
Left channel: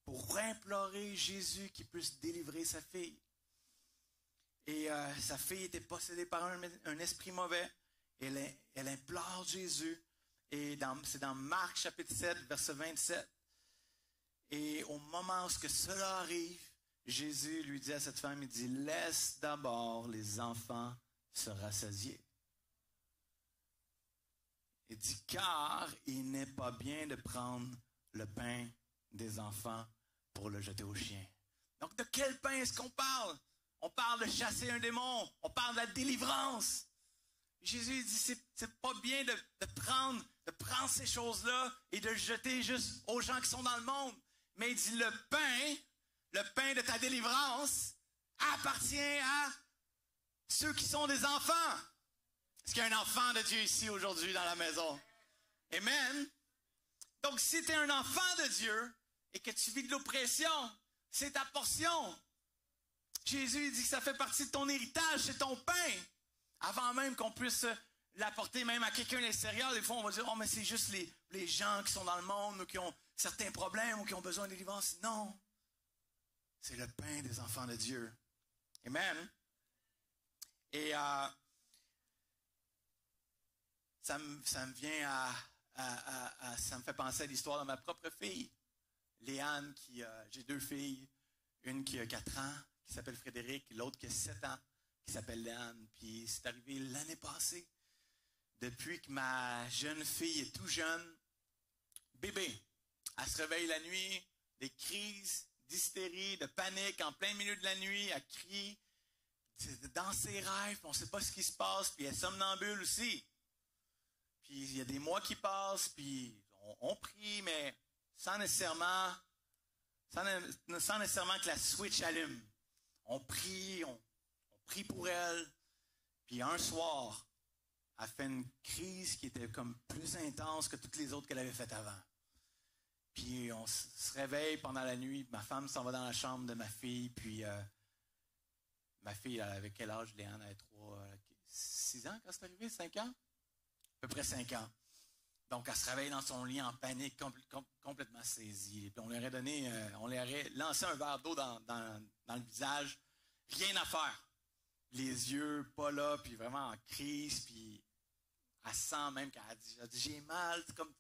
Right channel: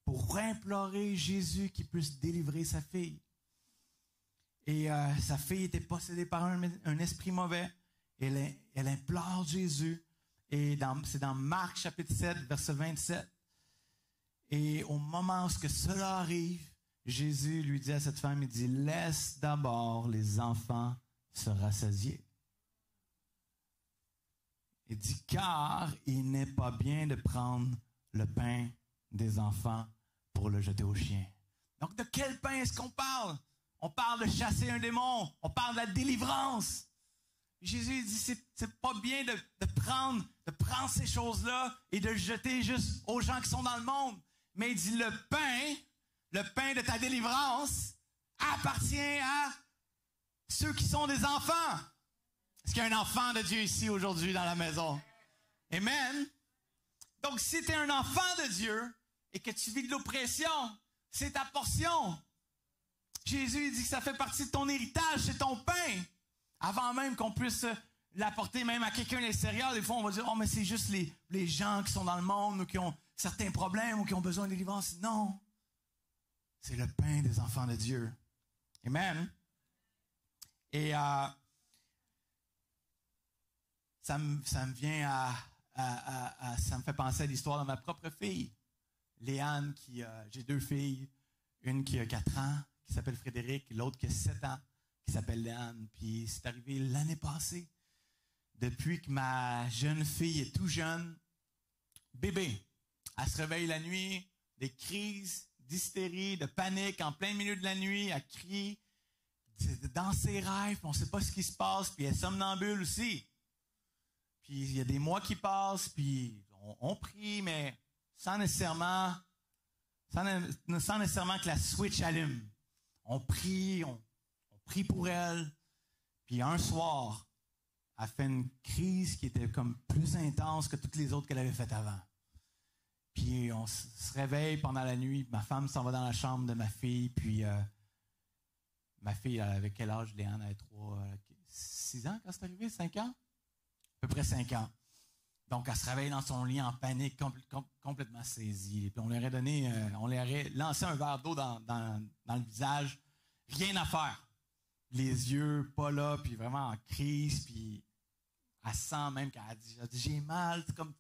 pour implorer Jésus qui puisse délivrer sa fille. Et sa fille était possédée par un esprit mauvais. Elle implore Jésus. Et c'est dans Marc chapitre 7, verset 27. Et au moment où cela arrive, Jésus lui dit à cette femme, il dit, laisse d'abord les enfants se rassasier. Il dit, car il n'est pas bien de prendre le pain des enfants pour le jeter aux chiens. Donc, de quel pain est-ce qu'on parle? On parle de chasser un démon. On parle de la délivrance. Jésus dit, c'est pas bien de prendre ces choses-là et de le jeter juste aux gens qui sont dans le monde. Mais il dit, le pain de ta délivrance appartient à ceux qui sont des enfants. Est-ce qu'il y a un enfant de Dieu ici aujourd'hui dans la maison? Amen. Donc, si tu es un enfant de Dieu et que tu vis de l'oppression, c'est ta portion. Jésus dit que ça fait partie de ton héritage, c'est ton pain. Avant même qu'on puisse l'apporter même à quelqu'un de l'extérieur, des fois on va dire, oh mais c'est juste les gens qui sont dans le monde ou qui ont certains problèmes ou qui ont besoin de délivrance. Non. C'est le pain des enfants de Dieu. Amen. Et ça me vient ça me fait penser à l'histoire de ma propre fille. Léane, j'ai 2 filles. Une qui a 4 ans, qui s'appelle Frédéric, l'autre qui a 7 ans, qui s'appelle Léane. Puis c'est arrivé l'année passée. Depuis que ma jeune fille est tout jeune, bébé, elle se réveille la nuit, des crises d'hystérie, de panique, en plein milieu de la nuit, elle crie, dans ses rêves, on ne sait pas ce qui se passe, puis elle est somnambule aussi. Puis il y a des mois qui passent, puis on prie, mais sans nécessairement que la switch allume. On prie pour elle, puis un soir, elle fait une crise qui était comme plus intense que toutes les autres qu'elle avait faites avant. Puis on se réveille pendant la nuit, ma femme s'en va dans la chambre de ma fille, puis ma fille, avec quel âge, Léane, elle avait 6 ans quand c'est arrivé, 5 ans? À peu près 5 ans. Donc elle se réveille dans son lit en panique, complètement saisie. Puis on lui aurait lancé un verre d'eau dans le visage, rien à faire. Les yeux pas là, puis vraiment en crise, puis elle sent même qu'elle a dit j'ai mal, c'est comme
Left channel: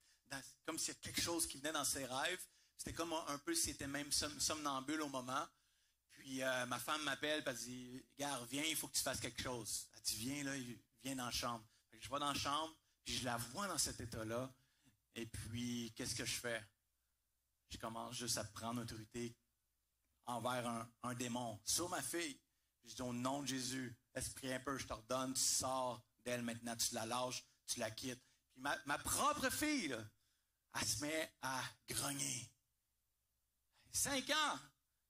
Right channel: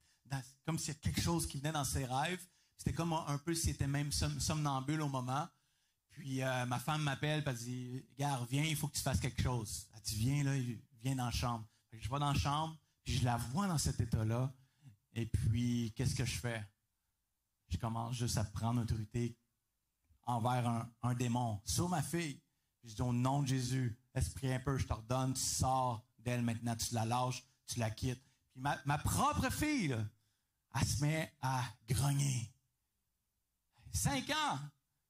s'il y a quelque chose qui venait dans ses rêves. C'était comme un peu s'il était même somnambule au moment. Puis ma femme m'appelle, puis elle dit gars, viens, il faut que tu fasses quelque chose. Elle dit viens dans la chambre. Fait que je vais dans la chambre, puis je la vois dans cet état-là. Et puis qu'est-ce que je fais? Je commence juste à prendre autorité envers un démon sur ma fille. Je dis au nom de Jésus, esprit impur, je t'ordonne, tu sors d'elle maintenant, tu la lâches, tu la quittes. Puis ma propre fille, là, elle se met à grogner. 5 ans.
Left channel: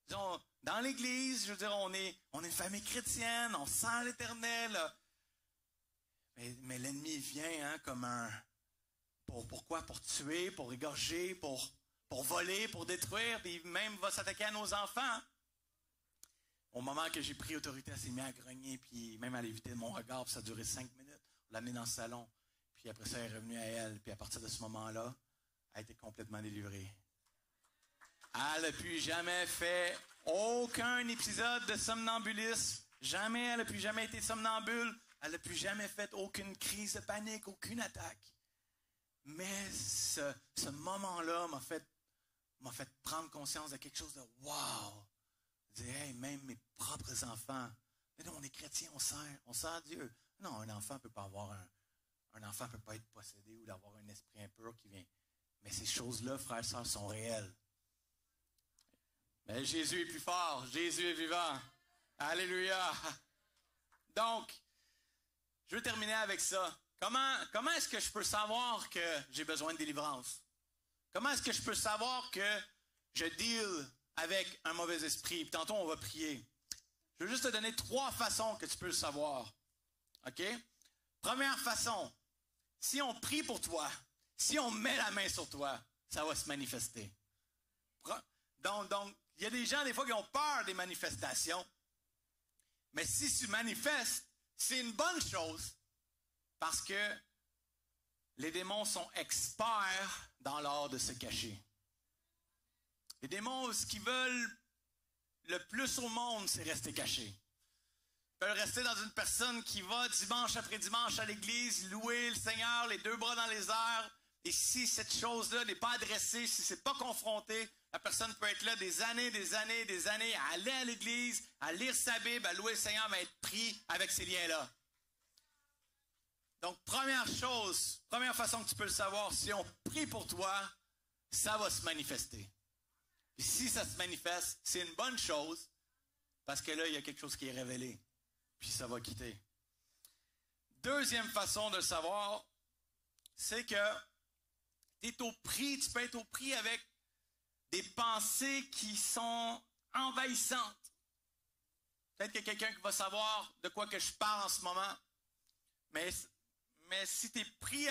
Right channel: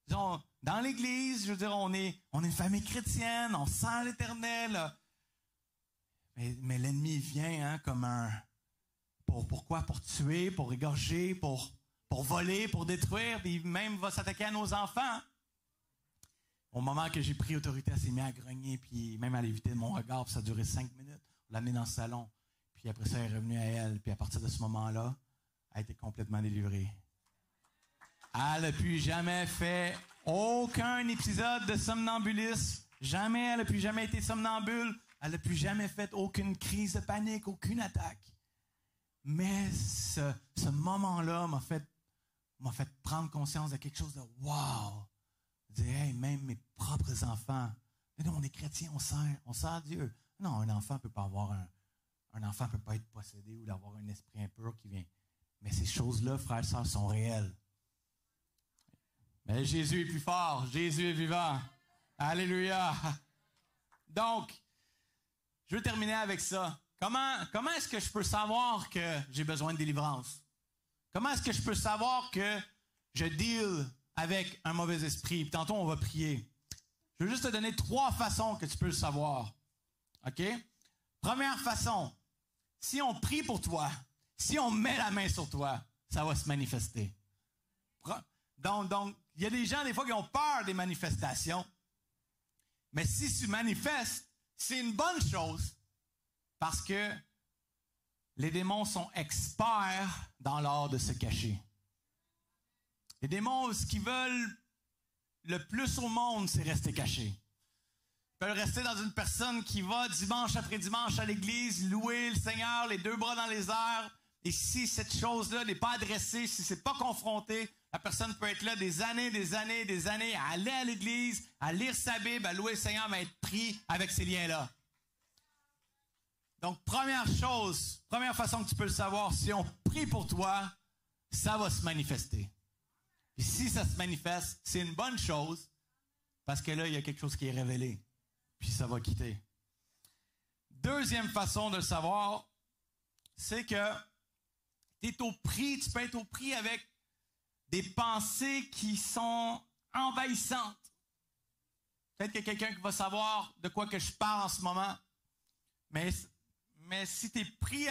Disons, dans l'Église, je veux dire, on est une famille chrétienne, on sent l'Éternel. Mais l'ennemi vient comme pourquoi? Pour tuer, pour égorger, pour voler, pour détruire, puis même va s'attaquer à nos enfants. Au moment que j'ai pris autorité, elle s'est mise à grogner, puis même à l'éviter de mon regard, puis ça a duré 5 minutes. On l'a amenée dans le salon. Puis après ça, elle est revenue à elle. Puis à partir de ce moment-là, elle a été complètement délivrée. Elle n'a plus jamais fait aucun épisode de somnambulisme. Jamais, elle n'a plus jamais été somnambule. Elle n'a plus jamais fait aucune crise de panique, aucune attaque. Mais ce moment-là m'a fait m'a fait prendre conscience de quelque chose de wow. Je dis, hey, même mes propres enfants. Mais nous, on est chrétiens, on sert Dieu. Non, un enfant peut pas avoir un enfant peut pas être possédé ou d'avoir un esprit impur qui vient. Mais ces choses-là, frères et sœurs, sont réelles. Mais Jésus est plus fort. Jésus est vivant. Alléluia. Donc, je veux terminer avec ça. Comment est-ce que je peux savoir que j'ai besoin de délivrance? Comment est-ce que je peux savoir que je deal avec un mauvais esprit? Puis tantôt, on va prier. Je veux juste te donner 3 façons que tu peux le savoir. OK? Première façon, si on prie pour toi, si on met la main sur toi, ça va se manifester. Donc, il y a des gens, des fois, qui ont peur des manifestations. Mais si tu manifestes, c'est une bonne chose parce que les démons sont experts dans l'art de se cacher. Les démons, ce qu'ils veulent le plus au monde, c'est rester cachés. Ils veulent rester dans une personne qui va dimanche après dimanche à l'église, louer le Seigneur, les 2 bras dans les airs. Et si cette chose-là n'est pas adressée, si c'est pas confronté, la personne peut être là des années, à aller à l'église, à lire sa Bible, à louer le Seigneur, mais être pris avec ces liens-là. Donc, première façon que tu peux le savoir, si on prie pour toi, ça va se manifester. Et si ça se manifeste, c'est une bonne chose, parce que là, il y a quelque chose qui est révélé, puis ça va quitter. Deuxième façon de le savoir, c'est que tu peux être au prix avec des pensées qui sont envahissantes. Peut-être qu'il y a quelqu'un qui va savoir de quoi que je parle en ce moment, mais si tu es pris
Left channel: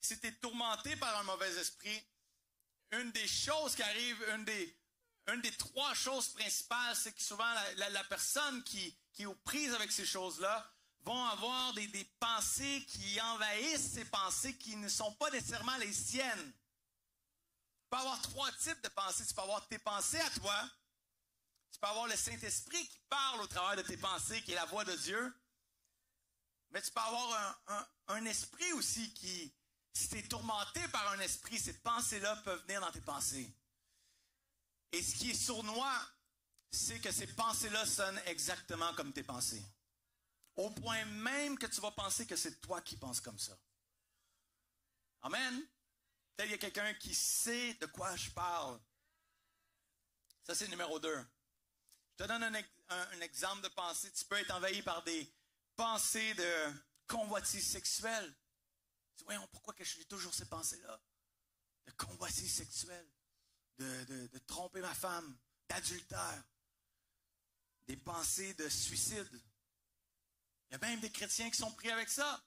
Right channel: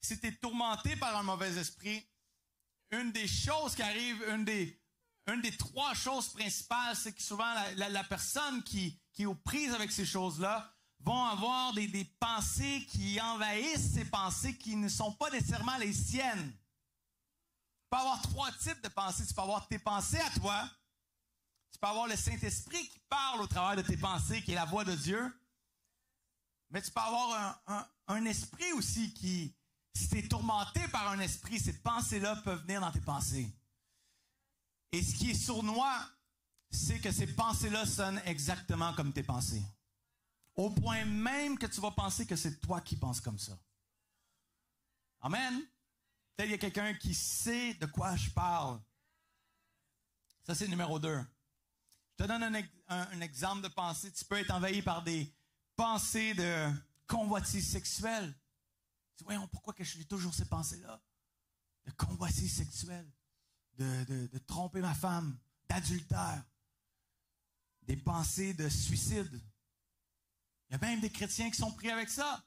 si tu es tourmenté par un mauvais esprit, une des choses qui arrive, une des 3 choses principales, c'est que souvent la personne qui est aux prises avec ces choses-là vont avoir des pensées qui envahissent ces pensées qui ne sont pas nécessairement les siennes. Tu peux avoir 3 types de pensées. Tu peux avoir tes pensées à toi. Tu peux avoir le Saint-Esprit qui parle au travers de tes pensées, qui est la voix de Dieu. Mais tu peux avoir un esprit aussi qui, si tu es tourmenté par un esprit, ces pensées-là peuvent venir dans tes pensées. Et ce qui est sournois, c'est que ces pensées-là sonnent exactement comme tes pensées. Au point même que tu vas penser que c'est toi qui penses comme ça. Amen. Peut-être qu'il y a quelqu'un qui sait de quoi je parle. Ça, c'est le numéro 2. Je te donne un exemple de pensée. Tu peux être envahi par des pensées de convoitise sexuelle. Tu dis, voyons, pourquoi que j'ai toujours ces pensées-là? De convoitise sexuelle, de tromper ma femme, d'adultère, des pensées de suicide. Il y a même des chrétiens qui sont pris avec ça.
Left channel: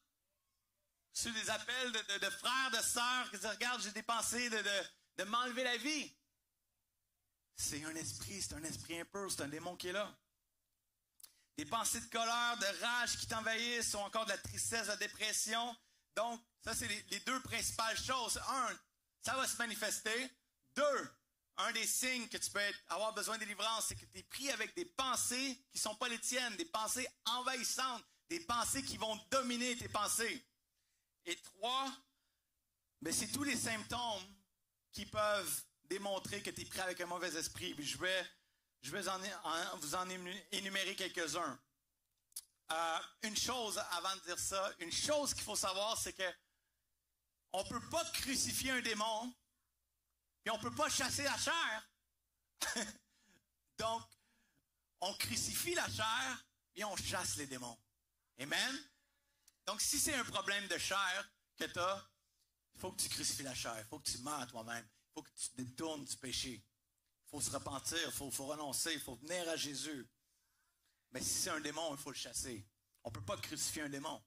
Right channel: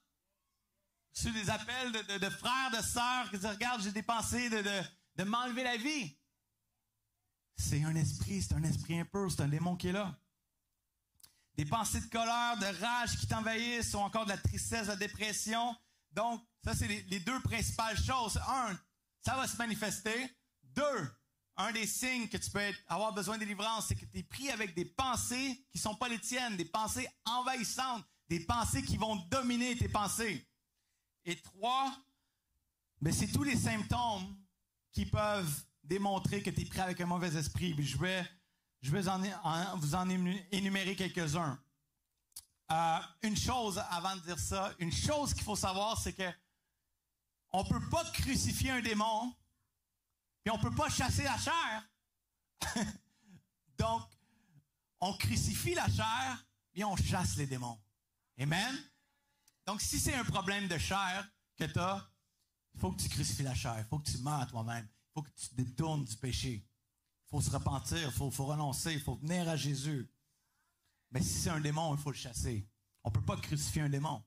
Sur des appels de frères, de sœurs qui disent, regarde, j'ai des pensées de m'enlever la vie. C'est un esprit impur, c'est un démon qui est là. Des pensées de colère, de rage qui t'envahissent, ou encore de la tristesse, de la dépression. Donc, ça, c'est les 2 principales choses. 1, ça va se manifester. 2, un des signes que tu peux avoir besoin de délivrance, c'est que tu es pris avec des pensées qui ne sont pas les tiennes, des pensées envahissantes, des pensées qui vont dominer tes pensées. Et 3, ben c'est tous les symptômes qui peuvent démontrer que tu es pris avec un mauvais esprit. Puis je vais vous en énumérer quelques-uns. Une chose, avant de dire ça, une chose qu'il faut savoir, c'est que on ne peut pas crucifier un démon, puis on ne peut pas chasser la chair. Donc, on crucifie la chair, puis on chasse les démons. Amen? Donc, si c'est un problème de chair que tu as, il faut que tu crucifies la chair, il faut que tu meurs à toi-même, il faut que tu te détournes du péché. Il faut se repentir, il faut renoncer, il faut venir à Jésus. Mais si c'est un démon, il faut le chasser. On ne peut pas crucifier un démon.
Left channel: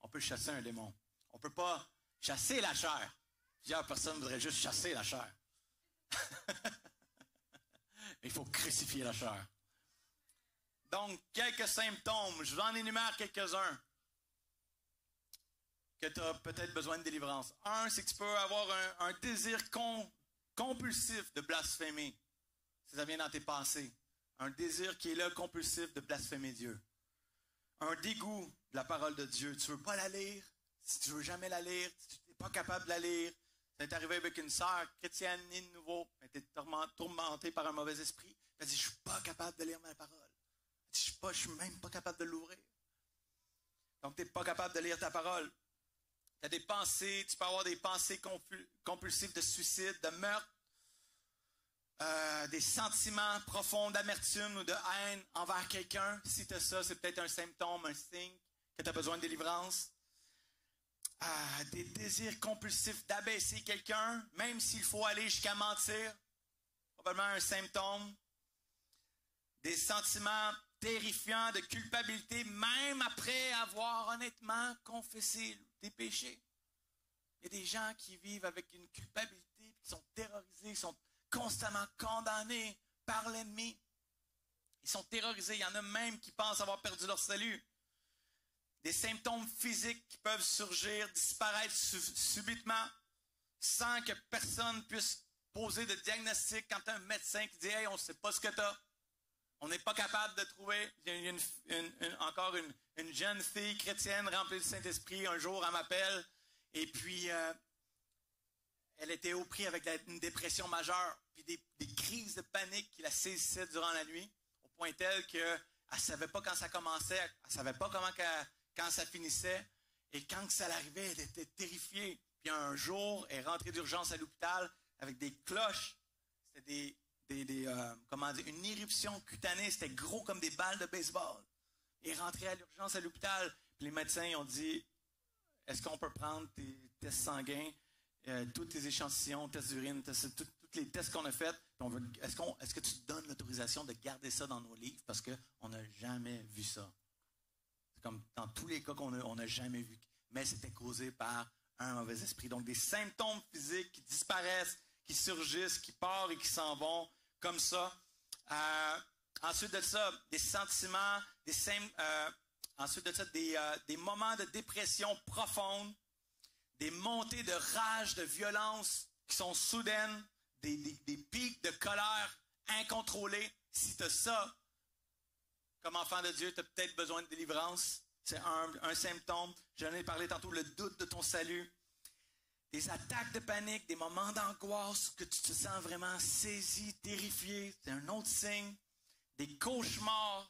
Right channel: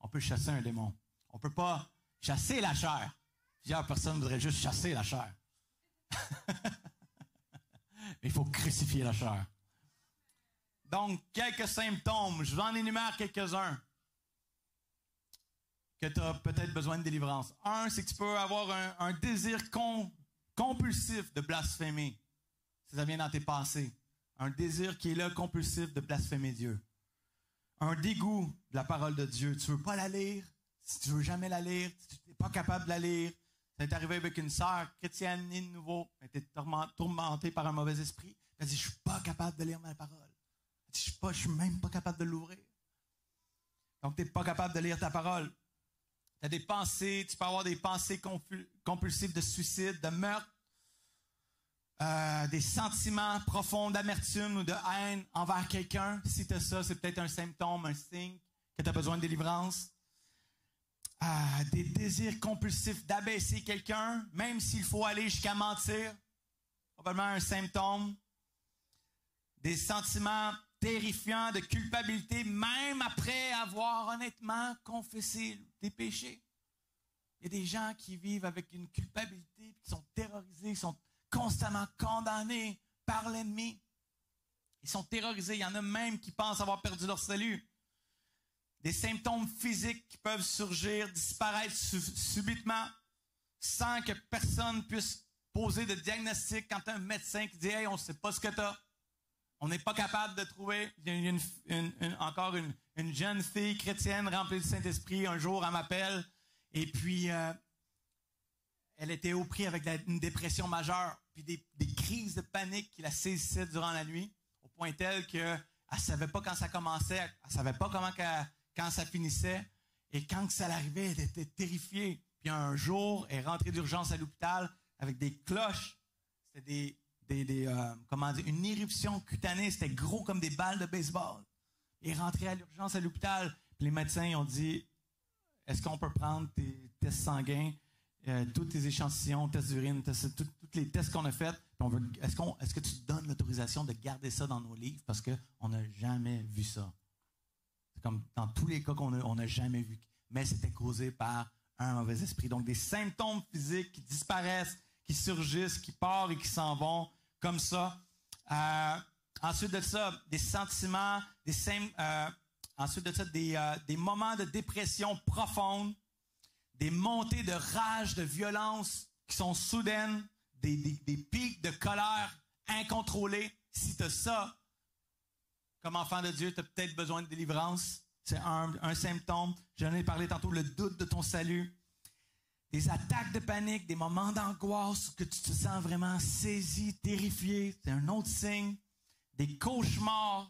On peut chasser un démon. On ne peut pas chasser la chair. Plusieurs personnes voudraient juste chasser la chair. Il faut crucifier la chair. Donc, quelques symptômes. Je vous en énumère quelques-uns que tu as peut-être besoin de délivrance. 1, c'est que tu peux avoir un désir compulsif de blasphémer. Si ça vient dans tes pensées. Un désir qui est là, compulsif, de blasphémer Dieu. Un dégoût de la parole de Dieu. Tu ne veux pas la lire. Si tu ne veux jamais la lire, si tu n'es pas capable de la lire, C'est arrivé avec une sœur chrétienne née de nouveau. Elle était tourmentée par un mauvais esprit. Elle dit, je suis pas capable de lire ma parole. Elle dit, je suis même pas capable de l'ouvrir. Donc, tu n'es pas capable de lire ta parole. Tu as des pensées, tu peux avoir des pensées compulsives de suicide, de meurtre, des sentiments profonds d'amertume ou de haine envers quelqu'un. Si tu as ça, c'est peut-être un symptôme, un signe que tu as besoin de délivrance. Des désirs compulsifs d'abaisser quelqu'un, même s'il faut aller jusqu'à mentir. Probablement un symptôme. Des sentiments terrifiants de culpabilité, même après avoir honnêtement confessé des péchés. Il y a des gens qui vivent avec une culpabilité, qui sont terrorisés, ils sont constamment condamnés par l'ennemi. Ils sont terrorisés. Il y en a même qui pensent avoir perdu leur salut. Des symptômes physiques qui peuvent surgir, disparaître subitement, sans que personne puisse poser de diagnostic quand un médecin qui dit « Hey, on ne sait pas ce que tu as. » On n'est pas capable de trouver. Il y a encore une jeune fille chrétienne remplie du Saint-Esprit. Un jour, elle m'appelle et puis elle était au prix avec une dépression majeure, puis des crises de panique qui la saisissaient durant la nuit, au point tel qu'elle ne savait pas quand ça commençait, elle ne savait pas quand ça finissait, et quand ça l'arrivait, elle était terrifiée. Puis un jour, elle est rentrée d'urgence à l'hôpital avec des cloches. C'était une éruption cutanée, c'était gros comme des balles de baseball. Elle est rentrée à l'urgence à l'hôpital, puis les médecins ont dit, est-ce qu'on peut prendre tes tests sanguins, tous tes échantillons, tests d'urine, tous les tests qu'on a faits, est-ce que tu te donnes l'autorisation de garder ça dans nos livres, parce qu'on n'a jamais vu ça. C'est comme dans tous les cas qu'on n'a jamais vu, mais c'était causé par un mauvais esprit. Donc des symptômes physiques qui disparaissent, qui surgissent, qui partent et qui s'en vont, comme ça. Ensuite de ça, des sentiments, ensuite de ça, des moments de dépression profonde, des montées de rage, de violence qui sont soudaines, des pics de colère incontrôlés. Si tu as ça, comme enfant de Dieu, tu as peut-être besoin de délivrance. C'est un symptôme. J'en ai parlé tantôt, le doute de ton salut. Des attaques de panique, des moments d'angoisse que tu te sens vraiment saisi, terrifié. C'est un autre signe. Des cauchemars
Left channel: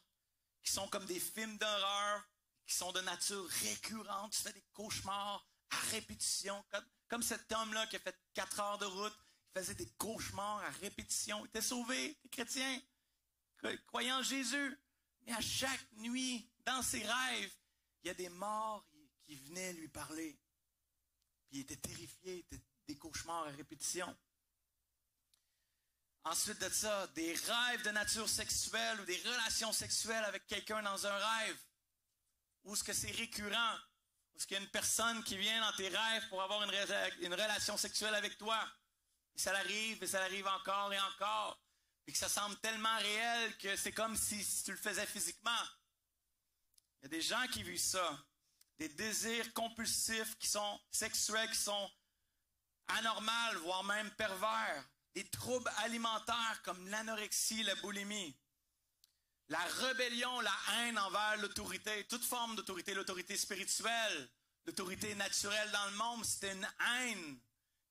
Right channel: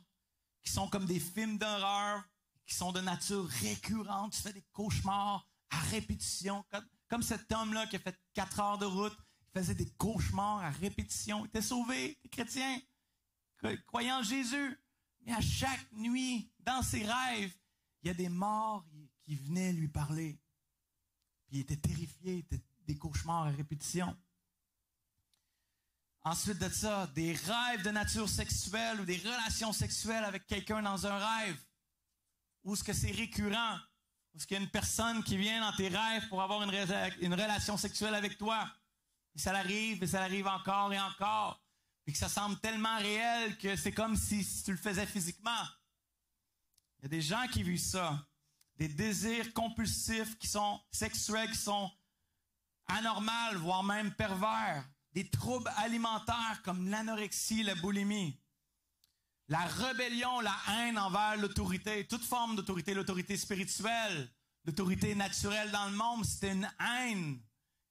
qui sont comme des films d'horreur, qui sont de nature récurrente. Tu fais des cauchemars à répétition. Comme cet homme-là qui a fait 4 heures de route, il faisait des cauchemars à répétition. Il était sauvé, il était chrétien, croyant en Jésus. Mais à chaque nuit, dans ses rêves, il y a des morts qui venaient lui parler. Puis il était terrifié, il était des cauchemars à répétition. Ensuite de ça, des rêves de nature sexuelle ou des relations sexuelles avec quelqu'un dans un rêve. Ou est-ce que c'est récurrent? Ou est-ce qu'il y a une personne qui vient dans tes rêves pour avoir une relation sexuelle avec toi? Et ça l'arrive encore et encore. Et que ça semble tellement réel que c'est comme si tu le faisais physiquement. Il y a des gens qui vivent ça. Des désirs compulsifs qui sont sexuels, qui sont anormaux, voire même pervers. Des troubles alimentaires comme l'anorexie, la boulimie. La rébellion, la haine envers l'autorité, toute forme d'autorité, l'autorité spirituelle, l'autorité naturelle dans le monde, c'est une haine.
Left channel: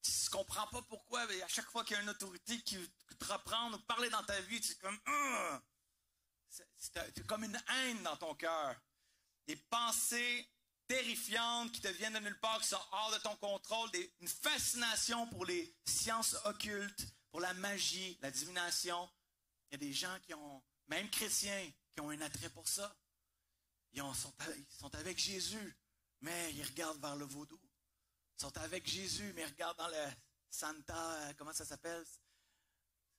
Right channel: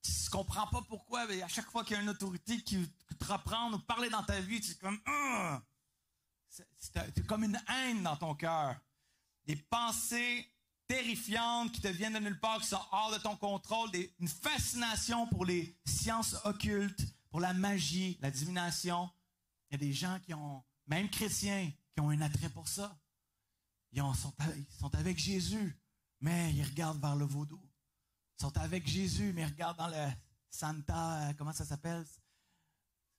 Tu ne comprends pas pourquoi, mais à chaque fois qu'il y a une autorité qui te reprend ou parler dans ta vie, tu es comme c'est comme une haine dans ton cœur. Des pensées terrifiantes qui te viennent de nulle part, qui sont hors de ton contrôle, une fascination pour les sciences occultes, pour la magie, la divination. Il y a des gens qui ont, même chrétiens, qui ont un attrait pour ça. Ils sont avec Jésus, mais ils regardent vers le vaudou. Ils sont avec Jésus, mais ils regardent dans le Santa, comment ça s'appelle?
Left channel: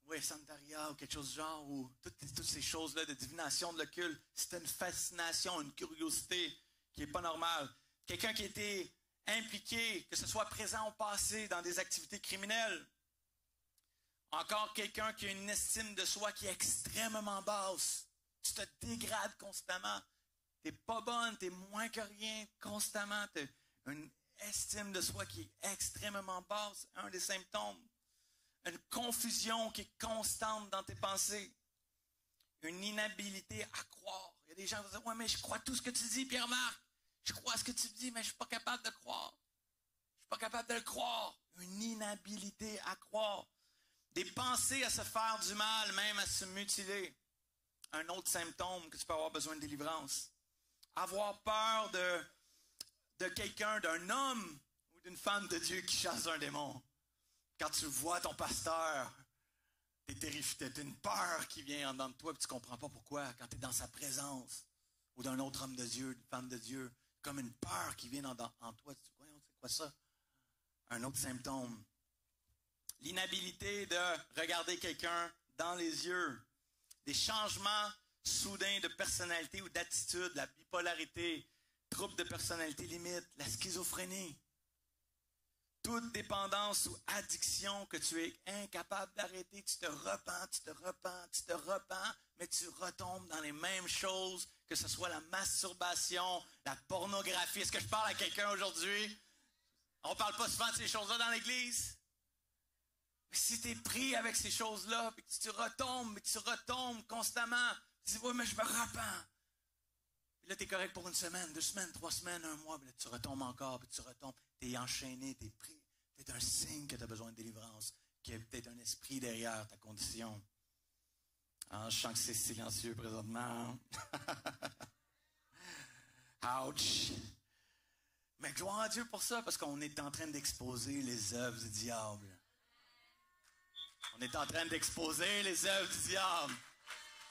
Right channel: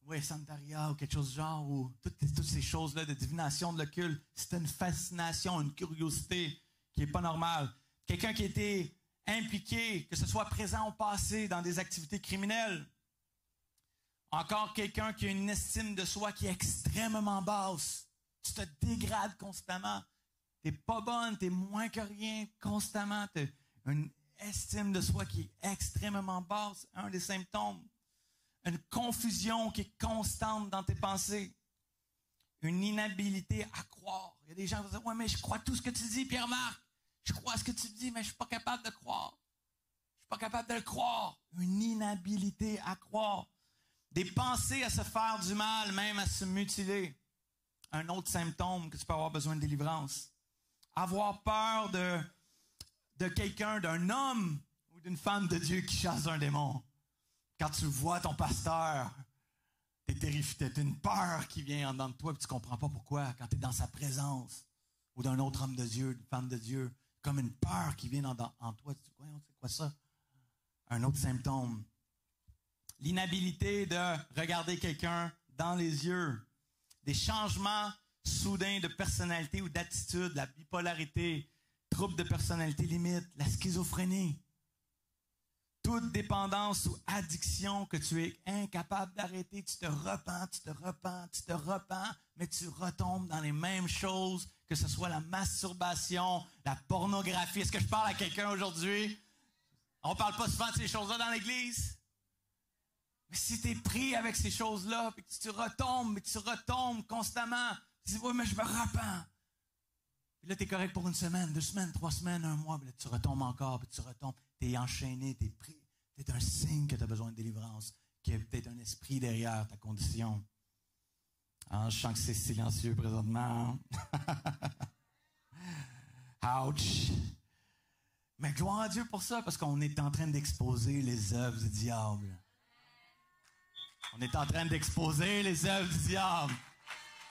Oui, Santaria ou quelque chose du genre, ou toutes ces choses-là de divination, de l'occulte. C'est une fascination, une curiosité qui n'est pas normale. Quelqu'un qui a été impliqué, que ce soit présent au passé dans des activités criminelles. Encore quelqu'un qui a une estime de soi qui est extrêmement basse. Tu te dégrades constamment. Tu n'es pas bonne, tu es moins que rien constamment. Tu as une estime de soi qui est extrêmement basse. Un des symptômes. Une confusion qui est constante dans tes pensées. Une inhabilité à croire. Il y a des gens qui vont dire, ouais, mais je crois tout ce que tu dis, Pierre-Marc. Je crois ce que tu dis, mais je ne suis pas capable de croire. Je ne suis Pas capable de le croire. Une inhabilité à croire. Des pensées à se faire du mal, même à se mutiler. Un autre symptôme que tu peux avoir besoin de délivrance. Avoir peur de quelqu'un, d'un homme ou d'une femme de Dieu qui chasse un démon. Quand tu vois ton pasteur, t'es terrifié, t'as une peur qui vient en dedans de toi et tu comprends pas pourquoi. Quand tu es dans sa présence, ou d'un autre homme de Dieu, une femme de Dieu, comme une peur qui vient en toi. Tu dis, c'est quoi ça? Un autre symptôme. L'inhabilité de regarder quelqu'un dans les yeux. Des changements soudains de personnalité ou d'attitude, la bipolarité, troubles de personnalité limite, la schizophrénie. Toute dépendance ou addiction que tu es incapable d'arrêter, tu te repens, mais tu retombes dans les mêmes choses, que ce soit la masturbation, la pornographie. Est-ce que je parle à quelqu'un aujourd'hui? On ne parle pas souvent de ces choses-là dans l'Église. Mais si tu es pris avec ces choses-là, puis que tu retombes constamment, tu dis, oui, mais je me repens. Puis là, tu es correct pour une semaine, 2 semaines, 3 semaines, 1 mois, puis là, tu retombes encore, puis tu retombes. Tu es enchaîné, tu es pris. C'est un signe que tu as besoin de délivrance, qu'il y a peut-être un esprit derrière ta condition. Ah, je sens que c'est silencieux présentement. Ouch! Mais gloire à Dieu pour ça, parce qu'on est en train d'exposer les œuvres du diable. On est en train d'exposer les œuvres du diable.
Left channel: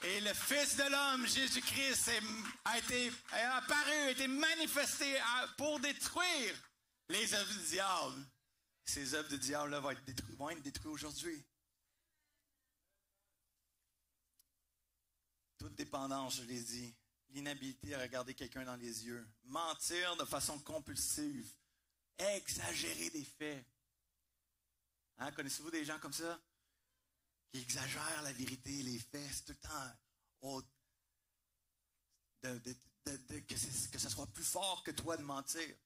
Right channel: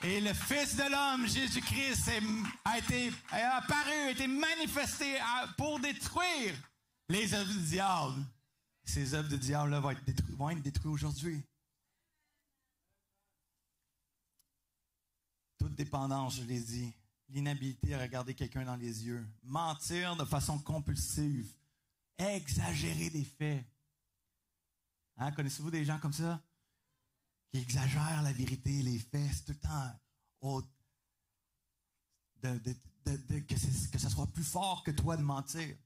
Et le Fils de l'homme, Jésus-Christ, a apparu, a été manifesté pour détruire les œuvres du diable. Ces œuvres du diable-là vont être détruites aujourd'hui. Toute dépendance, je l'ai dit. L'inhabilité à regarder quelqu'un dans les yeux. Mentir de façon compulsive. Exagérer des faits. Hein, connaissez-vous des gens comme ça? Qui exagèrent la vérité, les faits. C'est tout le temps que ça soit plus fort que toi de mentir.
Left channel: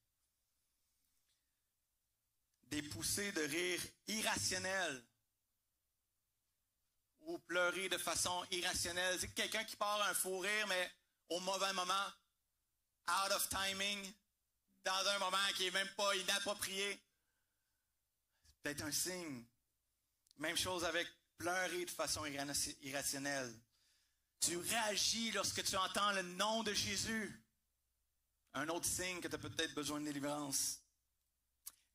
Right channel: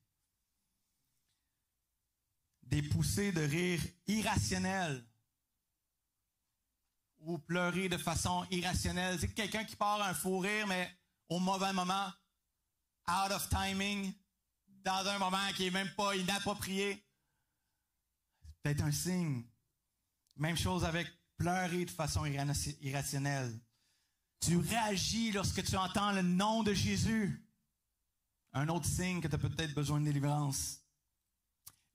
Des poussées de rire irrationnelles ou pleurer de façon irrationnelle. C'est quelqu'un qui part un fou rire, mais au mauvais moment, out of timing, dans un moment qui n'est même pas inapproprié. C'est peut-être un signe. Même chose avec pleurer de façon irrationnelle. Tu réagis lorsque tu entends le nom de Jésus. Un autre signe que tu as peut-être besoin de délivrance.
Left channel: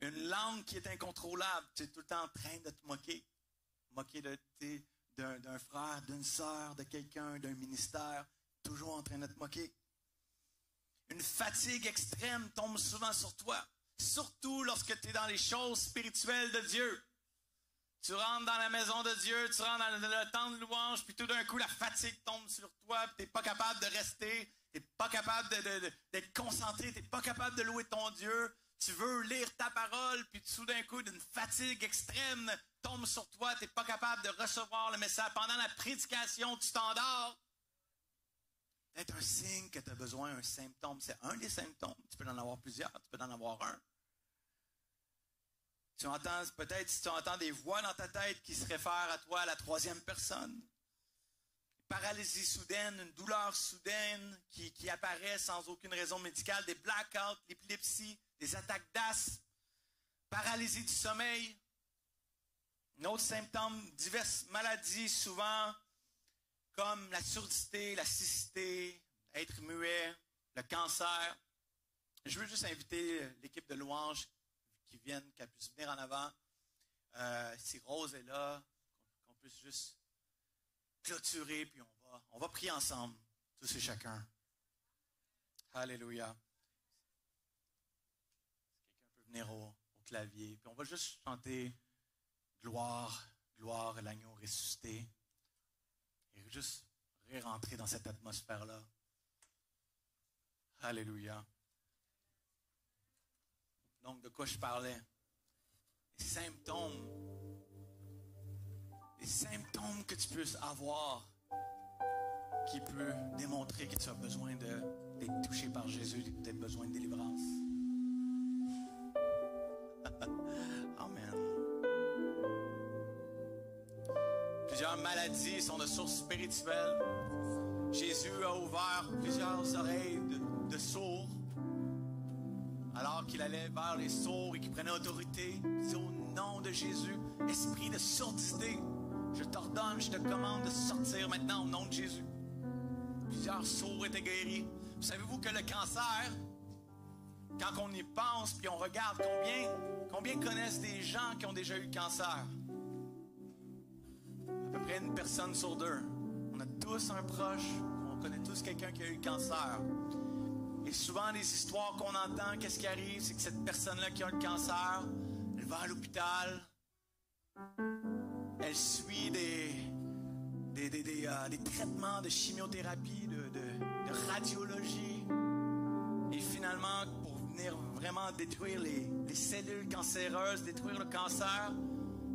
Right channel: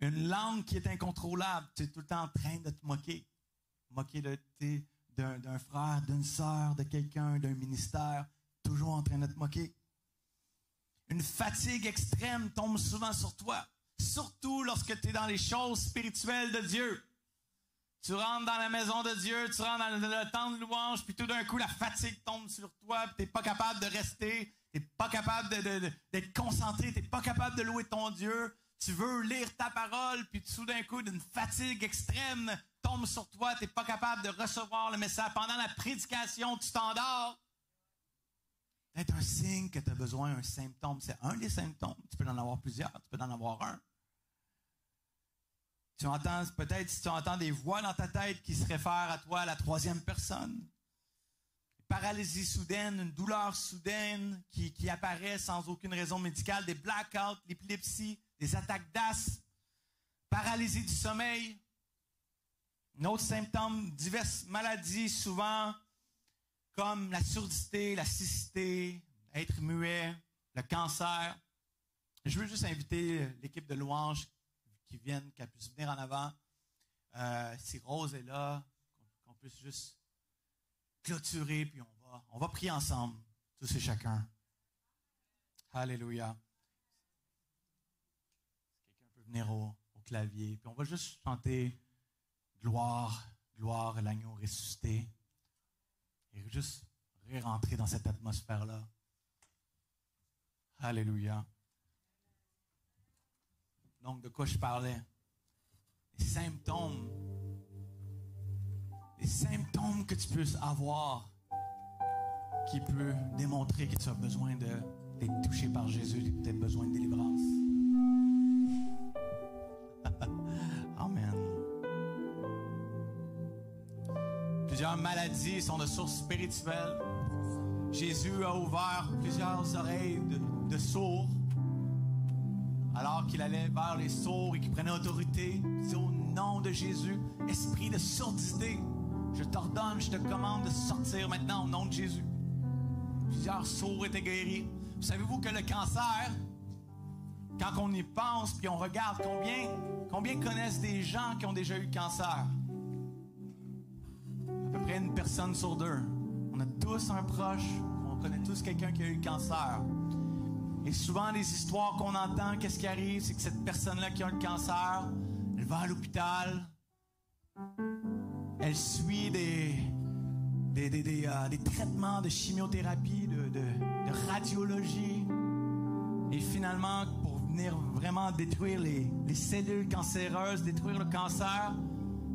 Une langue qui est incontrôlable. Tu es tout le temps en train de te moquer. Moquer d'un frère, d'une sœur, de quelqu'un, d'un ministère. Toujours en train de te moquer. Une fatigue extrême tombe souvent sur toi. Surtout lorsque tu es dans les choses spirituelles de Dieu. Tu rentres dans la maison de Dieu, tu rentres dans le temps de louange, puis tout d'un coup, la fatigue tombe sur toi, puis tu n'es pas capable de rester, tu n'es pas capable d'être concentré, tu n'es pas capable de louer ton Dieu. Tu veux lire ta parole, puis tout d'un coup, d'une fatigue extrême tombe sur toi, tu n'es pas capable de recevoir le message. Pendant la prédication, tu t'endors. C'est un signe que tu as besoin, un symptôme. C'est un des symptômes. Tu peux en avoir plusieurs, tu peux en avoir un. Tu entends, peut-être si tu entends des voix dans ta tête qui se réfèrent à toi à la 3e personne. Paralysie soudaine, une douleur soudaine qui apparaît sans aucune raison médicale, des blackouts, l'épilepsie, des attaques d'asthme, paralysie du sommeil. Un autre symptôme, diverses maladies souvent comme la surdité, la cécité, être muet, le cancer. Je veux juste inviter l'équipe de louange qu'elle puisse venir en avant. Si Rose est là, qu'on puisse juste clôturer, puis on va prier ensemble, tous et chacun. Alléluia. Quelqu'un peut venir au clavier, puis on va juste chanter gloire, gloire à l'agneau ressuscité. Et juste rentrer dans cette atmosphère-là. Alléluia. Donc, de quoi je parlais? Les symptômes que tu peux avoir qui peut démontrer que tu as besoin d'être touché par Jésus, que tu as besoin de délivrance. Amen. Plusieurs maladies sont de source spirituelle. Jésus a ouvert plusieurs oreilles de sourds alors qu'il allait vers les sourds et qu'il prenait autorité. Il disait au nom de Jésus, esprit de surdité, je t'ordonne, je te commande de sortir maintenant au nom de Jésus. Plusieurs sourds étaient guéris. Savez-vous que le cancer, quand on y pense puis on regarde combien connaissent des gens qui ont déjà eu le cancer? À peu près une personne sur deux. On a tous un proche, on connaît tous quelqu'un qui a eu le cancer. Et souvent, les histoires qu'on entend, qu'est-ce qui arrive? C'est que cette personne-là qui a le cancer, elle va à l'hôpital, elle suit des traitements de chimiothérapie, de radiologie. Et finalement, pour venir vraiment détruire les cellules cancéreuses, détruire le cancer,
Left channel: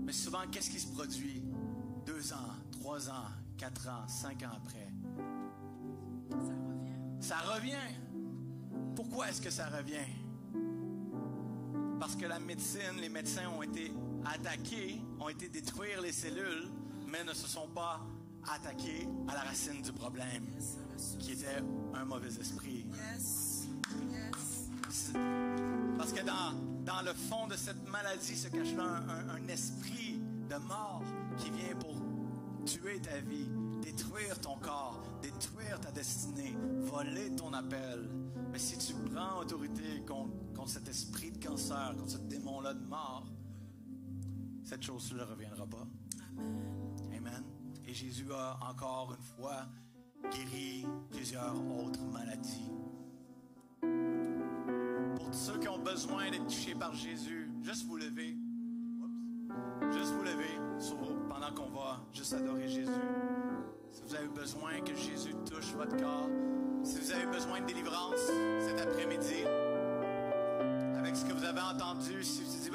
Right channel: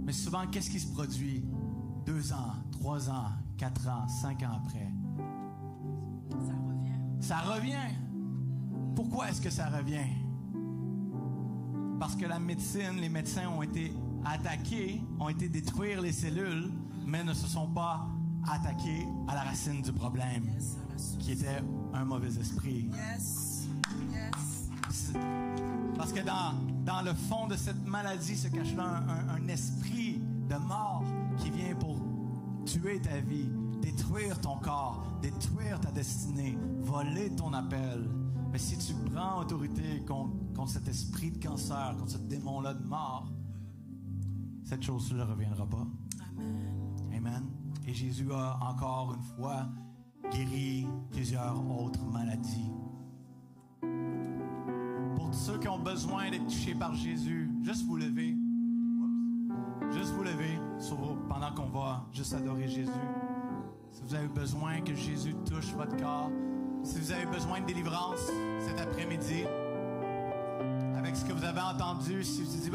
mais souvent, qu'est-ce qui se produit? 2 ans, 3 ans, 4 ans, 5 ans après. Ça revient. Pourquoi est-ce que ça revient? Parce que la médecine, les médecins ont été attaqués, ont été détruire les cellules, mais ne se sont pas attaqués à la racine du problème, qui était un mauvais esprit. Parce que dans le fond de cette maladie se cache là un esprit de mort qui vient pour tuer ta vie, détruire ton corps, détruire ta destinée, voler ton appel. Mais si tu prends autorité contre cet esprit de cancer, contre ce démon-là de mort, cette chose-là ne reviendra pas. Amen. Et Jésus a encore une fois guéri plusieurs autres maladies. Pour ceux qui ont besoin d'être touchés par Jésus, juste vous lever. Juste vous lever pendant qu'on va juste adorer Jésus. Si vous avez besoin que Jésus touche votre corps, si vous avez besoin de délivrance cet après-midi, avec ce que vous avez entendu, si vous dites,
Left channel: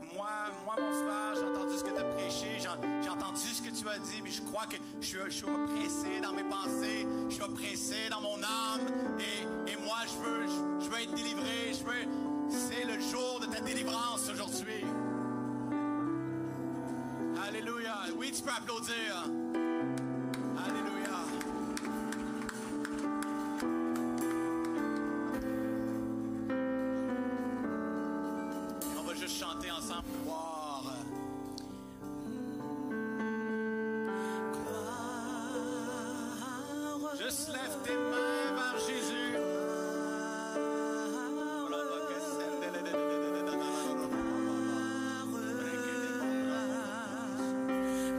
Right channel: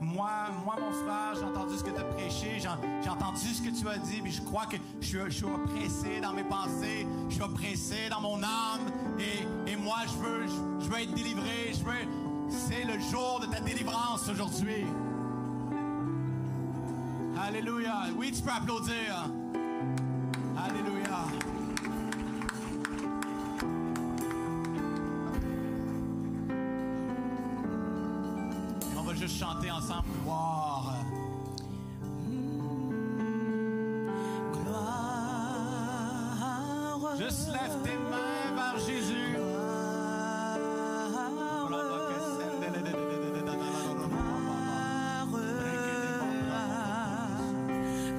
moi mon frère, j'ai entendu ce que tu as prêché, j'ai entendu ce que tu as dit, mais je crois que je suis oppressé dans mes pensées, je suis oppressé dans mon âme, et moi je veux être délivré, c'est le jour de ta délivrance aujourd'hui. Alléluia. Oui, tu peux applaudir. Alléluia. Et on va juste chanter ensemble. Gloire. Gloire. Juste lève tes mains vers Jésus.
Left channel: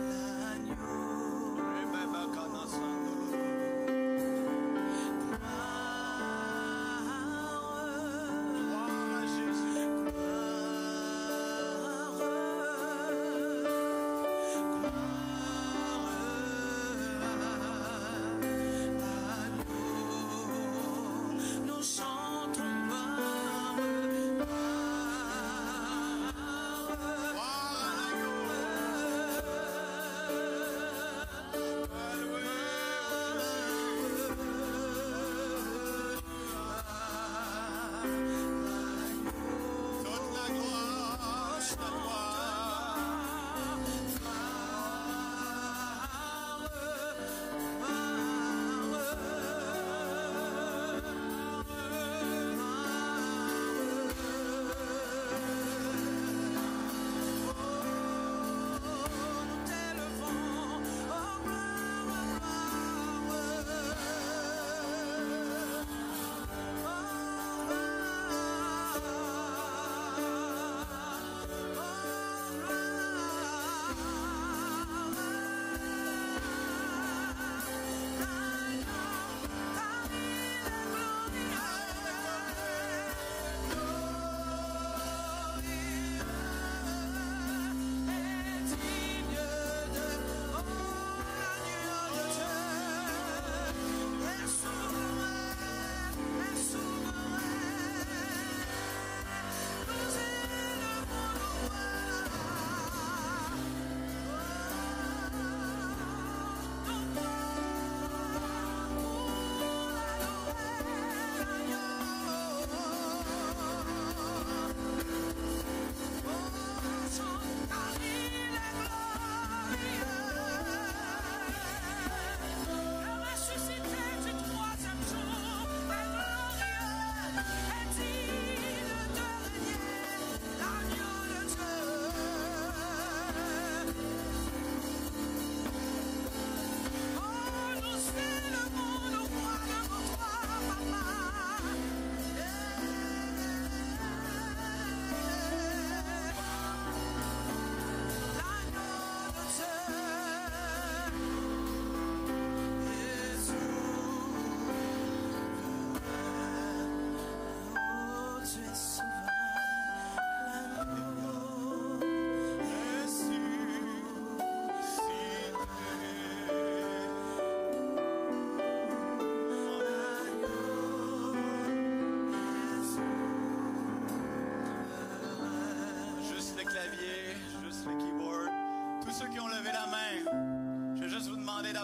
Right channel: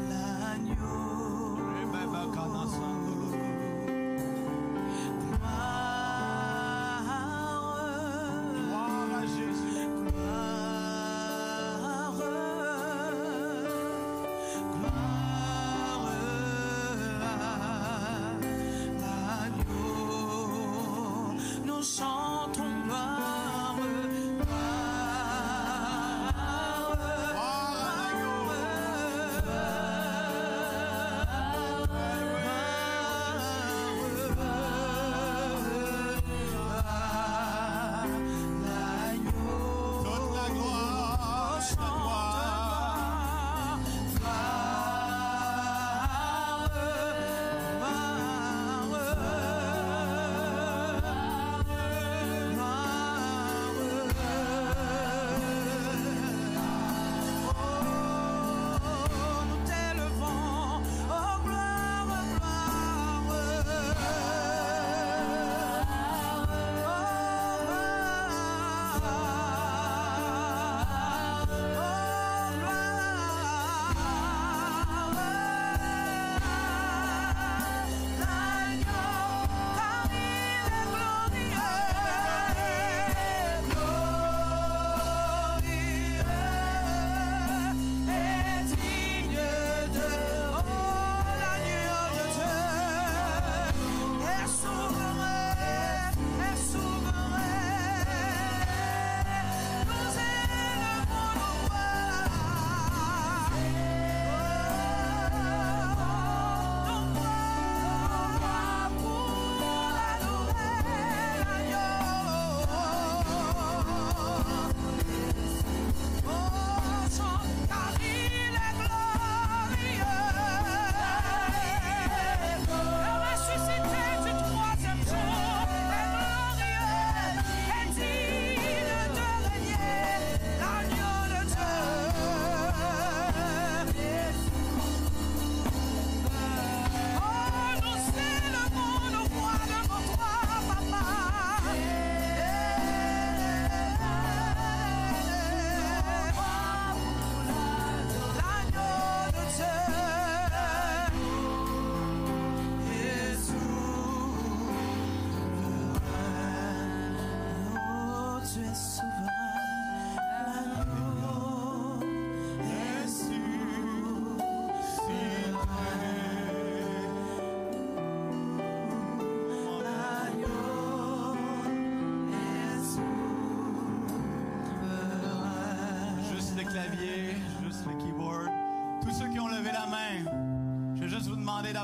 L'agneau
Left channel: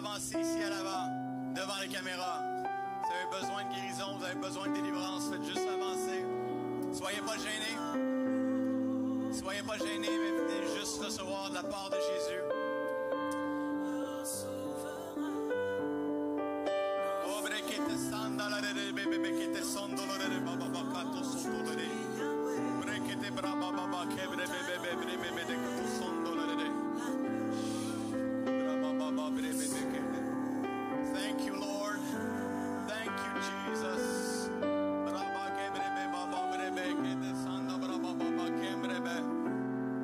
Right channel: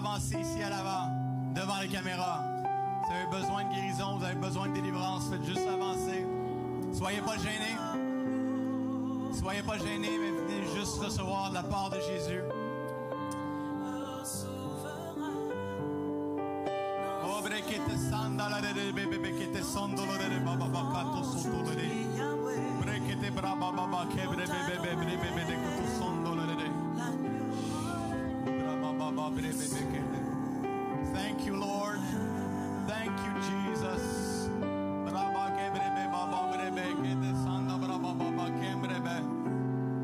avancer ici à l'avant, devant les caméras. Vous avez besoin de guérison, vous avez besoin de délivrance, faites juste avancer. Soyez pas gênés. Soyez pas gênés, mais venez juste recevoir de la part de Jésus. Thank you, Lord. Thank you, Jesus.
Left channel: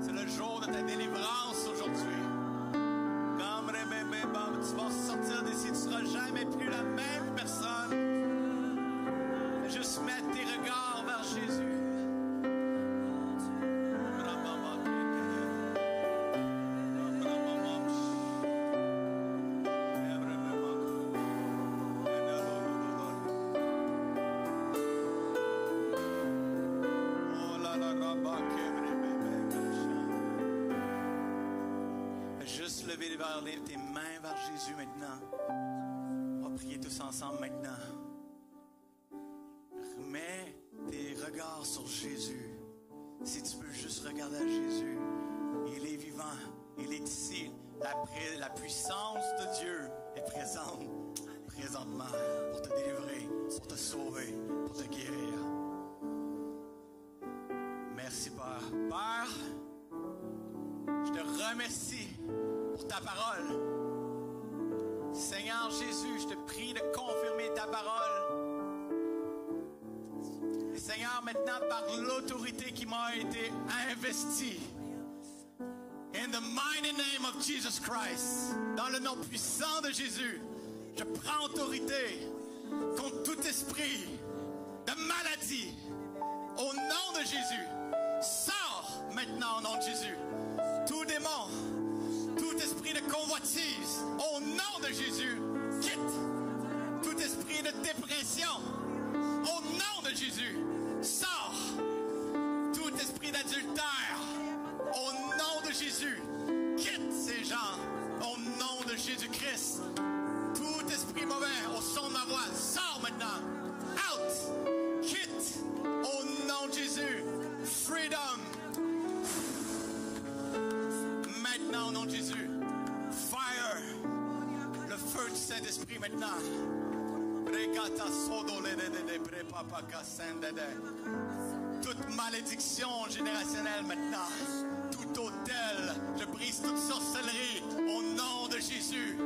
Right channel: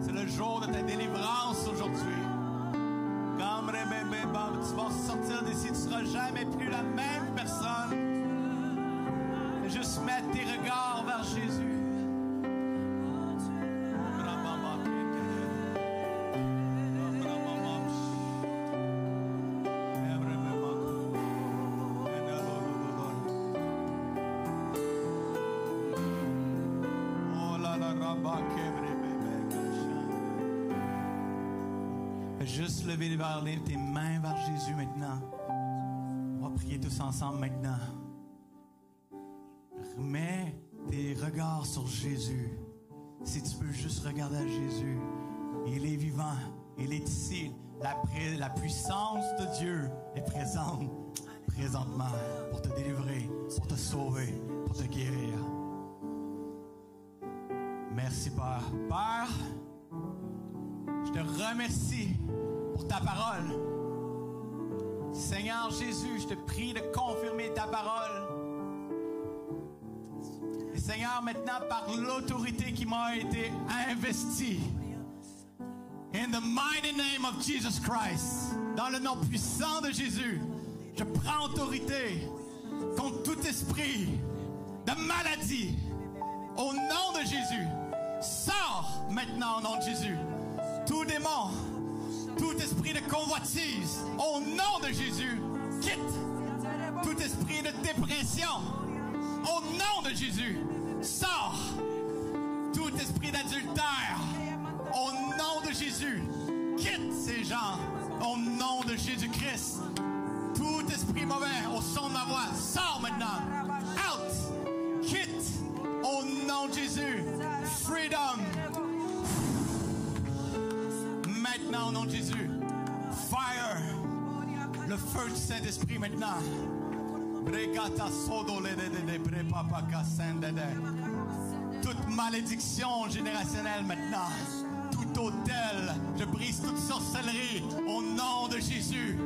C'est le jour de ta délivrance aujourd'hui. Tu vas sortir d'ici, tu ne seras jamais plus la même personne. Juste mettre tes regards vers Jésus. Juste lever tes mains vers Jésus maintenant. On va prier tous ensemble maintenant. Remets tes regards sur Jésus. Si tu peux juste regarder à Jésus. Il est vivant. Il est ici. La puissance de Dieu est présente présentement pour te délivrer, pour te sauver, pour te guérir. Merci, Père. Père, je te remercie pour ta parole. Seigneur Jésus, je te prie de confirmer ta parole. Et Seigneur, maintenant, par l'autorité qui m'a été investie, in the mighty name of Jesus Christ, dans le nom puissant de Jésus, je prends autorité contre tout esprit de maladie. Au nom de Jésus, sors maintenant au nom de Jésus. Tout démon, tout esprit de convoitise, au nom de Jésus, quitte. Tout esprit de dépression, au nom de Jésus, sors. Tout esprit d'adultère, au nom de Jésus, quitte ces gens, au nom de Jésus-Christ. Tout esprit mauvais, au son de ma voix, sors maintenant. Out, quitte, au nom de Jésus. Freedom. Maintenant, au nom de Jésus. Fire. Le feu du Saint-Esprit maintenant. Toute malédiction générationnelle maintenant. Tout autel. Je brise toute sorcellerie au nom de Jésus.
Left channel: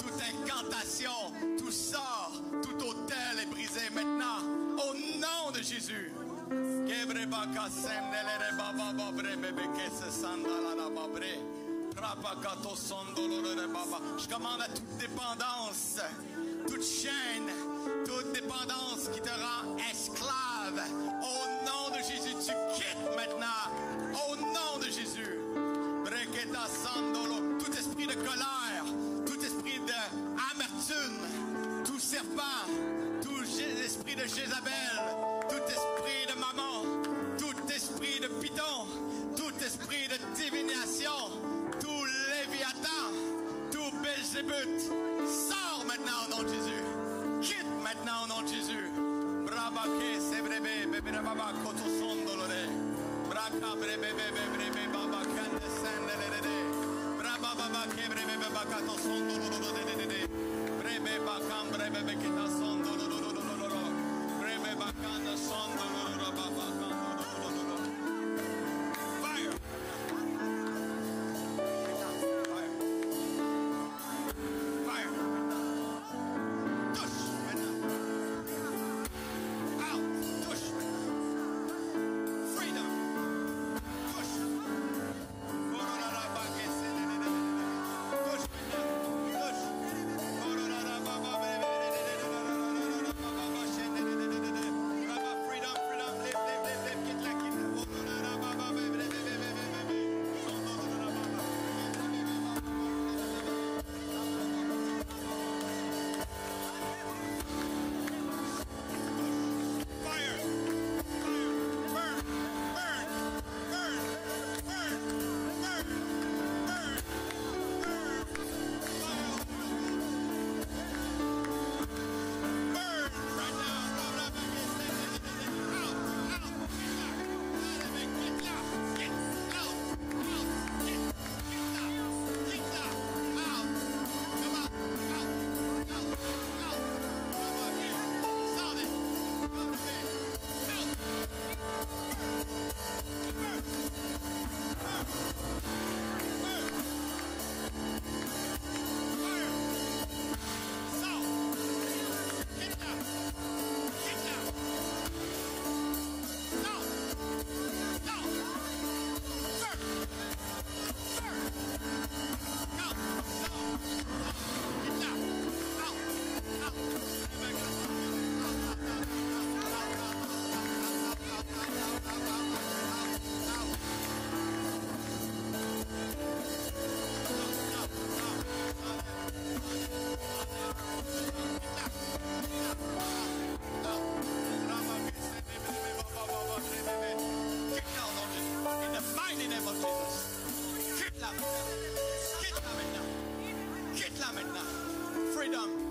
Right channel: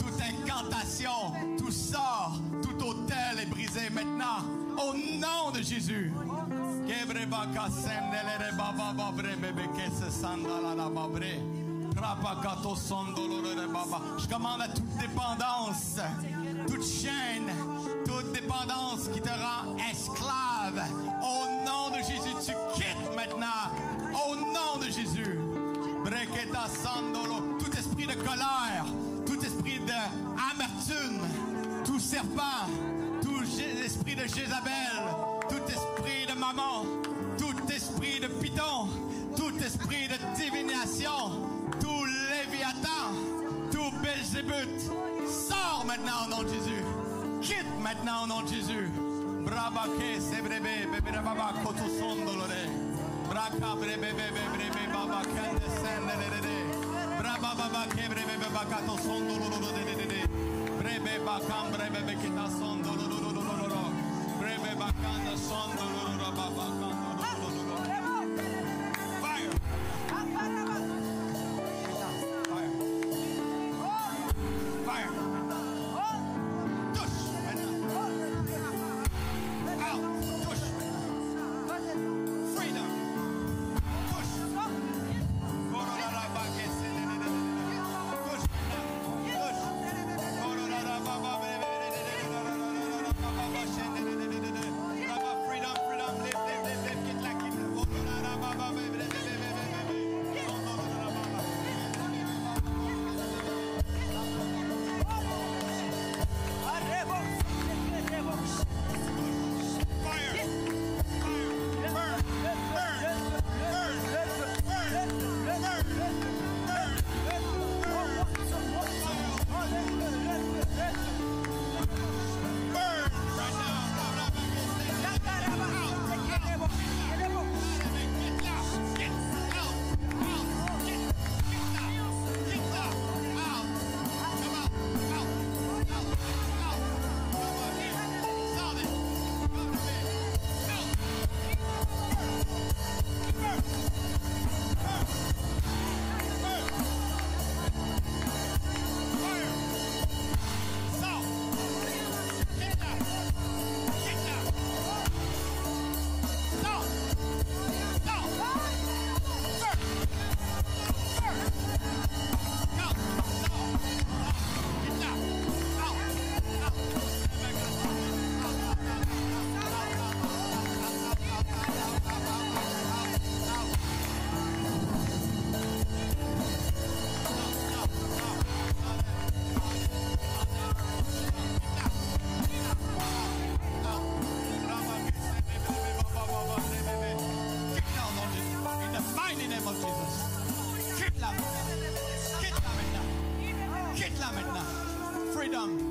Toute incantation. Tout sort. Tout autel est brisé maintenant. Au nom de Jésus. Je commande à toute dépendance, toute chaîne, toute dépendance qui te rend esclave. Au nom de Jésus, tu quittes maintenant. Au nom de Jésus. Tout esprit de colère, tout esprit d'amertume, tout serpent, tout esprit de Jézabel, tout esprit de maman, tout esprit de python, tout esprit de divination, tout léviathan, tout Belzébuth, sors maintenant au nom de Jésus. Quitte maintenant au nom de Jésus. Brabake, sebrebe, bebe baba, koto sondolore. Braka brebe bebe baba, kende sendelere. Braba baba kebrebe baba, kato sondolore. Brebe baka brebe kita sondolore. Brebe baka sondolore baba. Fire. Fire. quitte là maintenant. Freedom.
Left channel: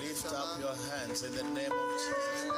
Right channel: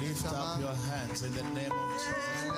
Lift up your hands in the name of Jesus.